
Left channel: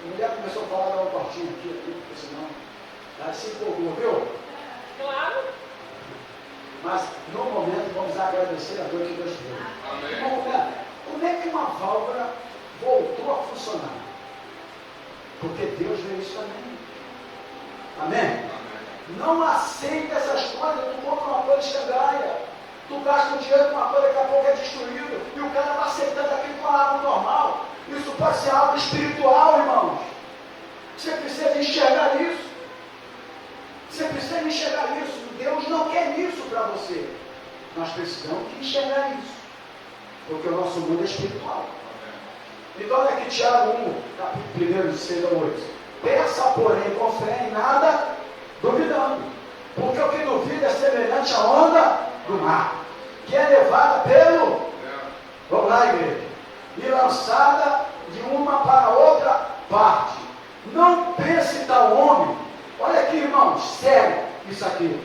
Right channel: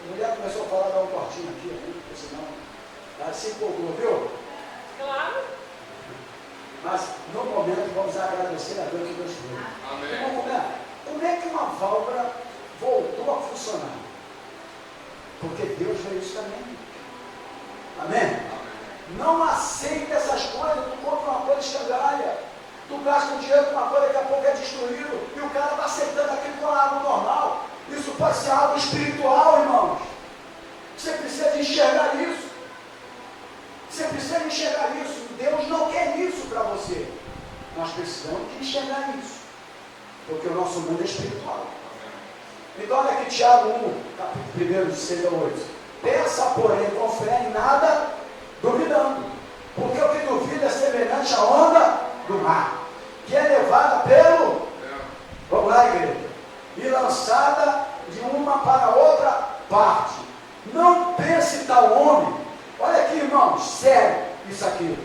A mulher começou a falar, dar um cortinho aqui, porque senão, ela se empolgou, viu? Claro. Mas, no momento, vamos agradecer a Deus que Deus fez. Como é que uma válvula voltou a funcionar? Porque Deus fez isso também. Amém? Não aceita essas coisas, tu compra uma coisa escangalha, tu gasta um dinheiro com uma coisa, daqui a pouco é destruído, e o cara está aceitando aquilo com algo normal. Isso pode ser algo espiritual, irmãos. Você precisa enxergar isso. Você precisa enxergar isso. Deus não quer isso para você. Nós precisamos de enxergar isso. Porque o nosso mundo é espiritual. Então olha aqui Tiago 1, capítulo 1, de 6 a 8. Pensa, porém, com fé em nada, duvidando. Porque o que duvida é semelhante à onda do mar, que é levada pelo... Vamos lá, igreja. E lançada de uma para outra parte. Não pense tal homem. Olha aqui, irmãos, sério isso aqui.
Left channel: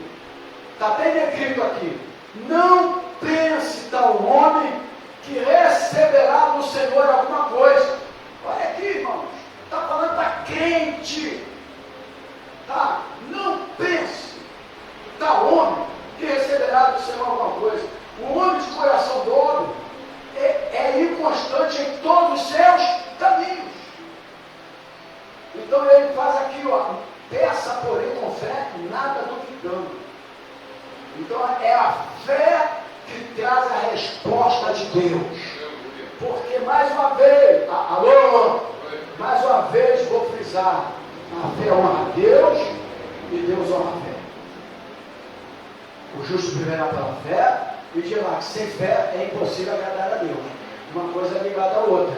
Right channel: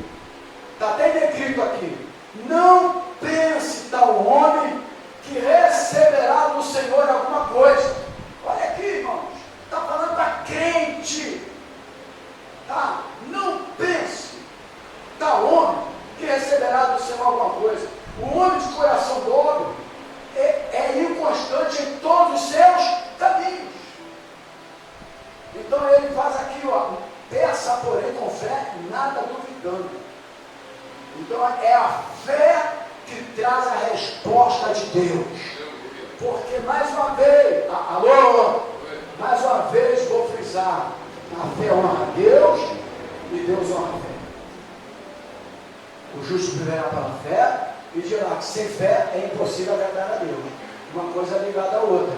Está bem escrito aqui. Não pense tal homem que receberá do Senhor alguma coisa. Olha aqui, irmãos. Está falando para crente. Ah, não pense, tal homem, que receberá do Senhor alguma coisa. O homem de coração dobre é inconstante em todos os seus caminhos. Então ele faz aqui, ó, peça, porém, com fé, nada duvidando. Então é a fé que traz a resposta de Deus. Porque mais uma vez, mais uma vez vou frisar, a fé honra a Deus e Deus honra a fé. O justo viverá pela fé, e dirá que sem fé é impossível agradar a Deus. Uma coisa é ligada à outra.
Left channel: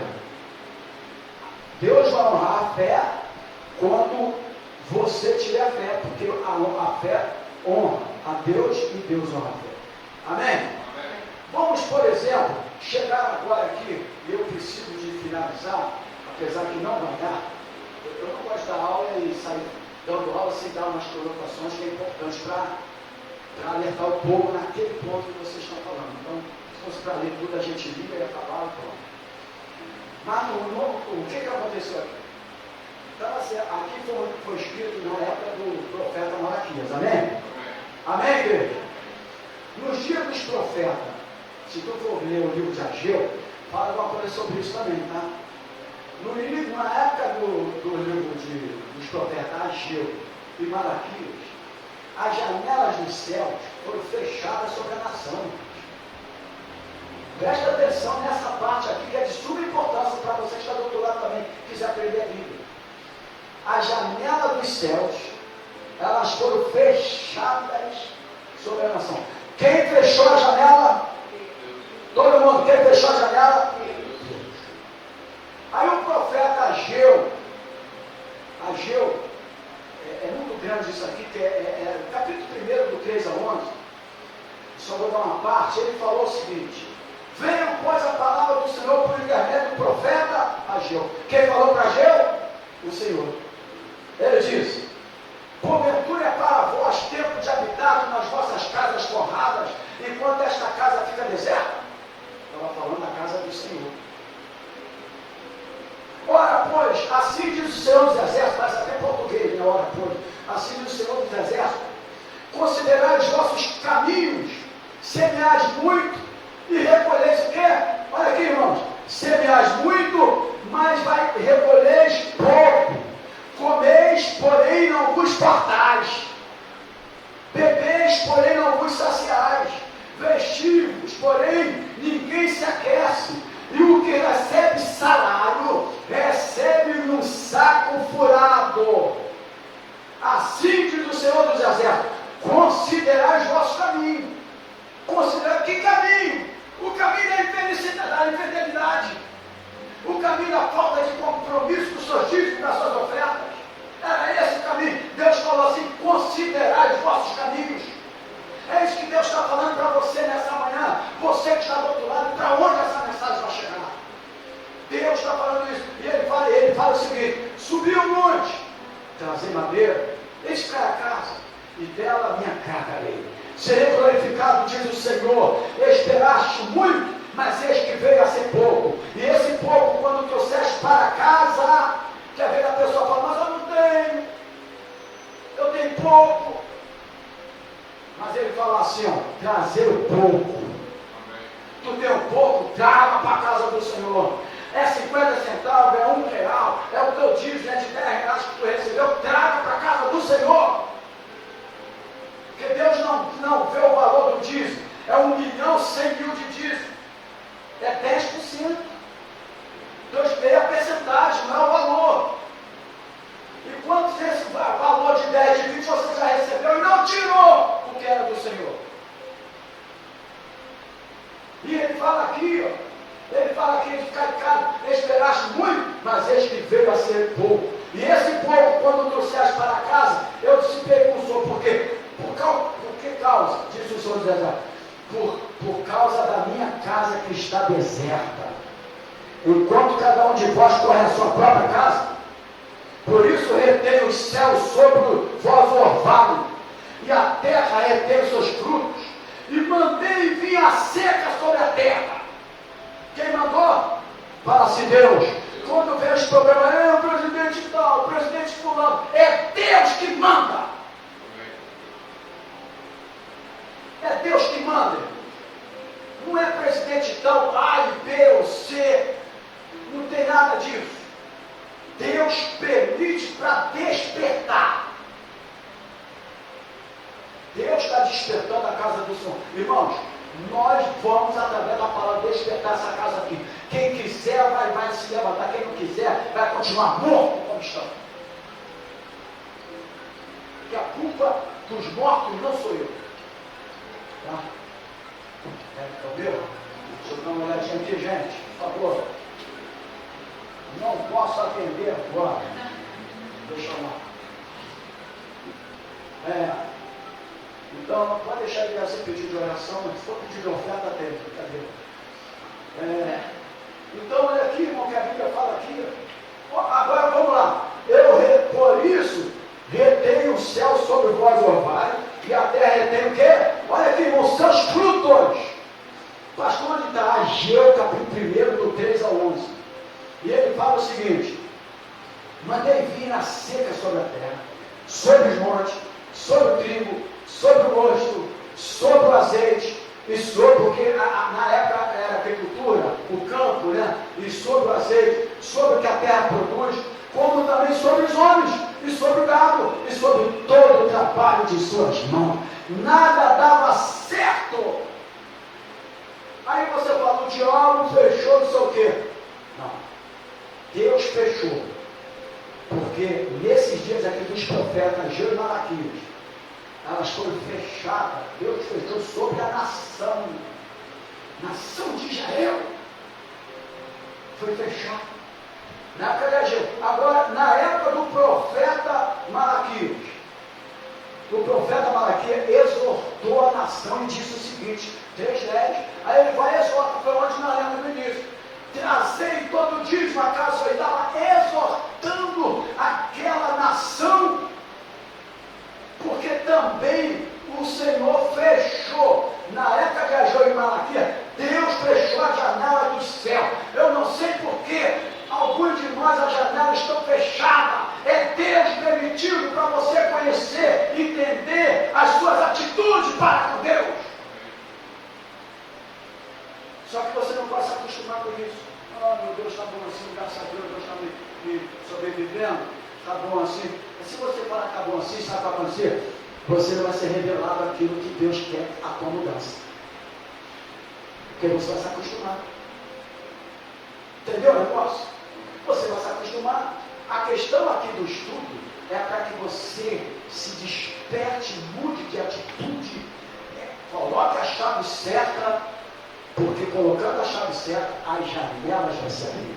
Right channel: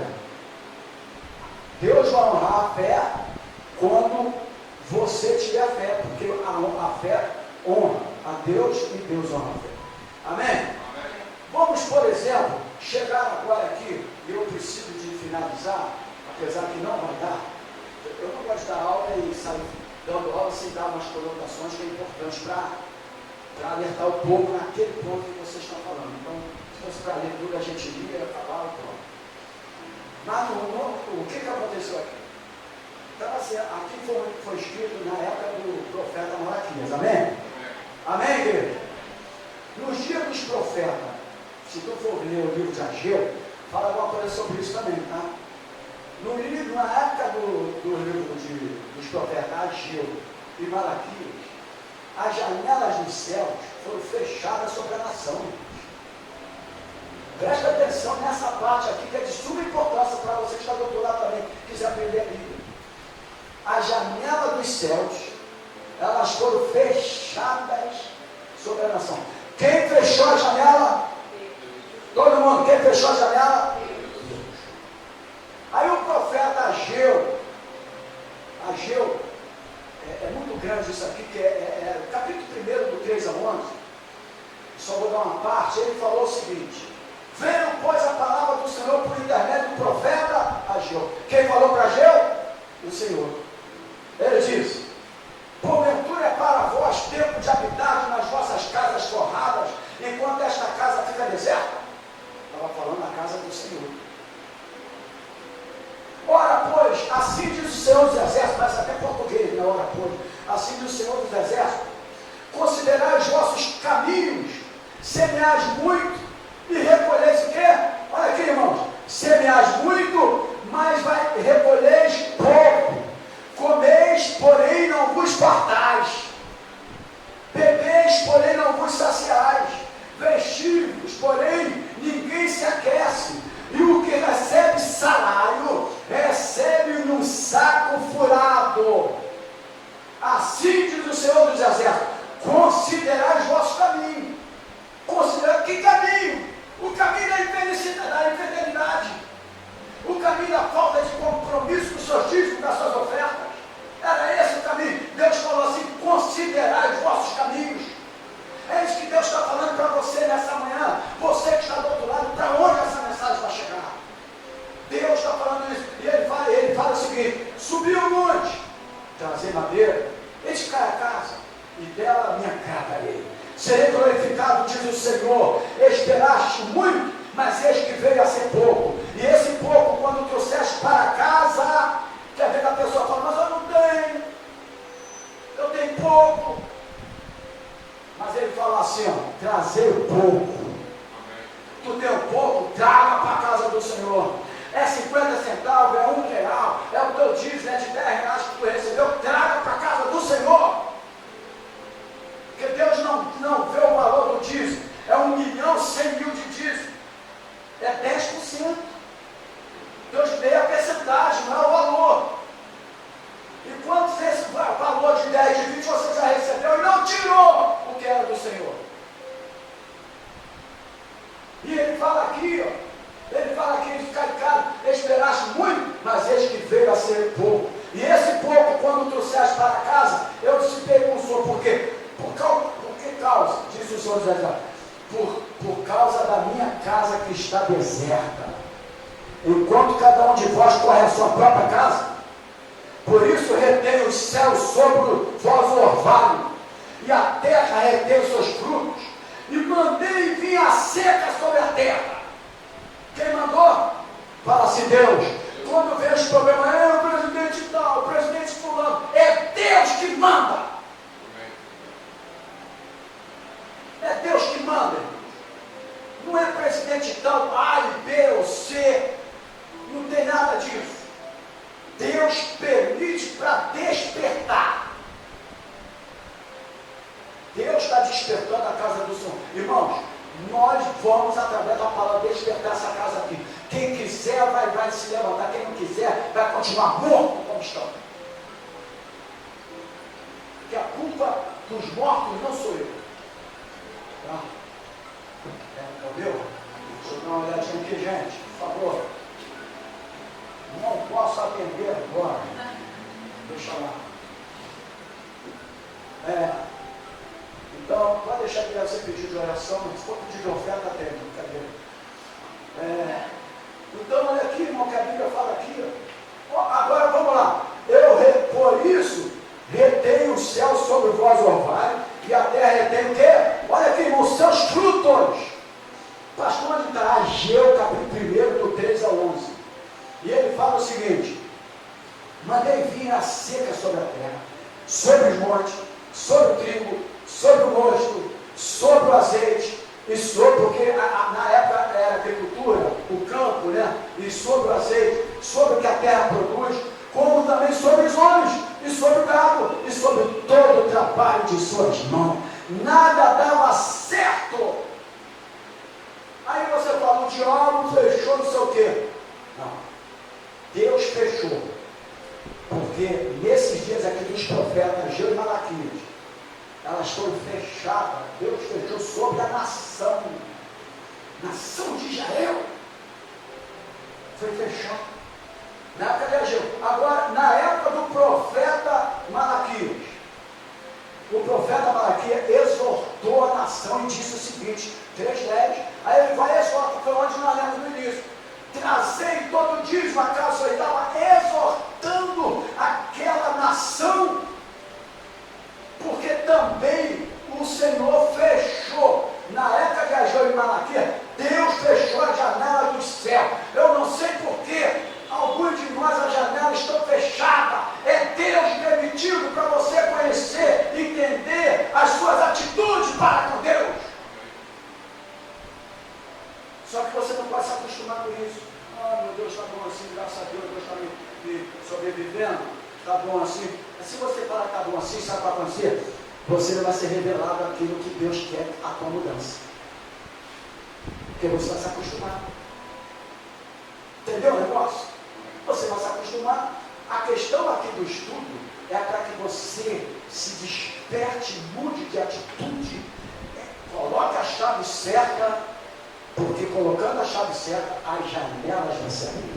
Deus vai honrar a fé quando você tiver fé, porque a fé honra a Deus e Deus honra a fé. Amém? Amém. Vamos, por exemplo, chegar agora aqui, e eu preciso de finalizar, apesar que não vai dar. Eu não gosto da aula e sair dando aula sem dar umas colocações que é importante para alertar o povo naquele ponto que vocês estão falando. Então, se fosse para a leitura, a gente lia, ia falar e pronto. Mas o que aconteceu aqui? Então, assim, aqui foi escrito na época do profeta Malaquias, amém? Amém, igreja? Nos dias dos profetas, se tu for ler o livro de Ageu, fala alguma coisa sobre isso também, tá? Na época do livro dos profetas Ageu e Malaquias, as janelas dos céus foram fechadas sobre a nação. Presta atenção nessa parte aqui, que é de suma importância para você que está doutorado também, quiser aprender a Bíblia. As janelas dos céus, elas foram fechadas sobre a nação. Quem fechou a janela? Todo mundo. Quem fechou a janela? Deus. Aí o profeta Ageu, é muito grande isso aqui, que é capítulo 1 do 3 a 11, só vou dar uma parte. Ele falou o seguinte: venham, pois, a palavra do Senhor por intermédio do profeta Ageu. Quem falou para Ageu? O Senhor. Ele disse: porventura é para vós tempo de habitar nas vossas casas forradas, enquanto esta casa fica deserta? Estava falando da casa do Senhor. Ora, pois, assim diz o Senhor dos Exércitos, parece até português, né? Ora, pois, assim diz o Senhor dos Exércitos: considerai os vossos caminhos, semeais muito e recolheis o quê? Olha aqui, irmãos, semeais muito, mas recolheis pouco. Comeis, porém não vos fartais. Bebeis, porém não vos saciais. Vestivos, porém ninguém se aquece. E o que recebe salário, recebe num saco furado. Assim diz o Senhor dos Exércitos: considerai os vossos caminhos. Considerai que caminho? O caminho da infidelidade. O caminho da falta de compromisso com os seus dízimos, das suas ofertas. Era esse o caminho. Deus falou assim: considerai os vossos caminhos. É isso que Deus está falando para você nessa manhã. Você que está do outro lado, para onde essa mensagem vai chegar? Deus está falando isso. E ele fala o seguinte: subi o monte, trazer madeira, edificar a casa, e dela minha carga. Serei glorificado, diz o Senhor. Esperaste muito, mas eis que veio a ser pouco. E esse pouco, quando trouxeste para casa, quer ver a pessoa fala: mas eu não tenho, eu tenho pouco. Mas ele fala assim, ó: trazer o pouco. Tu tem um pouco, traga para a casa do Senhor. É 50 centavos, é R$1, é o teu dízimo, é de R$10 que tu recebeu, traga para a casa do Senhor. Porque Deus não vê o valor do dízimo. É 1.100.000 de dízimo. É 10%. Deus vê a percentagem, não é o valor. E quanto esse valor de 10, de 20 você já recebeu e não tirou o que era do Senhor? E ele fala aqui, ó, ele fala aqui de ficar em casa: esperaste muito, mas eis que veio a ser pouco. E esse pouco, quando trouxeste para casa, eu dissipei com o Senhor. Por quê? Por que causa? Disse o Senhor dos Exércitos: por causa da minha casa que está deserta. Enquanto cada um de vós corre a sua própria casa, por isso retém os céus sobre vós o orvalho, e a terra retém os seus frutos, e mandei vir a seca sobre a terra. Quem mandou? Fala-se Deus. Quando vem os problemas, o presidente tal, o presidente fulano, é Deus que manda. para despertar. Deus está despertando a casa do Senhor. Irmãos, nós vamos, através da palavra, despertar essa casa aqui. Quem quiser vai se levantar, quem não quiser vai continuar morto como estão. Porque a culpa dos mortos não sou eu. Tá? Entendeu? Deixa eu dar uma olhadinha aqui, gente, por favor. Não posso atender agora. Deixa lá. Então, pode deixar a criança pedir de oração, mas se for pedir de oferta, tem, brincadeira. Então, olha aqui, irmão, que a Bíblia fala aqui. Agora, vamos lá. Por isso, retém o céu sobre vós orvalho, e a terra retém o quê? Olha aqui, irmão, seus frutos. Pastor, onde está? Ageu, capítulo 1, do 3 ao 11. E ele fala o seguinte: mandei vir a seca sobre a terra, sobre os montes, sobre o trigo, sobre o mosto, sobre o azeite, e sobre, porque na época era agricultura, o campo, né? E sobre o azeite, sobre o que a terra produz, como também sobre os homens, e sobre o gado, e sobre todo o trabalho de suas mãos. Nada dava certo. Aí você fala, o diabo fechou, não sei o quê. Não. Deus fechou. Porque nesses dias aqui dos profetas Ageu e Malaquias, elas foram fechadas. Deus fechou sobre a nação de Israel. Foi fechado. Na época de Ageu. Agora, na época do profeta Malaquias, o profeta Malaquias exortou a nação e disse o seguinte, 3:10, aí ele vai e exorta, foi onde nós lemos no início: trazei todo dízimo a casa. Ele estava exortando aquela nação, porque também o Senhor fechou, na época de Ageu e Malaquias, Deus fechou a janela do céu. Eu não sei porquê, alguns de nós as janelas estão fechadas. É Deus permitido para você conhecer, entender as suas atitudes para com Deus. Só que você não pode se acostumar com isso. Ah, meu Deus, está bom assim, graças a Deus, Deus está me sobrevivendo, está bom assim. Mas se você falar que está bom assim, sabe o que vai acontecer? Você não vai ser revelado aquilo que Deus quer, a tua mudança. Porque você vai se acostumar. Entendeu o negócio? Você vai se acostumar. A questão aqui do estudo é para que você se desperte, mude de atitude, coloque a chave certa, porque colocando a chave certa, as janelas vão se abrir.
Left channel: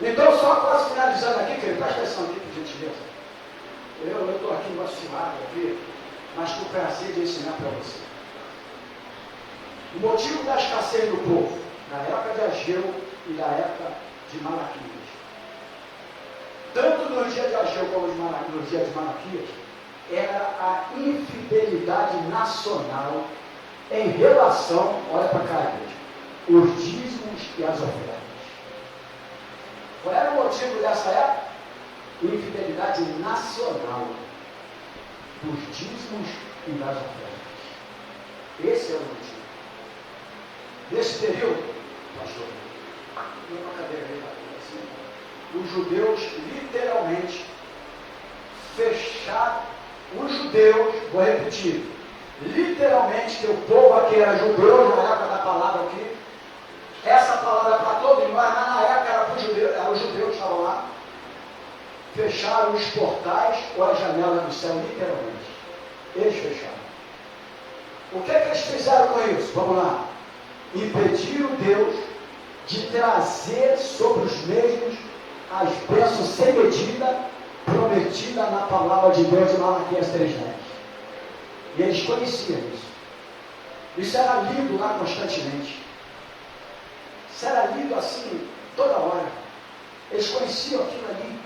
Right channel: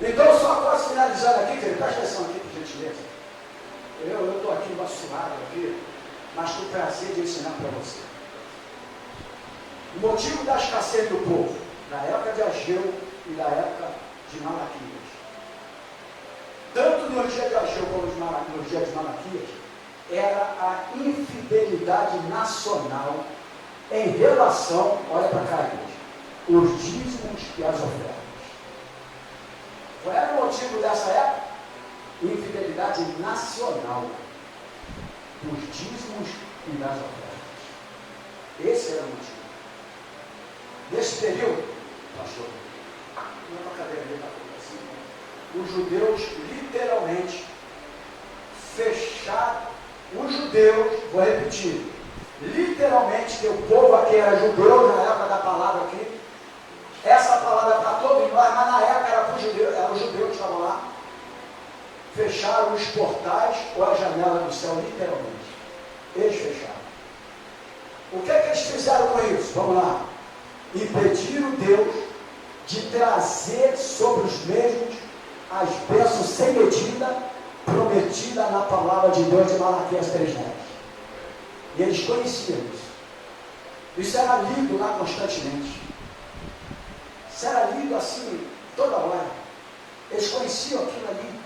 Então, só posso finalizar aqui, querido, presta atenção aqui, por gentileza. Eu estou aqui vacinado aqui, mas com prazer de ensinar para você. O motivo da escassez do povo, na época de Ageu e na época de Malaquias, tanto no dia de Ageu como no dia de Malaquias, era a infidelidade nacional em relação, olha para cá, igreja, os dízimos e as ofertas. Qual era o motivo dessa época? Infidelidade nacional dos dízimos e das ofertas. Esse é o motivo. Nesse período, pastor, não cadeira ali, assim, os judeus literalmente fecharam, os judeus, vou repetir, literalmente, que o povo aqui era judeu, na época da palavra aqui, essa palavra para todo mundo, mas na época era os judeus que estavam lá, fecharam os portais ou a janela do céu, literalmente. Eles fecharam. O que é que eles fizeram com isso? Vamos lá. Impediram Deus de trazer sobre os mesmos as bênçãos sem medida prometida na palavra de Deus de Malaquias 3:10. E eles conheciam isso. Isso era lido lá constantemente. Isso era lido assim toda hora. Eles conheciam aquilo ali.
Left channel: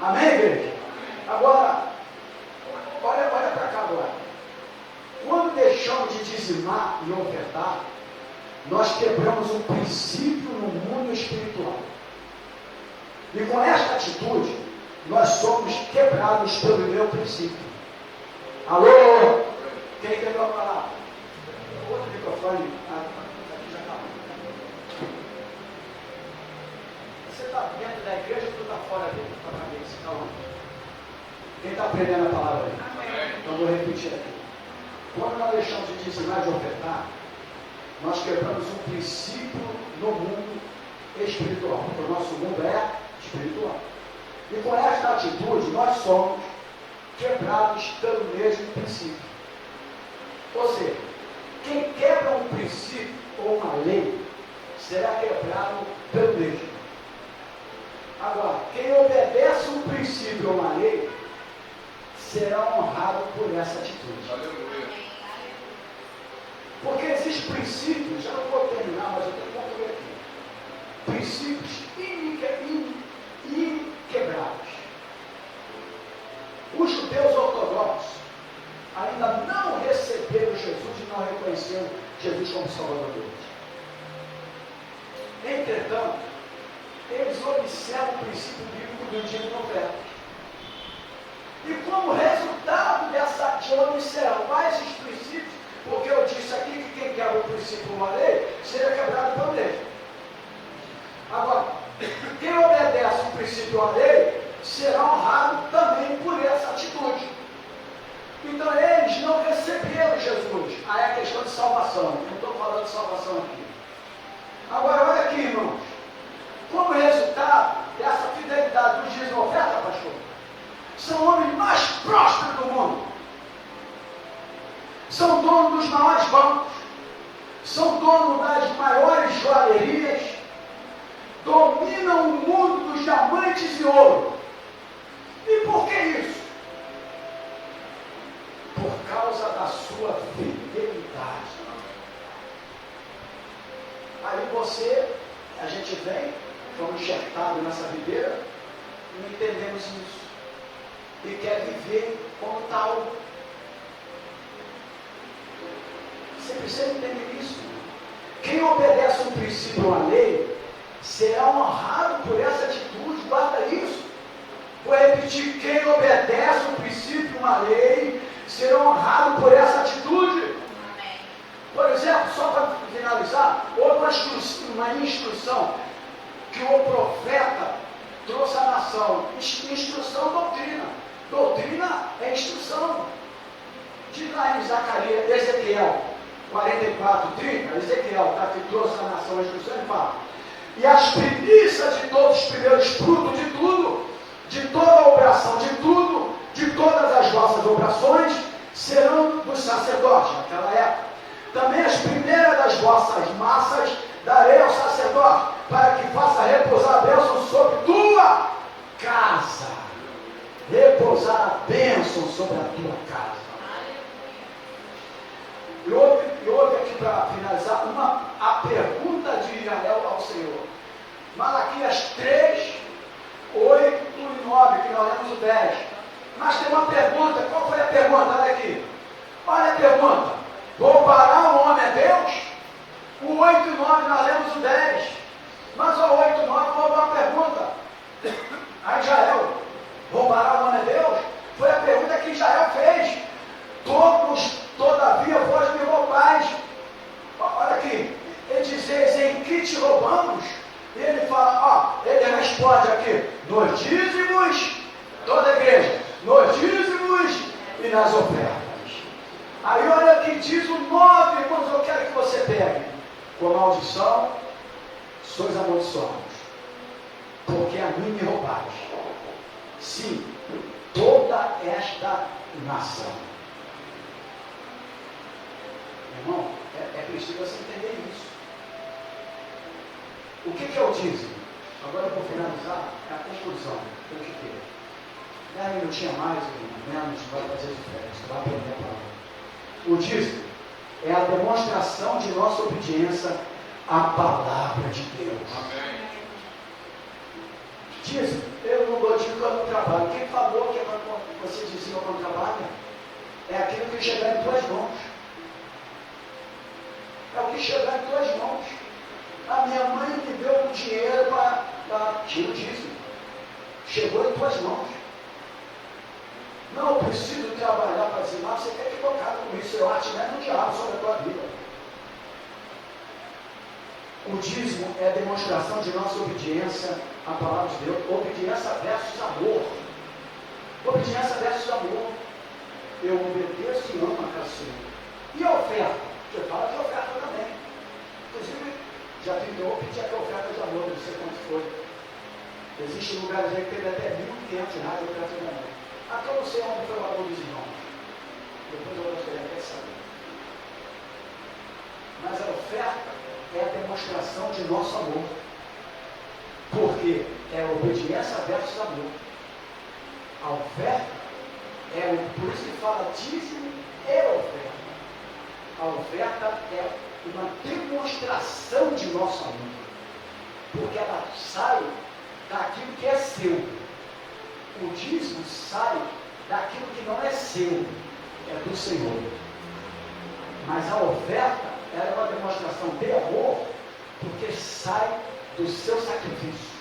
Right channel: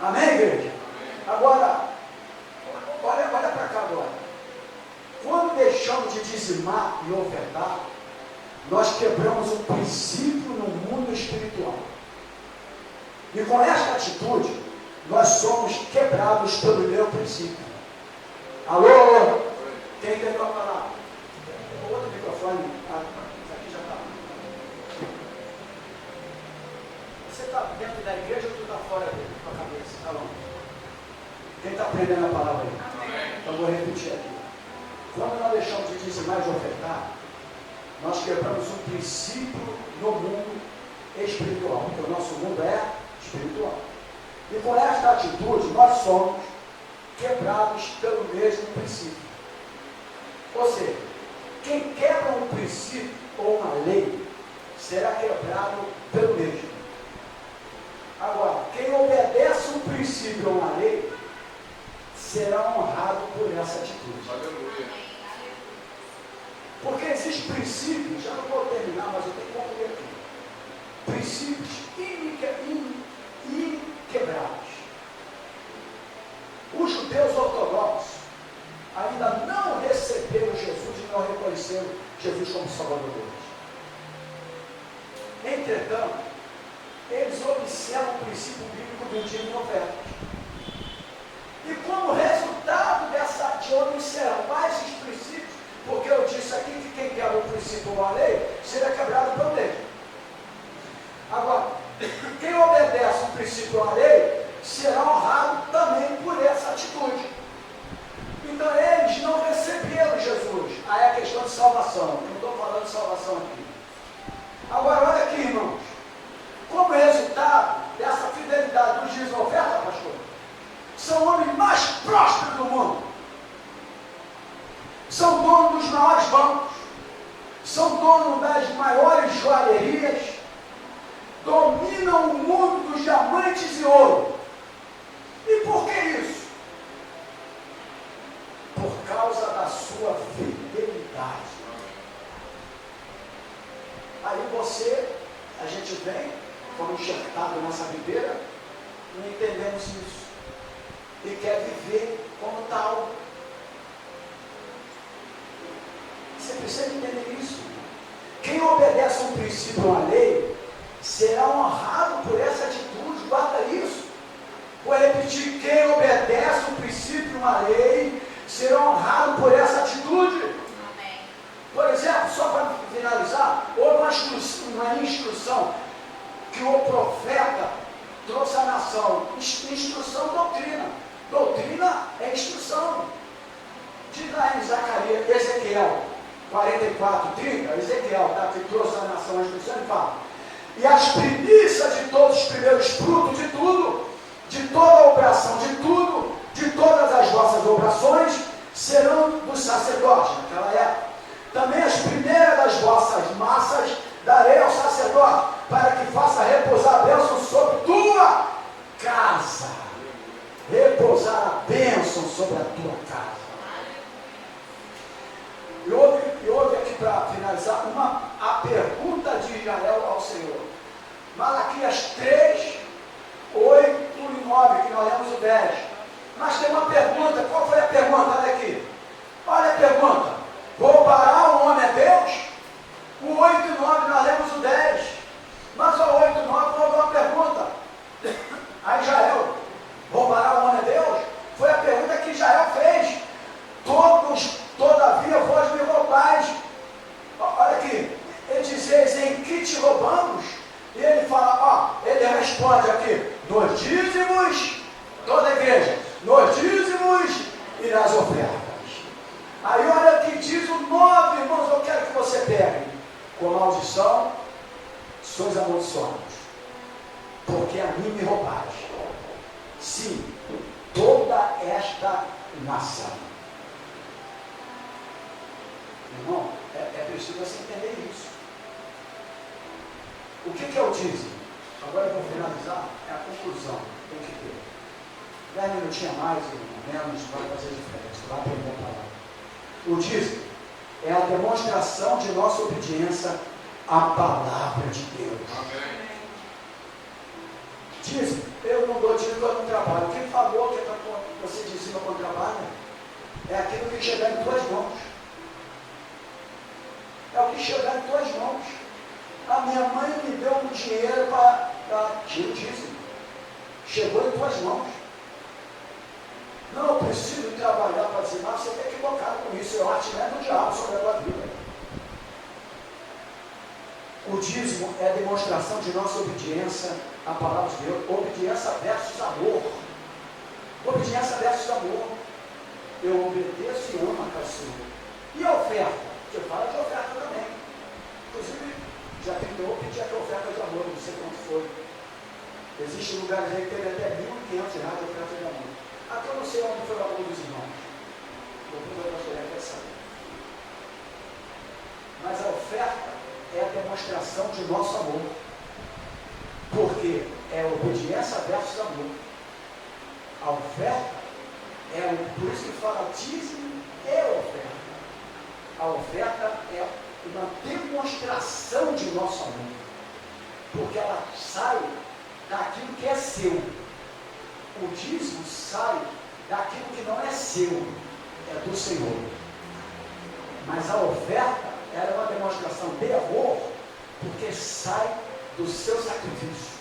Amém, igreja? Agora, olha para cá agora. Quando deixamos de dizimar e ofertar, nós quebramos um princípio no mundo espiritual. E com esta atitude, nós somos quebrados pelo meu princípio. Alô? Quem entendeu a palavra? Outro microfone. Isso aqui já está. Você está dentro da igreja, está fora dele, com a cabeça, está longe. Quem está aprendendo a palavra aí? Amém. Então vou repetir aqui. Quando nós deixamos de dizimar e de ofertar, nós quebramos um princípio no mundo espiritual, porque o nosso mundo é espiritual. E com esta atitude, nós somos quebrados pelo mesmo princípio. Ou seja, quem quebra um princípio ou uma lei, será quebrado pelo mesmo. Agora, quem obedece um princípio ou uma lei, será honrado por essa atitude. Aleluia. Porque existem princípios, já não vou terminar, mas eu tenho que concluir aqui. Princípios inquebráveis. Os judeus ortodoxos ainda não receberam Jesus e não reconheceram Jesus como Salvador deles. Entretanto, eles observam o princípio bíblico do dízimo e oferta. E como resultado de observar esses princípios, porque eu disse aqui que quem quebra o princípio ou a lei, seria quebrado pela lei. Agora, quem obedece o princípio ou a lei, será honrado também por essa atitude. Então eles não receberam Jesus. Aí é a questão de salvação. Não estou falando de salvação aqui. Agora, olha aqui, irmãos. Como resultado dessa fidelidade do dízimo e oferta, pastor, são homens mais prósperos do mundo. São donos dos maiores bancos. São donos das maiores joalherias. Dominam o mundo dos diamantes e ouro. E por que isso? Por causa da sua fidelidade. Aí a gente vem, fomos enxertados nessa videira, e não entendemos isso. E quer viver como tal. Você precisa entender isso. Quem obedece um princípio ou uma lei, será honrado por essa atitude. Guarda isso. Vou repetir, quem obedece um princípio ou uma lei, será honrado por essa atitude. Amém. Por exemplo, só para finalizar, houve uma instrução que o profeta trouxe à nação. Instrução, doutrina. Doutrina é instrução. Diga aí, Zacarias, Ezequiel 44, 30, Ezequiel, tá, que trouxe à nação a instrução, ele fala: e as primícias de todos os primeiros frutos de tudo, de toda a obração de tudo, de todas as vossas obrações, serão dos sacerdotes. Naquela época, também as primeiras das vossas massas darei ao sacerdote, para que faça repousar a bênção sobre tua casa. Repousar a bênção sobre a tua casa. E houve aqui, para finalizar, a pergunta de Israel ao Senhor. Malaquias 3, 8 e 9, que nós lemos o 10. Mas tem uma pergunta. Qual foi a pergunta? Olha aqui. Olha a pergunta. Roubará o homem a Deus? O 8 e 9 nós lemos o 10. Mas o 8 e 9 foi uma pergunta a Israel. Roubará o homem a Deus? Foi a pergunta que Israel fez. Todavia vós me roubais. Olha aqui. Ele diz: em que te roubamos? E ele fala, ele responde aqui: nos dízimos, toda a igreja, nos dízimos e nas ofertas. Aí olha que diz o 9, irmãos, eu quero que você pegue. Com maldição, sois amaldiçoados, porque a mim me roubais. Sim, toda esta nação. Irmão, é preciso você entender isso. O que é o dízimo? Agora eu vou finalizar, é a conclusão. Tem que ter. 10 minutinhos a mais, menos, vai fazer diferença, vai aprender a palavra. O dízimo é a demonstração de nossa obediência à palavra de Deus. Amém. Dízimo, eu não dou dízimo quando trabalho. Quem falou que é para você dizima quando trabalha? É aquilo que chegar em tuas mãos. É o que chegar em tuas mãos. A minha mãe me deu um dinheiro para tirar o dízimo. Chegou em tuas mãos. Não, eu preciso trabalhar para dizimar. Você está equivocado com isso. É o artilhario do diabo sobre a tua vida. O dízimo é a demonstração de nossa obediência a palavra de Deus, obediência versus amor. Obediência versus amor. Eu obedeço e amo a casa do Senhor. E a oferta? Você fala de oferta também. Inclusive, já tentou pedir aqui a oferta de amor, não sei quanto foi. Existem lugares aí que teve até R$1.500 de oferta de amor. Aqui eu não sei onde foi o amor dos irmãos. Depois eu gostaria de saber. Mas a oferta é a demonstração de nosso amor. Porque é obediência versus amor. A oferta por isso que fala dízimo e oferta. A oferta é uma demonstração de nosso amor. Porque ela sai daquilo que é seu. O dízimo sai daquilo que não é seu, é do Senhor. Mas a oferta é uma demonstração de amor, porque sai do seu sacrifício.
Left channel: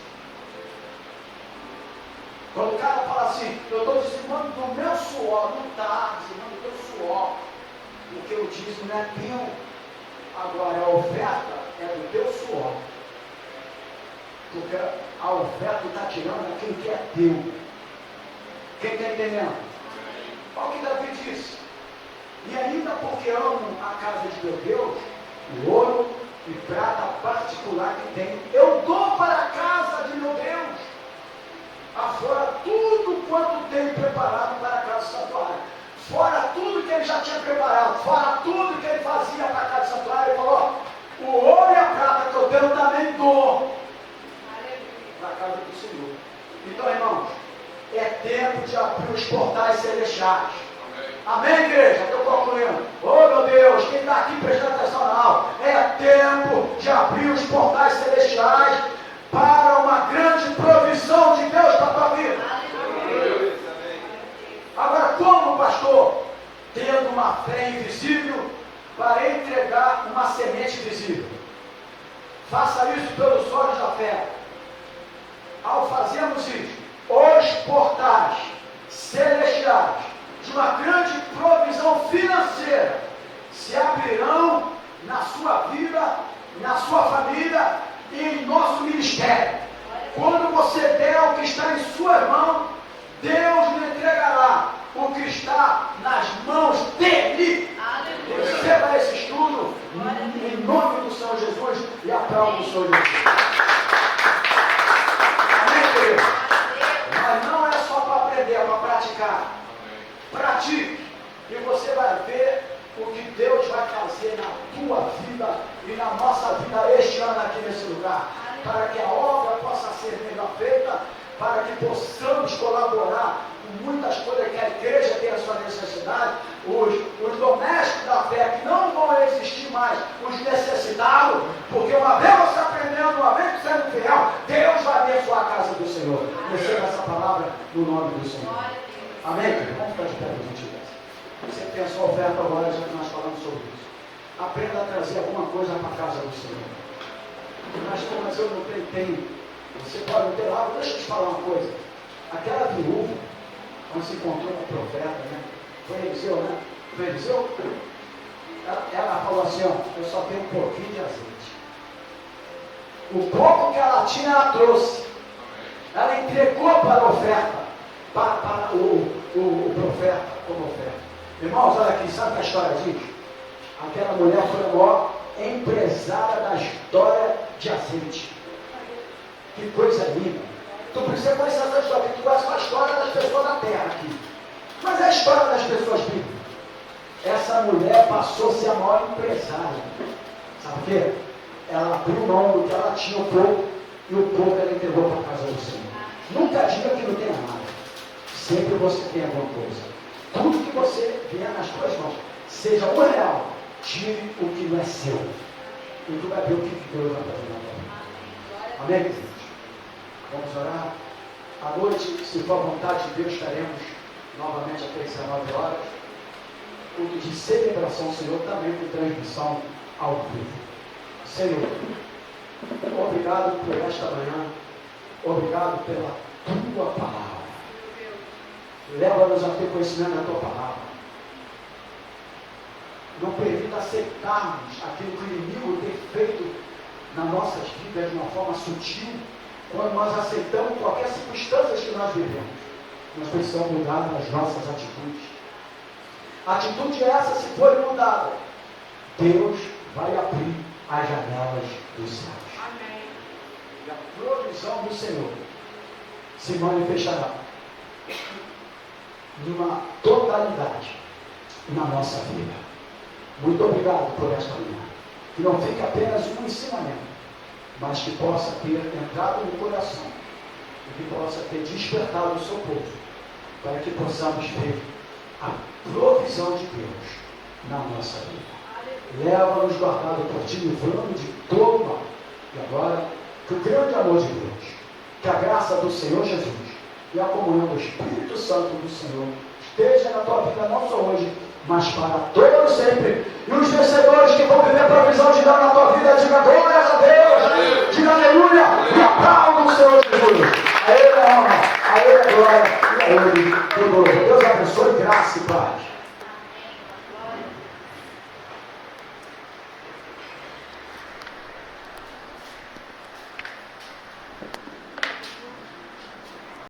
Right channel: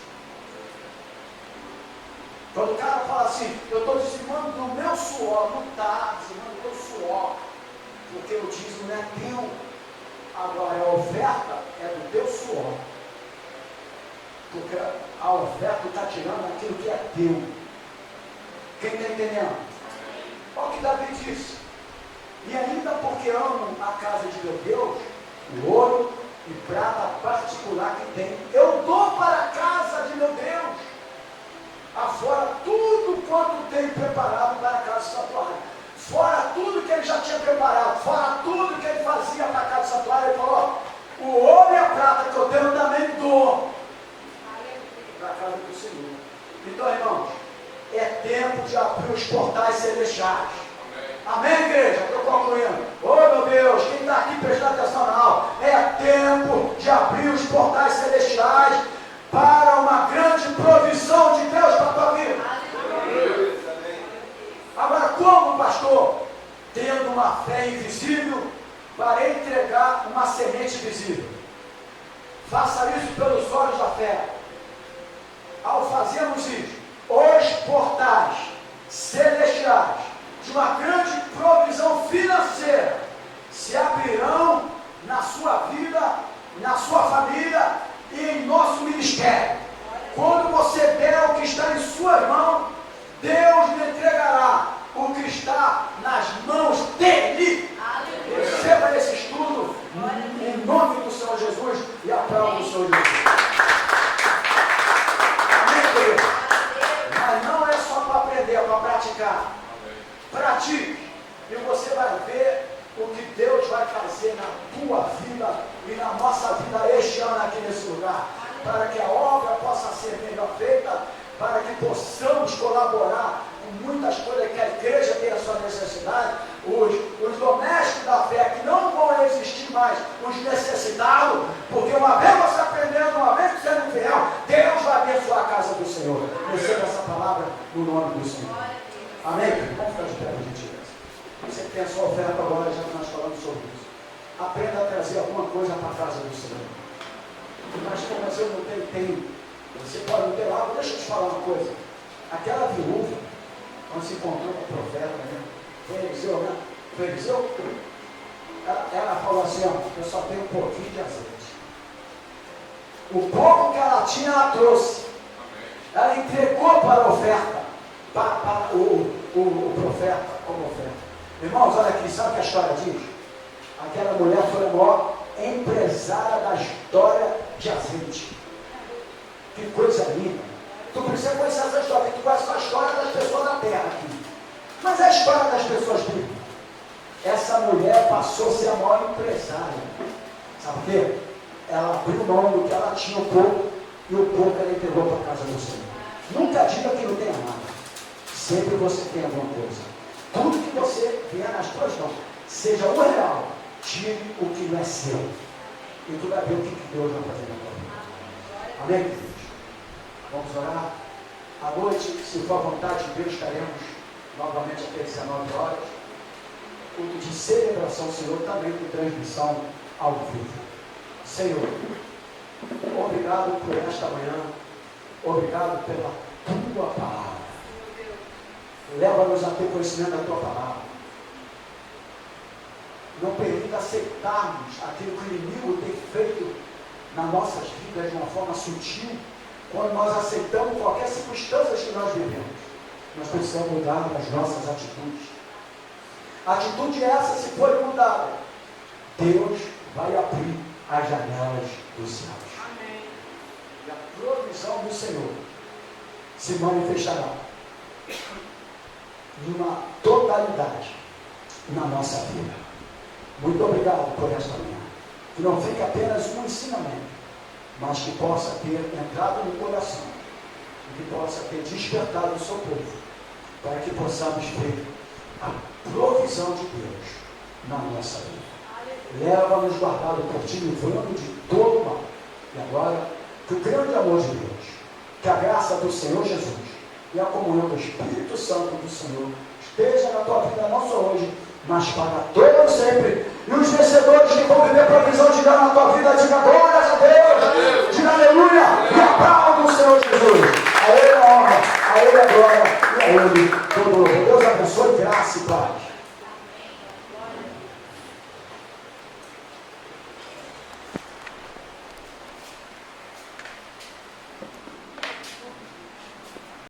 Quando o cara fala assim, eu estou dizimando no meu suor, não está dizimando no teu suor, porque o dízimo não é teu. Agora a oferta é do teu suor, porque a oferta está tirando aquilo que é teu. Quem está entendendo? Olha o que Davi disse. E ainda porque amo a casa de meu Deus, o ouro e prata particular que tem, eu dou para a casa de meu Deus, afora tudo quanto tenho preparado para a casa do santuário. Fora tudo que ele já tinha preparado, fora tudo que ele fazia para a casa do santuário, ele falou, o ouro e a prata que eu tenho também dou para a casa do Senhor. Então, irmãos, é tempo de abrir os portais celestiais. Amém, igreja? Estou concluindo. Oh, meu Deus, quem está aqui prestando atenção na aula? É tempo de abrir os portais celestiais para uma grande provisão de Deus para a tua vida. Agora, como, pastor? Tendo uma fé invisível para entregar uma semente visível. Faça isso pelos olhos da fé. Ao fazermos isso, os portais celestiais de uma grande provisão financeira se abrirão na sua vida, na sua família e em nosso ministério. Quando você der o que está em suas mãos, Deus lhe entregará o que está nas mãos dele. Receba esse estudo em nome do Senhor Jesus e aplauda o Senhor Jesus. Amém, querido? Mas não é só para aprender, é para praticar. Pratique e você vai ver o que Deus vai fazer na tua vida e na nossa vida este ano aqui nesse lugar, para que a obra possa ser melhor feita, para que possamos colaborar com muitas coisas que a igreja tem a sua necessidade, os domésticos da fé que não vão existir mais, os necessitados, porque uma vez você aprendendo, uma vez você sendo fiel, Deus vai abençoar a casa do Senhor. Receba essa palavra no nome do Senhor. Amém? Vamos ficar de pé, gentileza. Você tem a sua oferta agora, já que nós falamos sobre isso. Aprenda a trazer alguma coisa para a casa do Senhor. Mas eu não tenho. Você pode não ter algo. Deixa eu te falar uma coisa. Aquela viúva, quando se encontrou com o profeta, né? Foi Eliseu, né? Foi Eliseu? Ela falou assim, ó, eu só tenho um pouquinho de azeite. O pouco que ela tinha, ela trouxe. Ela entregou para a oferta. Para o profeta como oferta. Irmãos, olha aqui, sabe o que a história diz? Aquela mulher foi a maior empresária da história de azeite. Que coisa linda. Tu precisa conhecer essa história, porque tu conhece a história das pessoas da terra aqui. Mas a história das pessoas bíblicas. Essa mulher passou a ser a maior empresária. Sabe por quê? Ela abriu mão do que ela tinha, o pouco, e o pouco ela entregou para a casa do Senhor. Nunca diga que não tenha nada. Sempre você tem alguma coisa. Tudo que você vier nas tuas mãos, seja o real, tire o que não é seu. E tu vai ver o que Deus vai fazer na tua vida. Amém, queridos? Vamos orar? À noite, se for a vontade de Deus, estaremos novamente aqui às 19 horas. Culto de celebração, Senhor, também com transmissão ao vivo. Senhor, obrigado por esta manhã. Obrigado pela tua palavra. Leva-nos a ter conhecimento da tua palavra. Não permita aceitarmos aquilo que o inimigo tem feito nas nossas vidas de uma forma sutil, quando nós aceitamos qualquer circunstância que nós vivemos, nós precisamos mudar as nossas atitudes. A atitude essa, se for mudada, Deus vai abrir as janelas dos céus. Amém. E a provisão do Senhor se manifestará numa totalidade na nossa vida. Muito obrigado por esta manhã. Que não fique apenas um ensinamento, mas que possa ter entrado no coração e que possa ter despertado o seu povo, para que possamos ver a provisão de Deus na nossa vida. Leva-nos guardado por ti, livrando de todo mal. E agora, que o grande amor de Deus, que a graça do Senhor Jesus e a comunhão do Espírito Santo do Senhor esteja na tua vida, não só hoje, mas para todos sempre. E os vencedores que vão viver a provisão de Deus na tua vida, diga glórias a Deus, diga aleluia, e aplauda o Senhor Jesus. A Ele a honra, a Ele a glória, e a Ele todo o louvor. Deus abençoe, graça e paz.